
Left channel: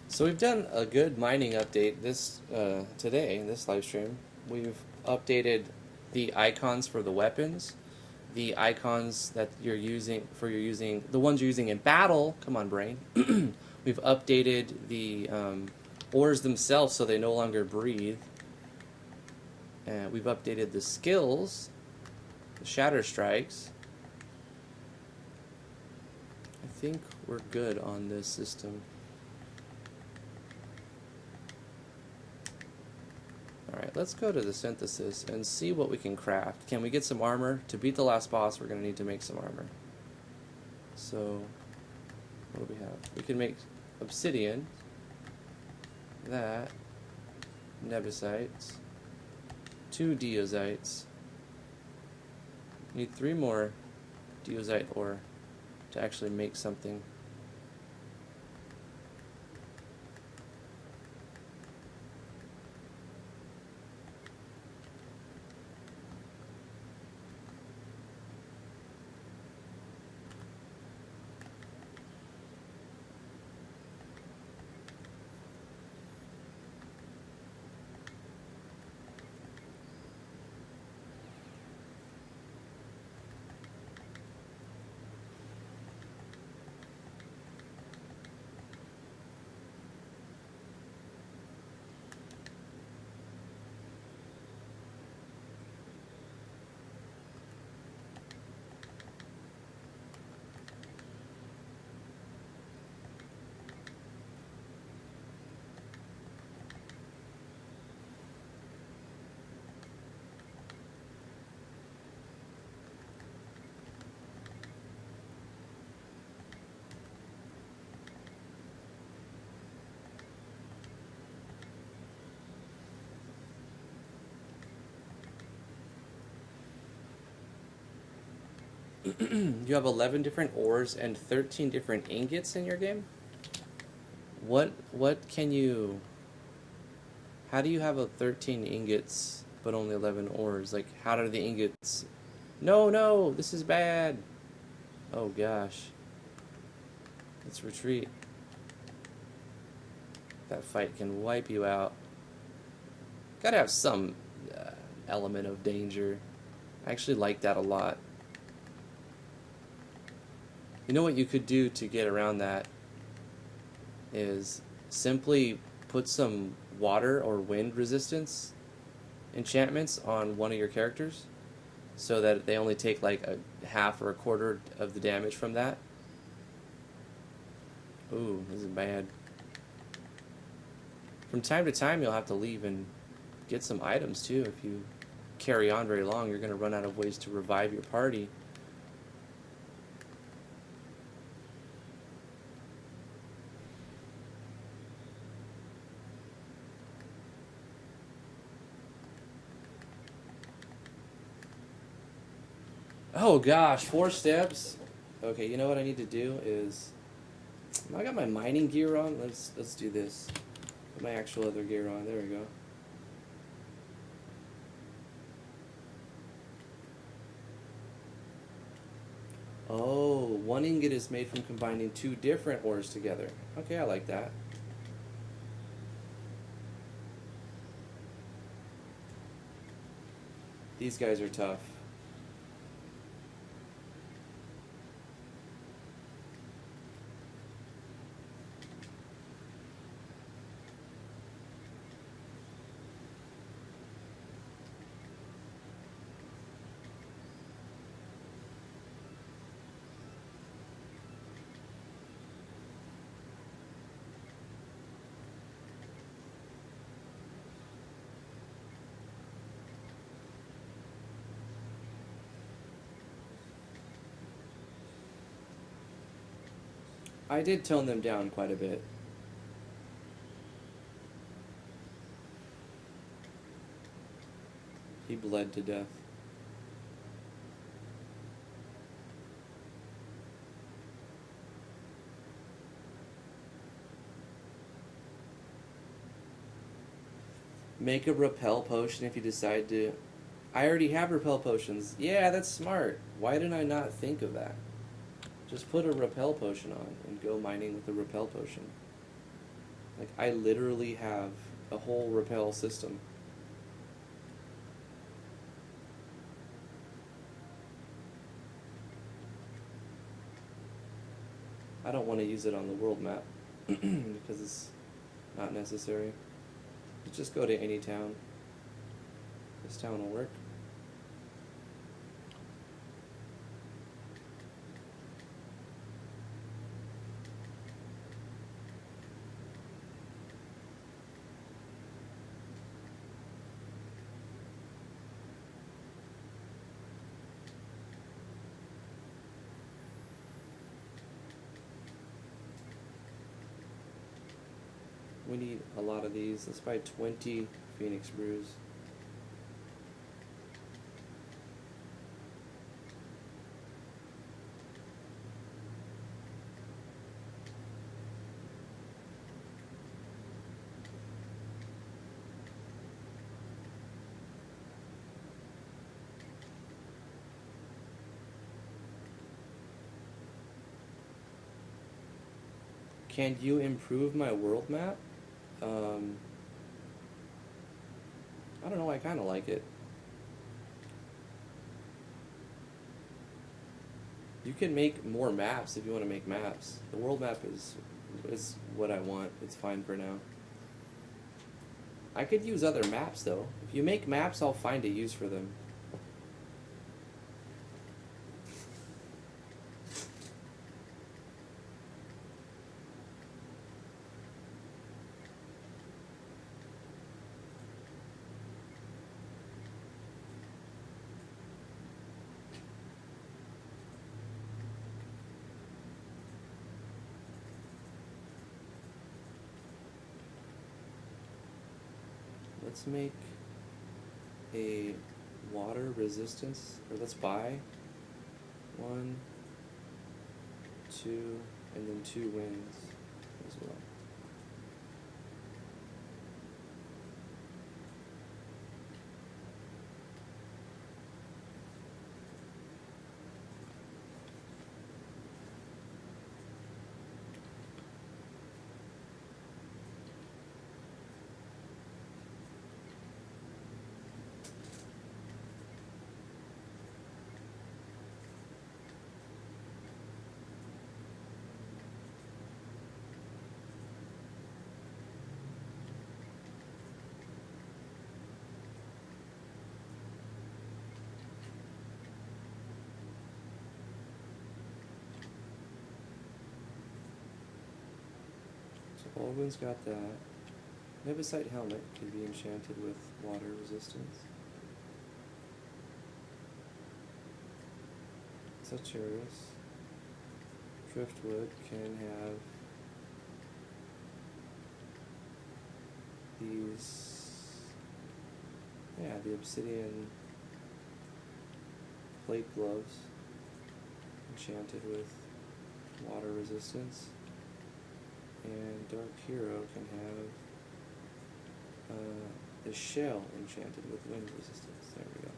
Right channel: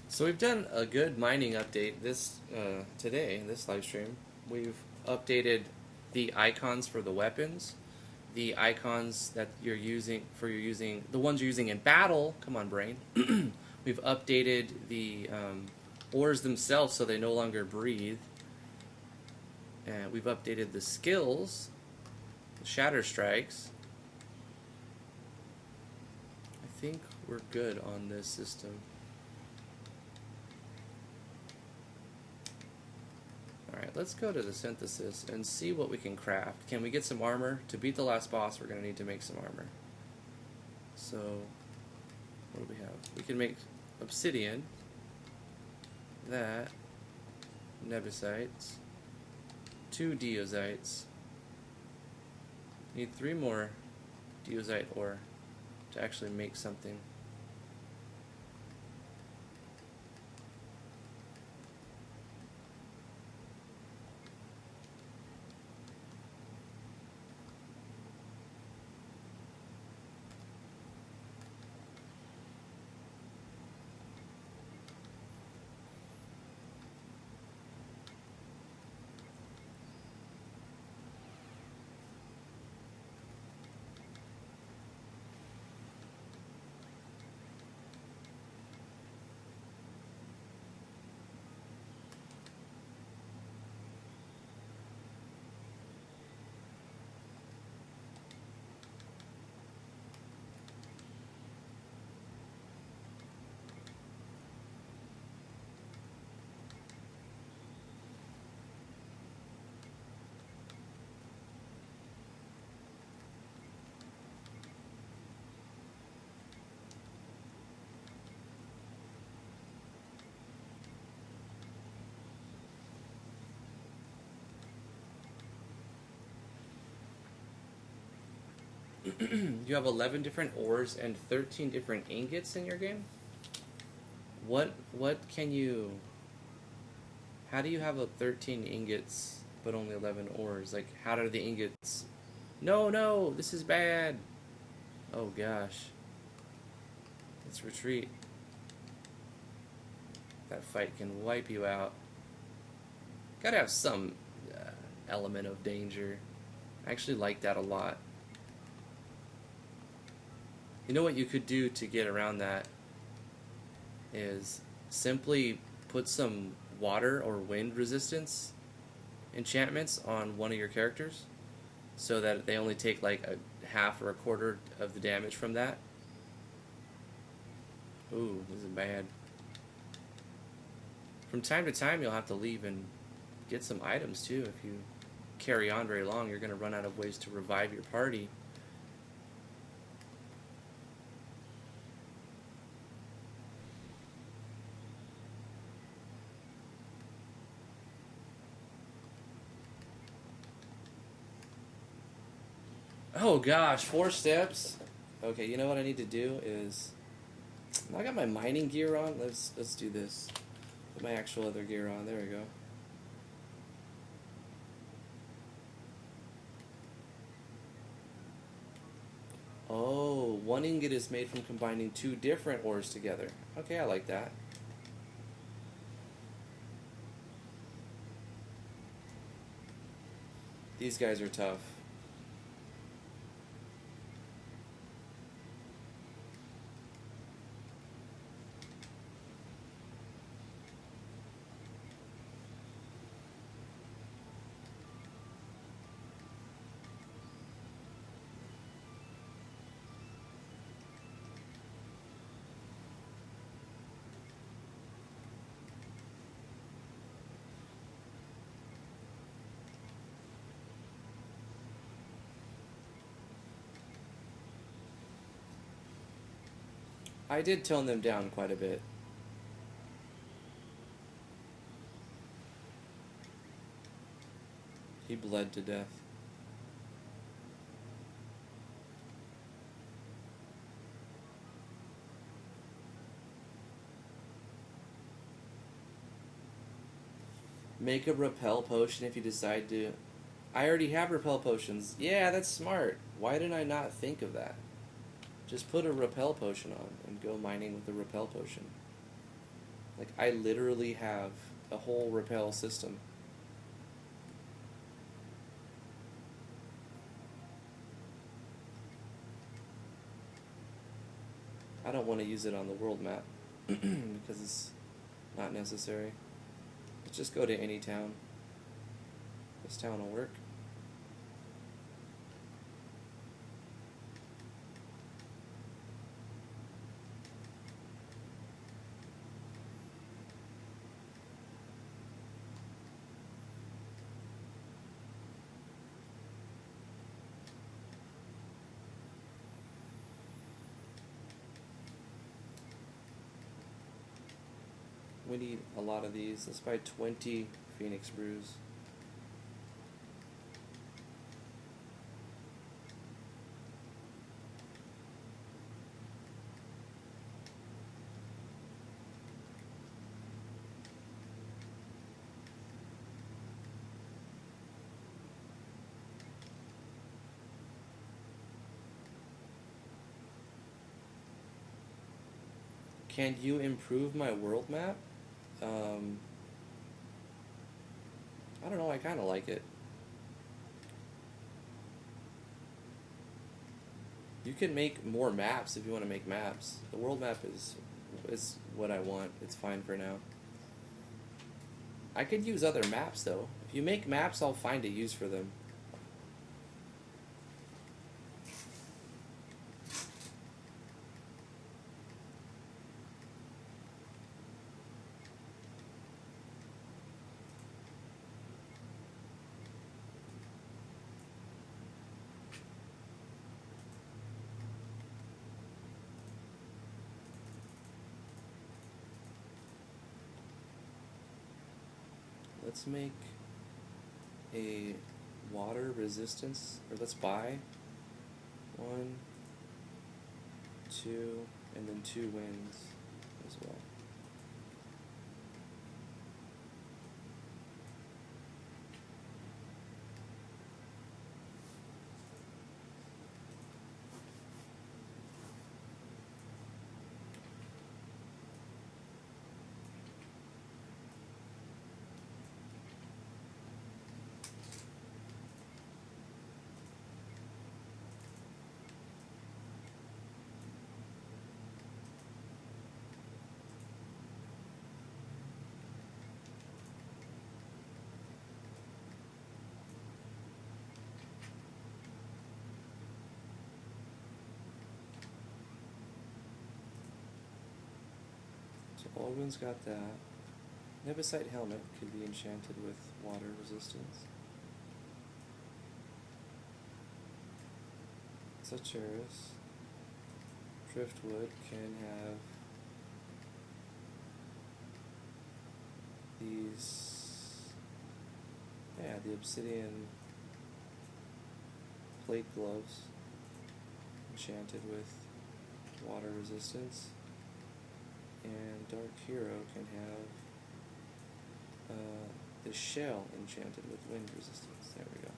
So we've done a good mining update today in this live stream. We've updated the icons for the weapons, the icons that you're using the ones you're using in battle. Come on, brain. We've updated the ores themselves so they no longer breathe. And we've updated the skills, the shatter strikes. I think we're good on this system. Let's go to the synthesis and see what we can craft. Can we get some armor? To beat the last boss, we're going to need to make some armor. So, what do we have? We can make obsidian, that, nebusites, 2 deozites. Need 3 more deozite ore to actually make something. You have 11 different ores and 13 different ingots in your game? What can you? How do you have a 13 ingots but only 11 ores? Like, how do the ingots? No, no, this is bad. Oh gosh. Let's retreat. That fight can wipe you out. Gotta have some element of danger. I actually like that a lot. You know what you could do to get around that is simply put some water or wind resistance enchantments on one of your characters so that they only take like a half or a quarter of the damage from that. Ooh, this is bad. From time to time you'll have to leave and get some items too. If you carry on very long, you're going to run out of ways to revive your party. Oh gosh, 4 steps. Okay, you know what I need to do is I got my mining gear on. Let's do this. My actual other gear on. There we go. Oh, 1 ingot is made from combining 2 different ores together. Okay, I like that. These guys are tough. I did tone them down quite a bit. He bled to death. Make a repel potion if you decide to. I already have repel potions. Yeah, that's smart. Why did I not think of that? Just put a repel potion on and go mining with the repel potion. Like, I literally have a whole repel system. I don't want to use it on the world map because it's not necessary. Just go to any town. This town will work. We need a lot of these. Let's buy 20 Phoenix brews. Can you improve my world map? I don't know, I kind of like it. You can make more maps if you want to make maps. The world map is what I want. It's fine for now. I could use other maps though. If you make maps, I'll find a use for them. Let's make a water resistance, or let's buy 1, 2, and then 2 winds as well. one's got that. Nevisite helmet can be enchanted with water resistance. Sagittarius. Driftwood can have these, yeah, the obsidian plate gloves enchanted with water resistance. And Dark Hero can have the shell enchanted with wind resistance. There we go.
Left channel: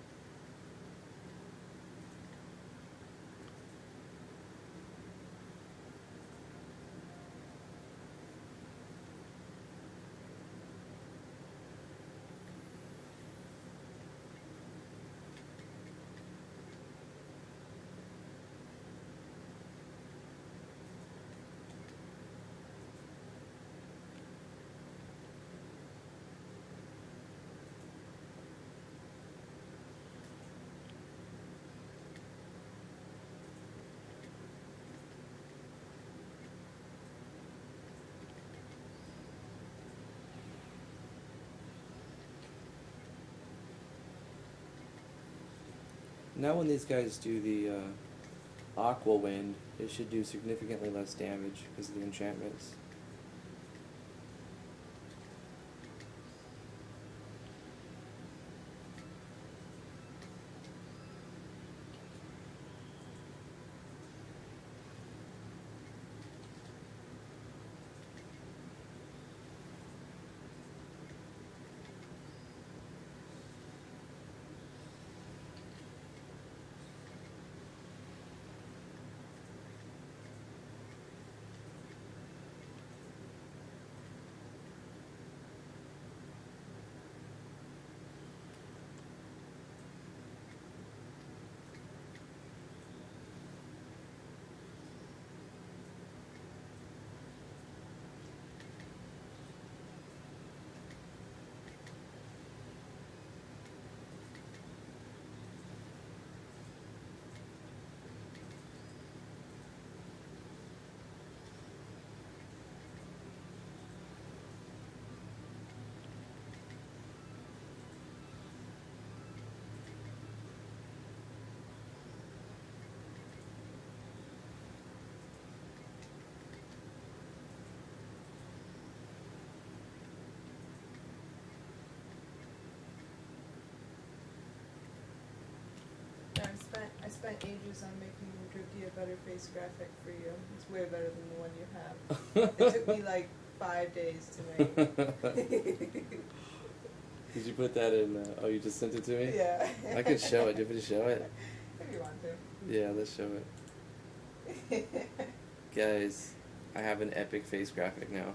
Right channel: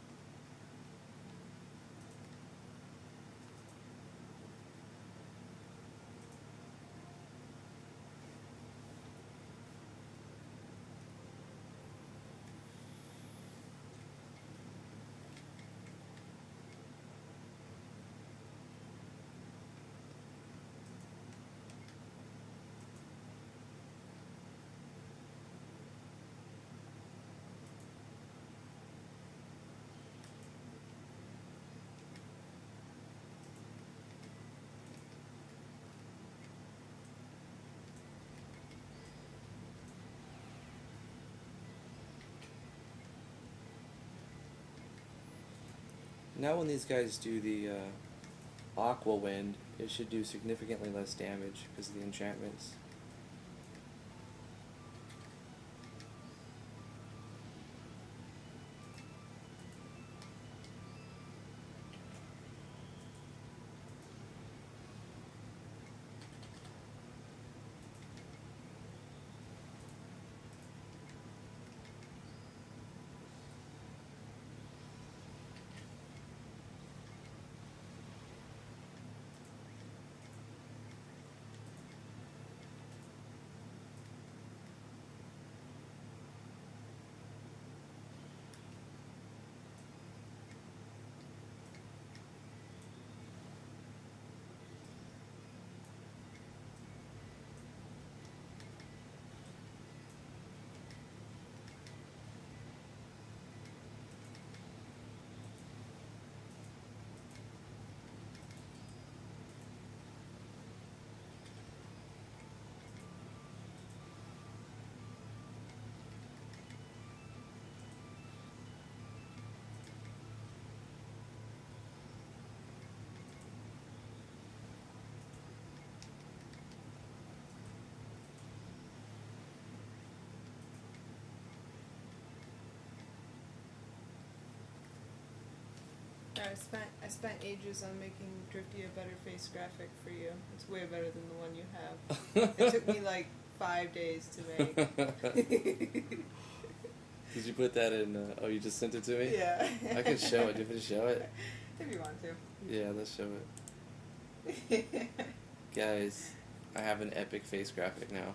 Now when these guys do the Aqua Wind, it should do significantly less damage because of the enchantments. I spent ages on making Drifty a better face graphic for you. It's way better than the one you have. It took me like 5 days to make. Did you put that in? Oh, you just sent it to me? Yeah. I can show it if you show it. If you want to. Yeah, let's show it. Guys, I have an epic face graphic now.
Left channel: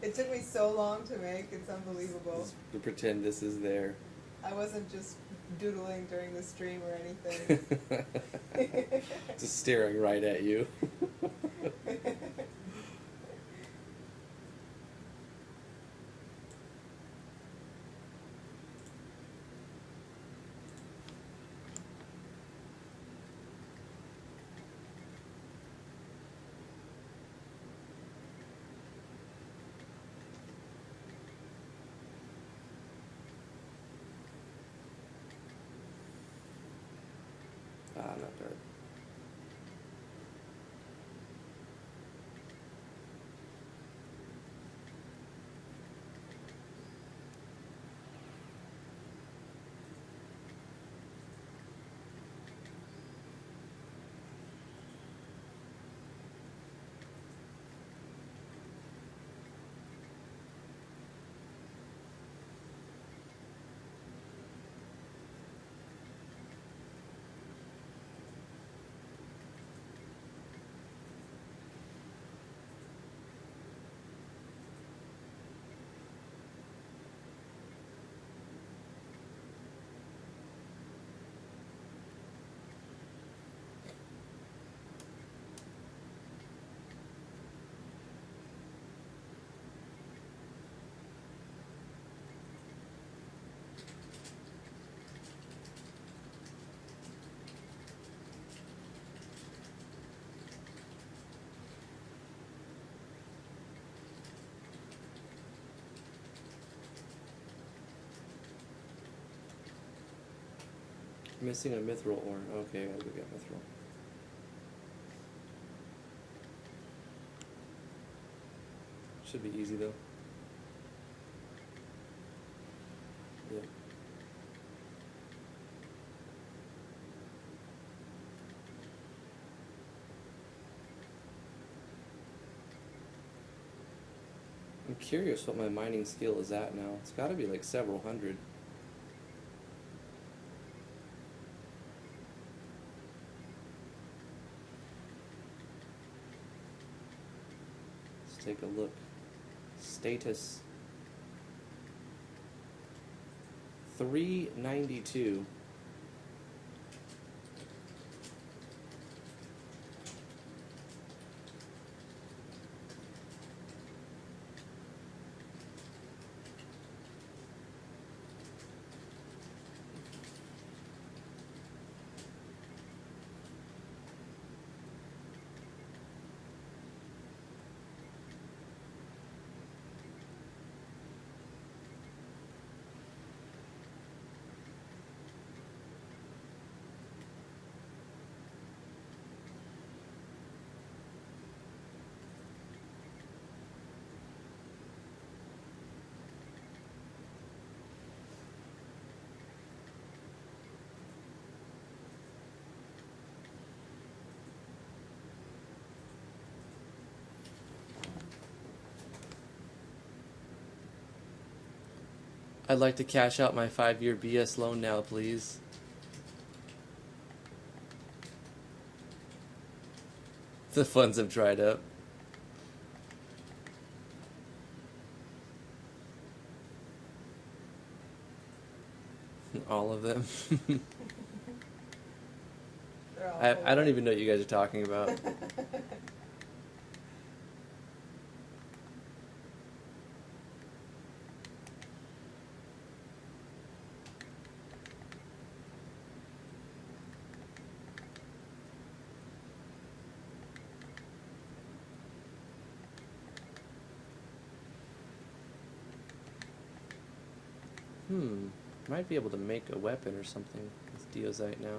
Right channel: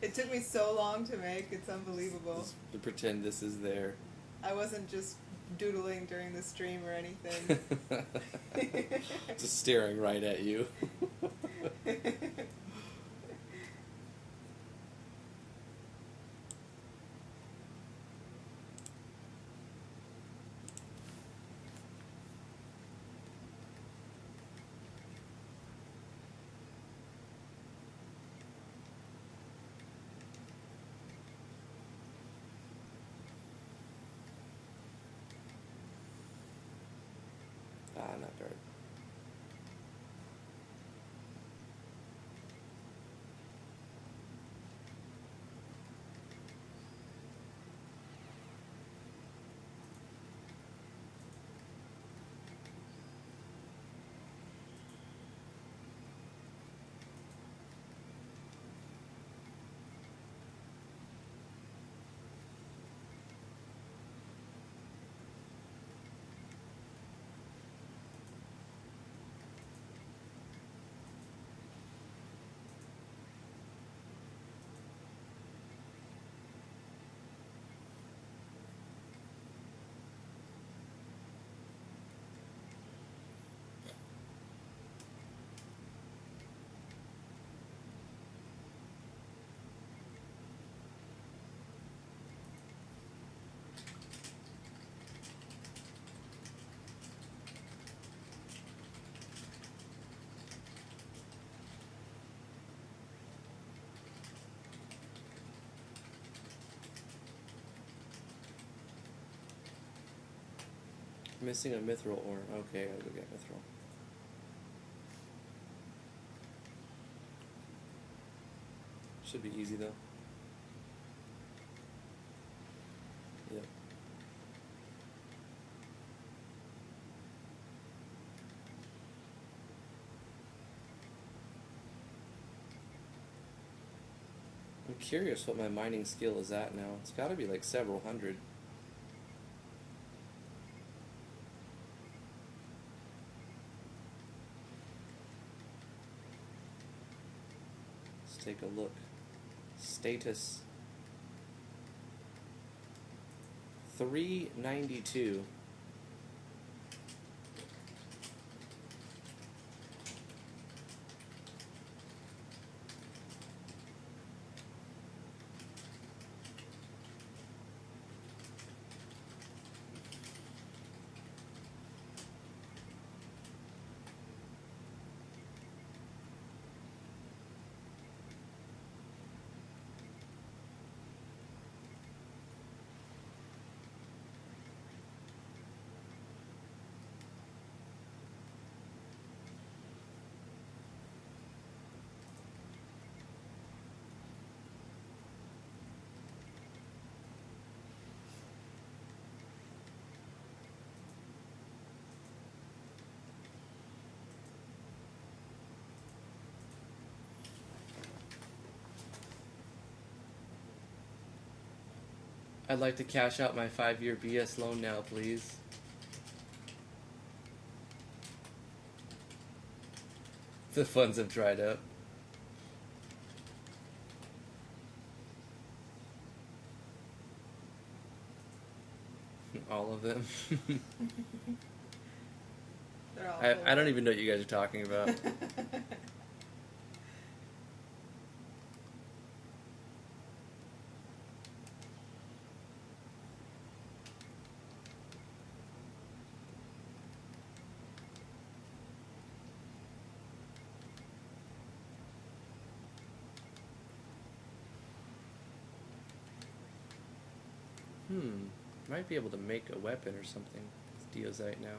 It took me so long to make, it's unbelievable. You pretend this is there. I wasn't just doodling during the stream or anything. Just staring right at you. Missing a mithril ore. Okay, I'm gonna get mithril. Should be easy though. Yeah. I'm curious what my mining skill is at now. It's gotta be like several hundred. Let's take a look. Status 392. I'd like to cash out my 5-year BS loan now, please. The funds have dried up. All of them. They're all I don't full. even know what you guys are talking about. Might be able to make a weapon or something with Deozite now.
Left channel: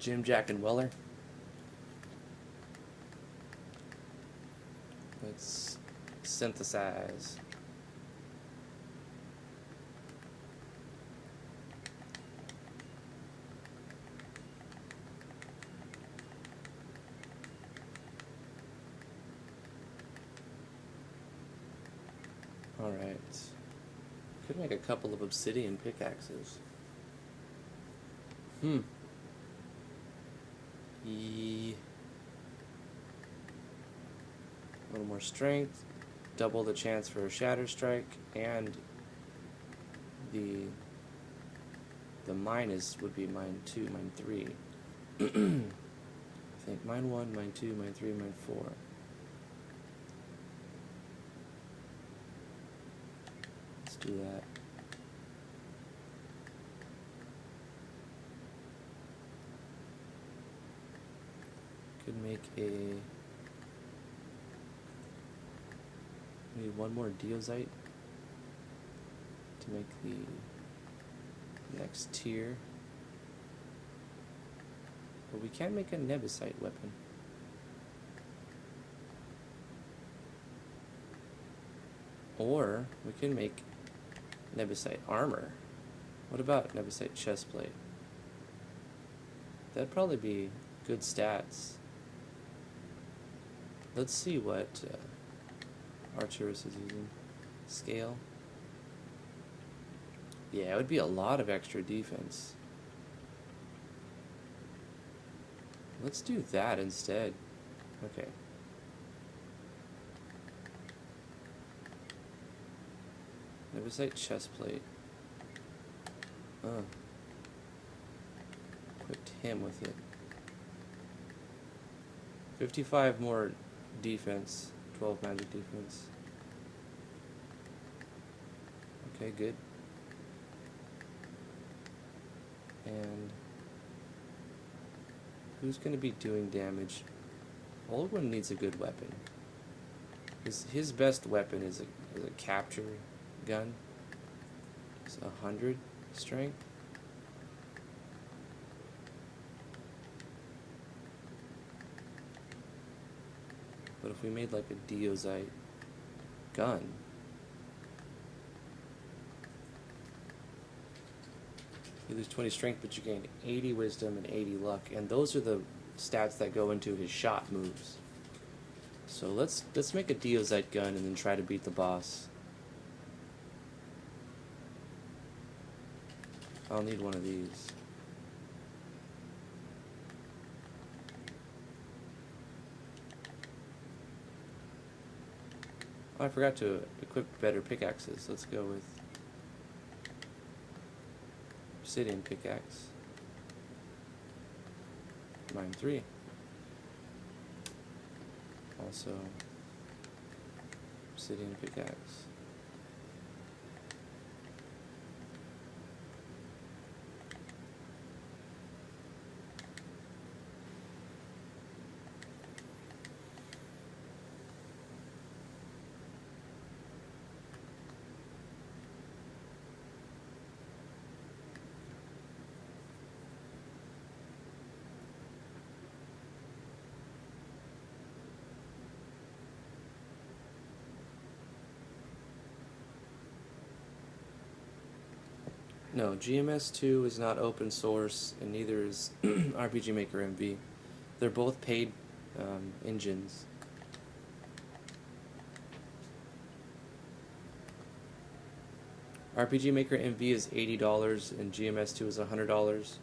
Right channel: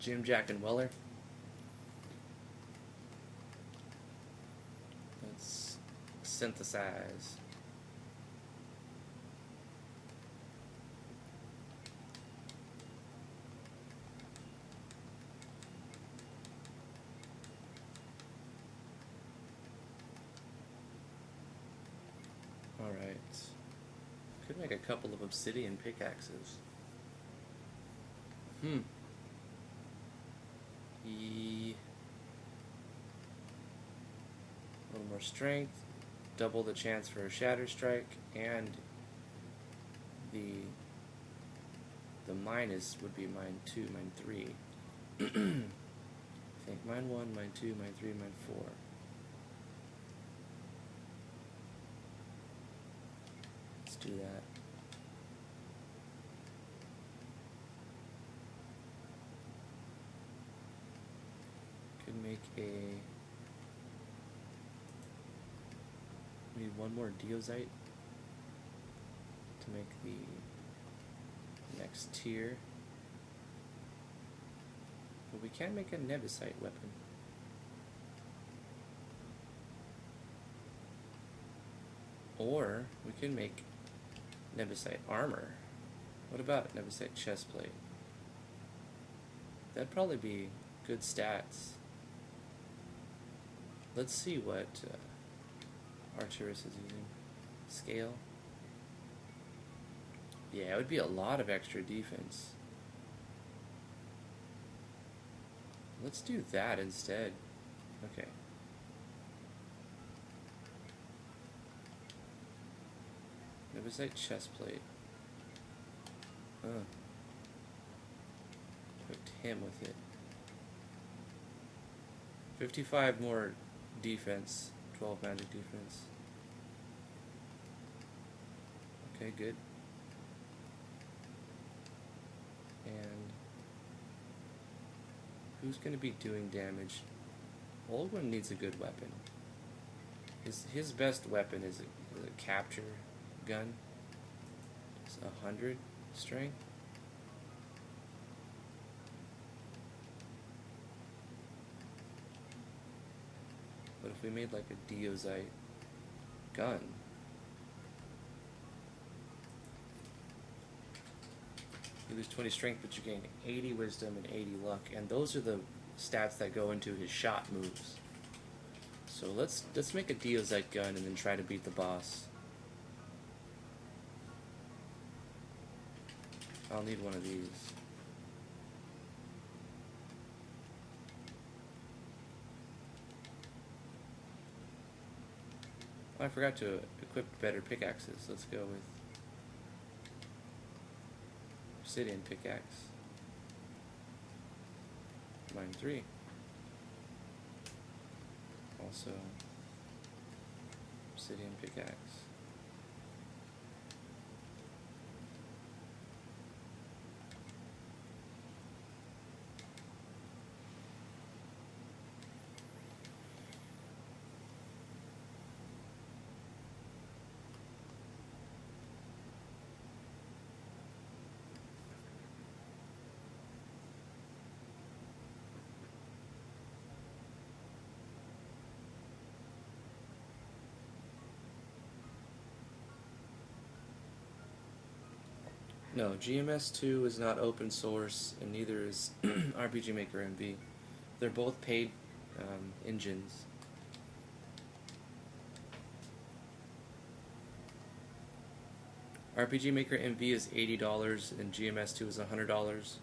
Jim, Jack, and Weller. Let's synthesize. Alright. Could make a couple of obsidian pickaxes. A little more strength, double the chance for a shatter strike, and the minus would be mine 2, mine 3. I think mine 1, mine 2, mine 3, mine 4. Let's do that. Could make a... Maybe one more Deozite to make the next tier. But we can't make a Nebusite weapon. Or we can make Nebusite armor. What about Nebusite chestplate? That'd probably be good stats. Let's see what Arcturus is using. Scale. Yeah, it would be a lot of extra defense. Let's do that instead. Okay. Nebusite chestplate. Oh. Equipped him with it. 55 more defense. 12 magic defense. Okay, good. And who's going to be doing damage? Olgun needs a good weapon. His best weapon is a capture gun. It's 100 strength. But if we made like a Deozite gun, you lose 20 strength, but you gain 80 wisdom and 80 luck, and those are the stats that go into his shot moves. So let's make a Deozite gun and then try to beat the boss. I'll need one of these. Oh, I forgot to equip better pickaxes. Let's go with obsidian pickaxe. Mine 3. Also obsidian pickaxe. No, GMS2 is not open source, and neither is RPG Maker MV. They're both paid engines. RPG Maker MV is $80 and GMS2 is $100,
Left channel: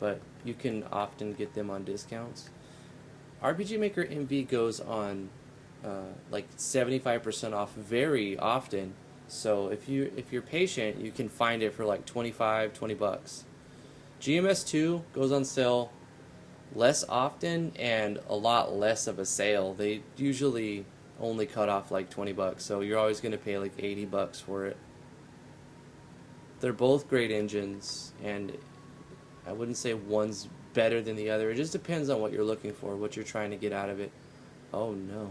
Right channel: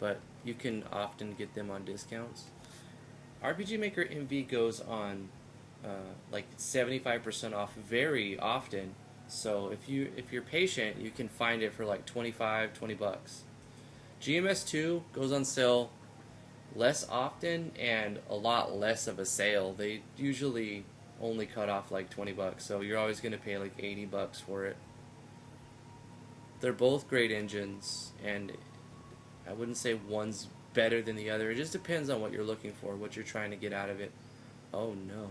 but you can often get them on discounts. RPG Maker MV goes on like 75% off very often. So if you're patient, you can find it for like $20 bucks. GMS2 goes on sale less often and a lot less of a sale. They usually only cut off like 20 bucks, so you're always going to pay like 80 bucks for it. They're both great engines, and I wouldn't say one's better than the other. It just depends on what you're looking for, what you're trying to get out of it. Oh no.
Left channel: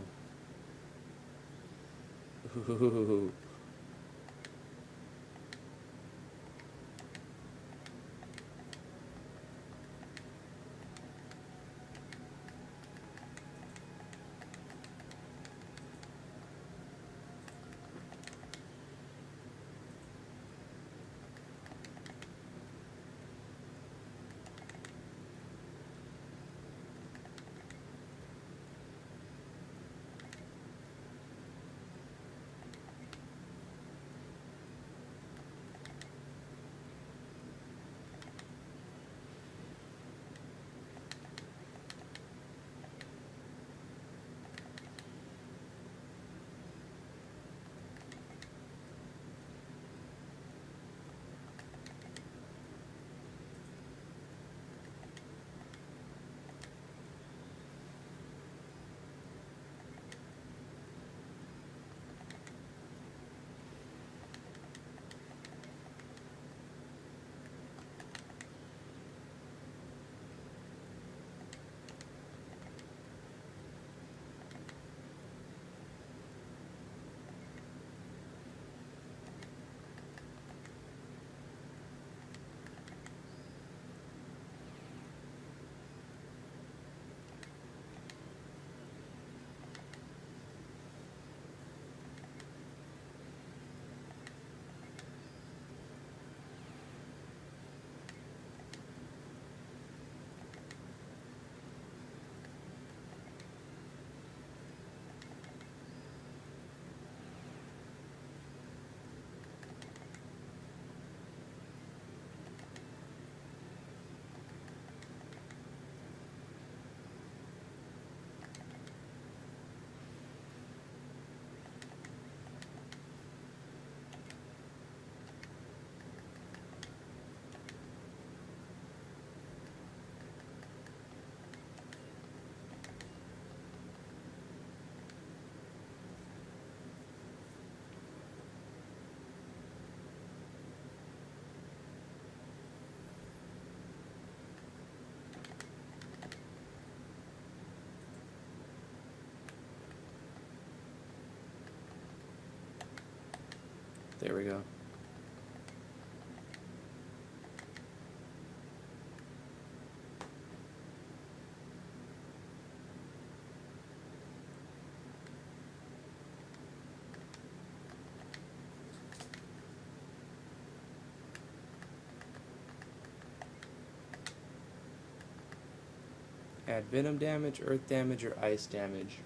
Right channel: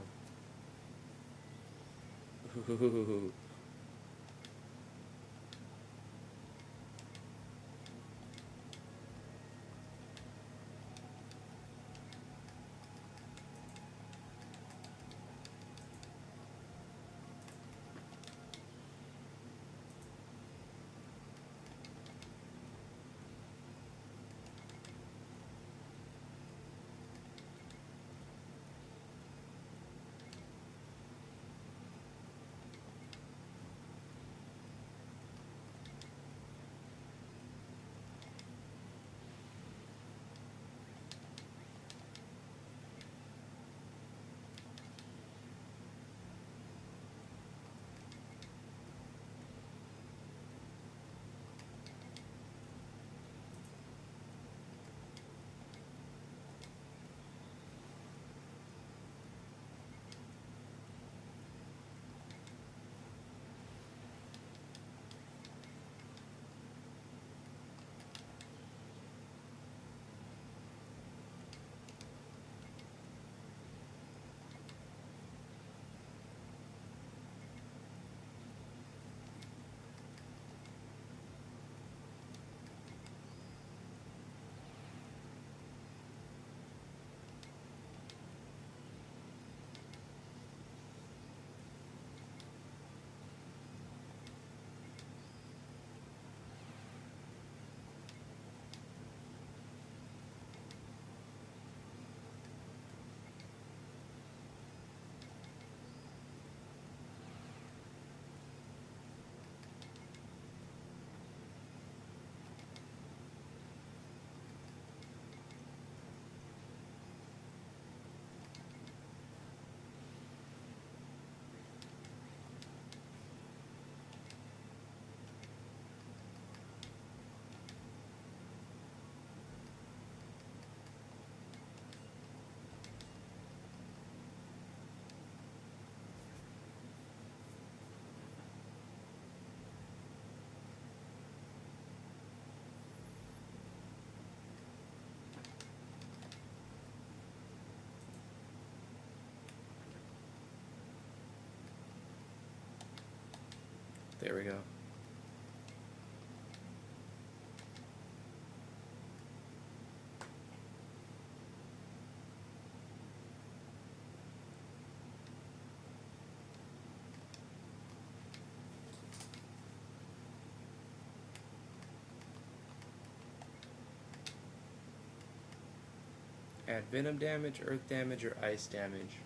add venom damage, earth damage, or ice damage?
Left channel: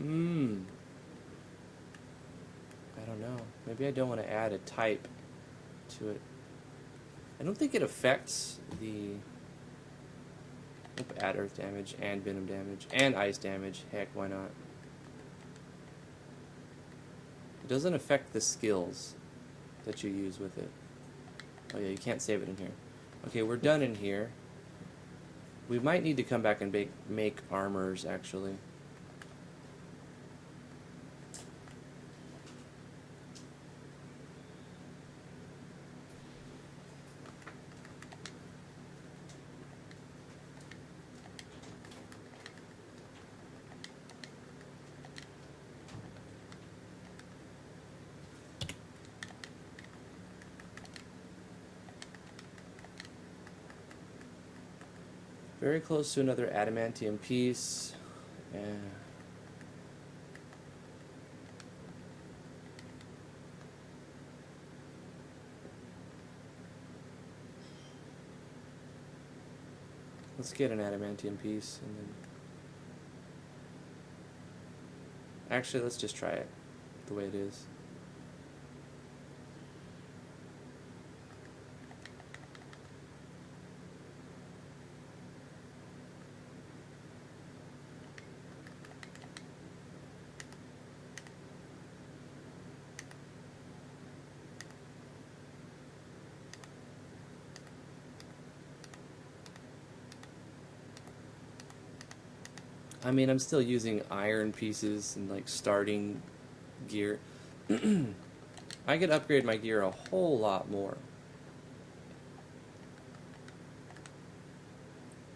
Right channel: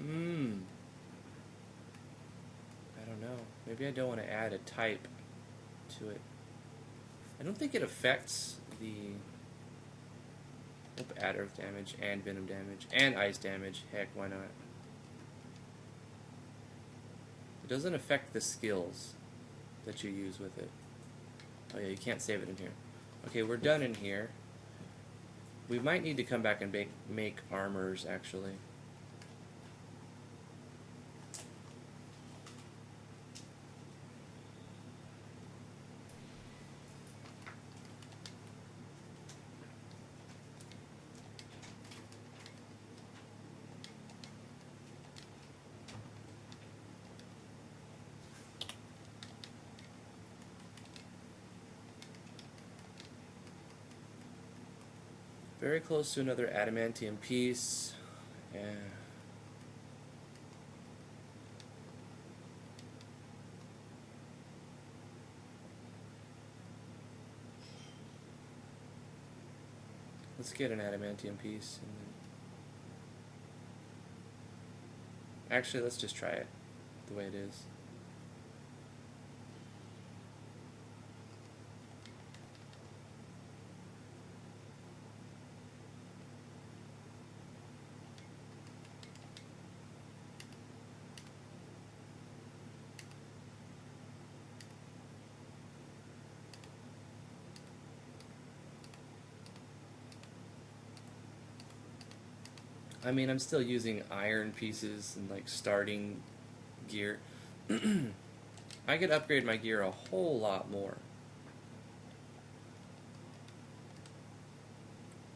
I don't know. Maybe I don't want to add a type to it. I don't think it affects the... Add earth damage and venom damage and ice damage. Heck, why not? It doesn't affect the skills that you use with it. Oh yeah, you can't save it in here. Okay, we're done in here. We might need to come back and make armors, actually. Very close to another adamantium piece. Let's get an adamantium piece. And then... Actually, let's just try it the way it is. I mean, I'm still using iron pieces and like starting gear. I can upgrade my gear a whole lot more.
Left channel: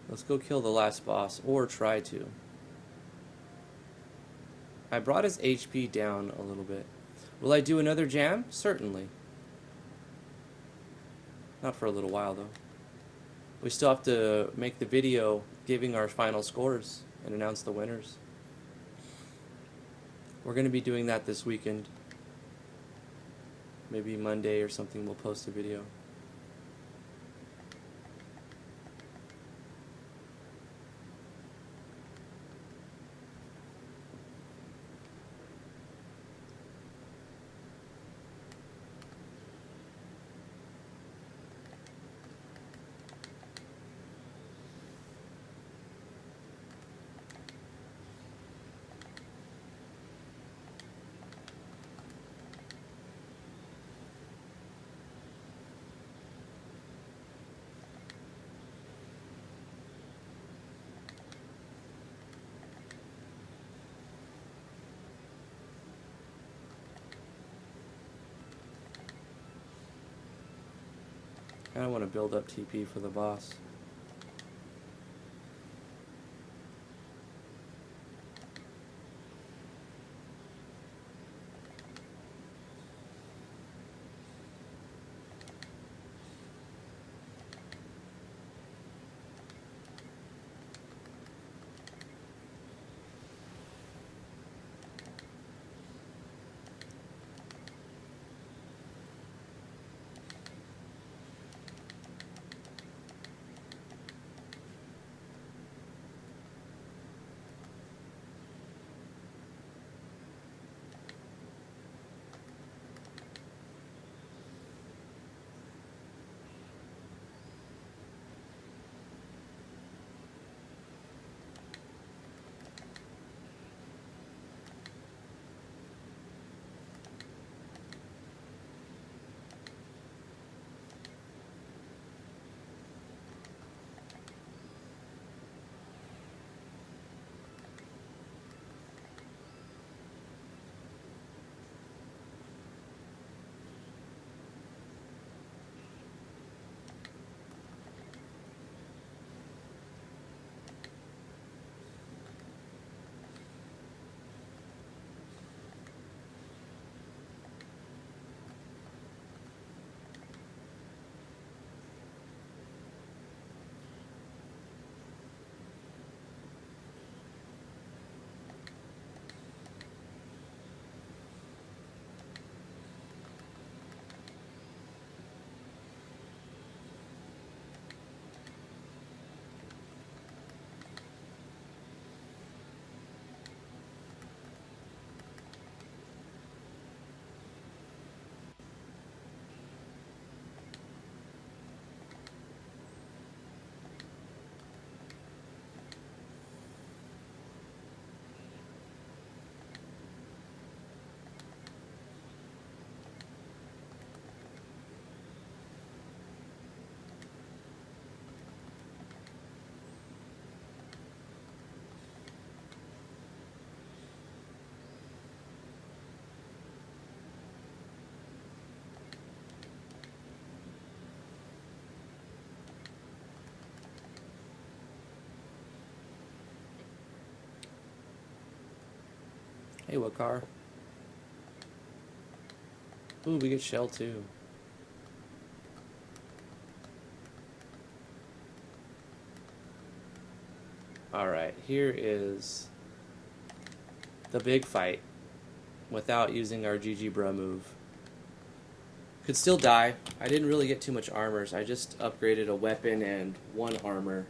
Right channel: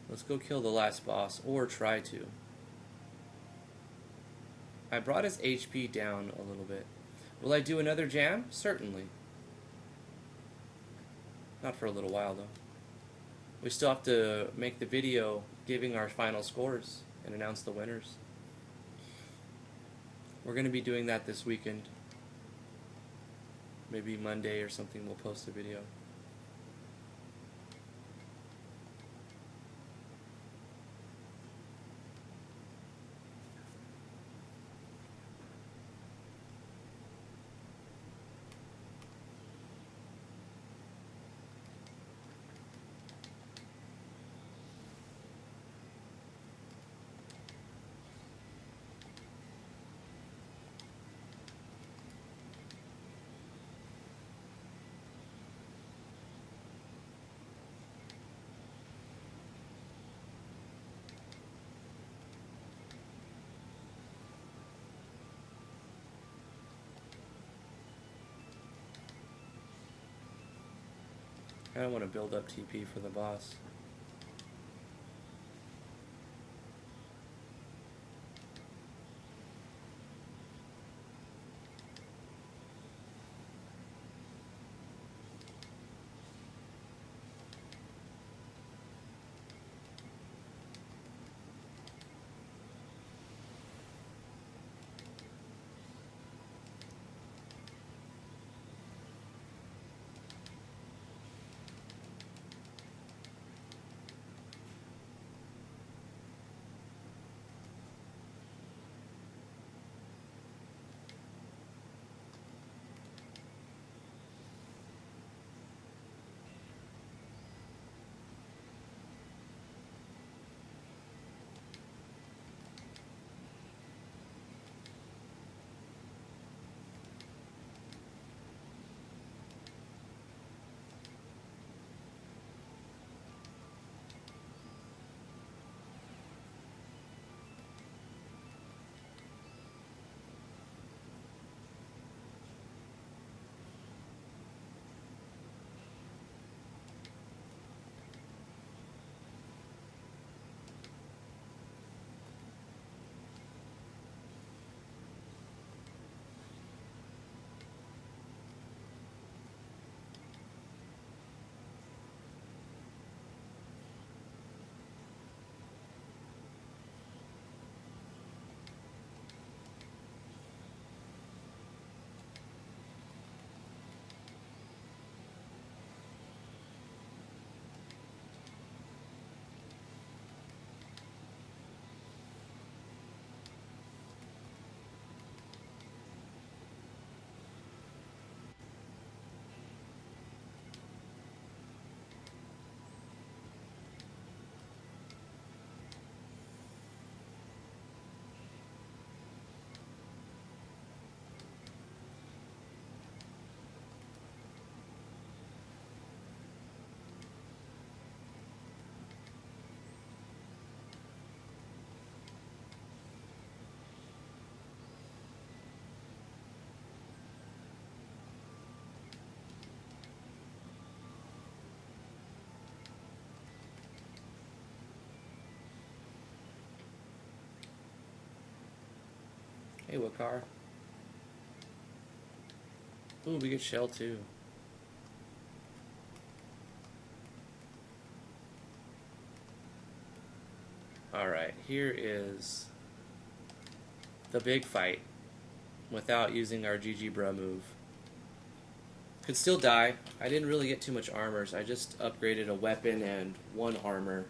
Let's go kill the last boss, or try to. I brought his HP down a little bit. Will I do another jam? Certainly. Not for a little while, though. We still have to make the video giving our final scores and announce the winners. We're going to be doing that this weekend. Maybe Monday or something we'll post a video. I want to build up TP for the boss. car. Ooh, we get shell too. Alright, here is the big fight without using our GG bro move. Could still die. I didn't really get too much armor, so I just upgraded a weapon and 1 armor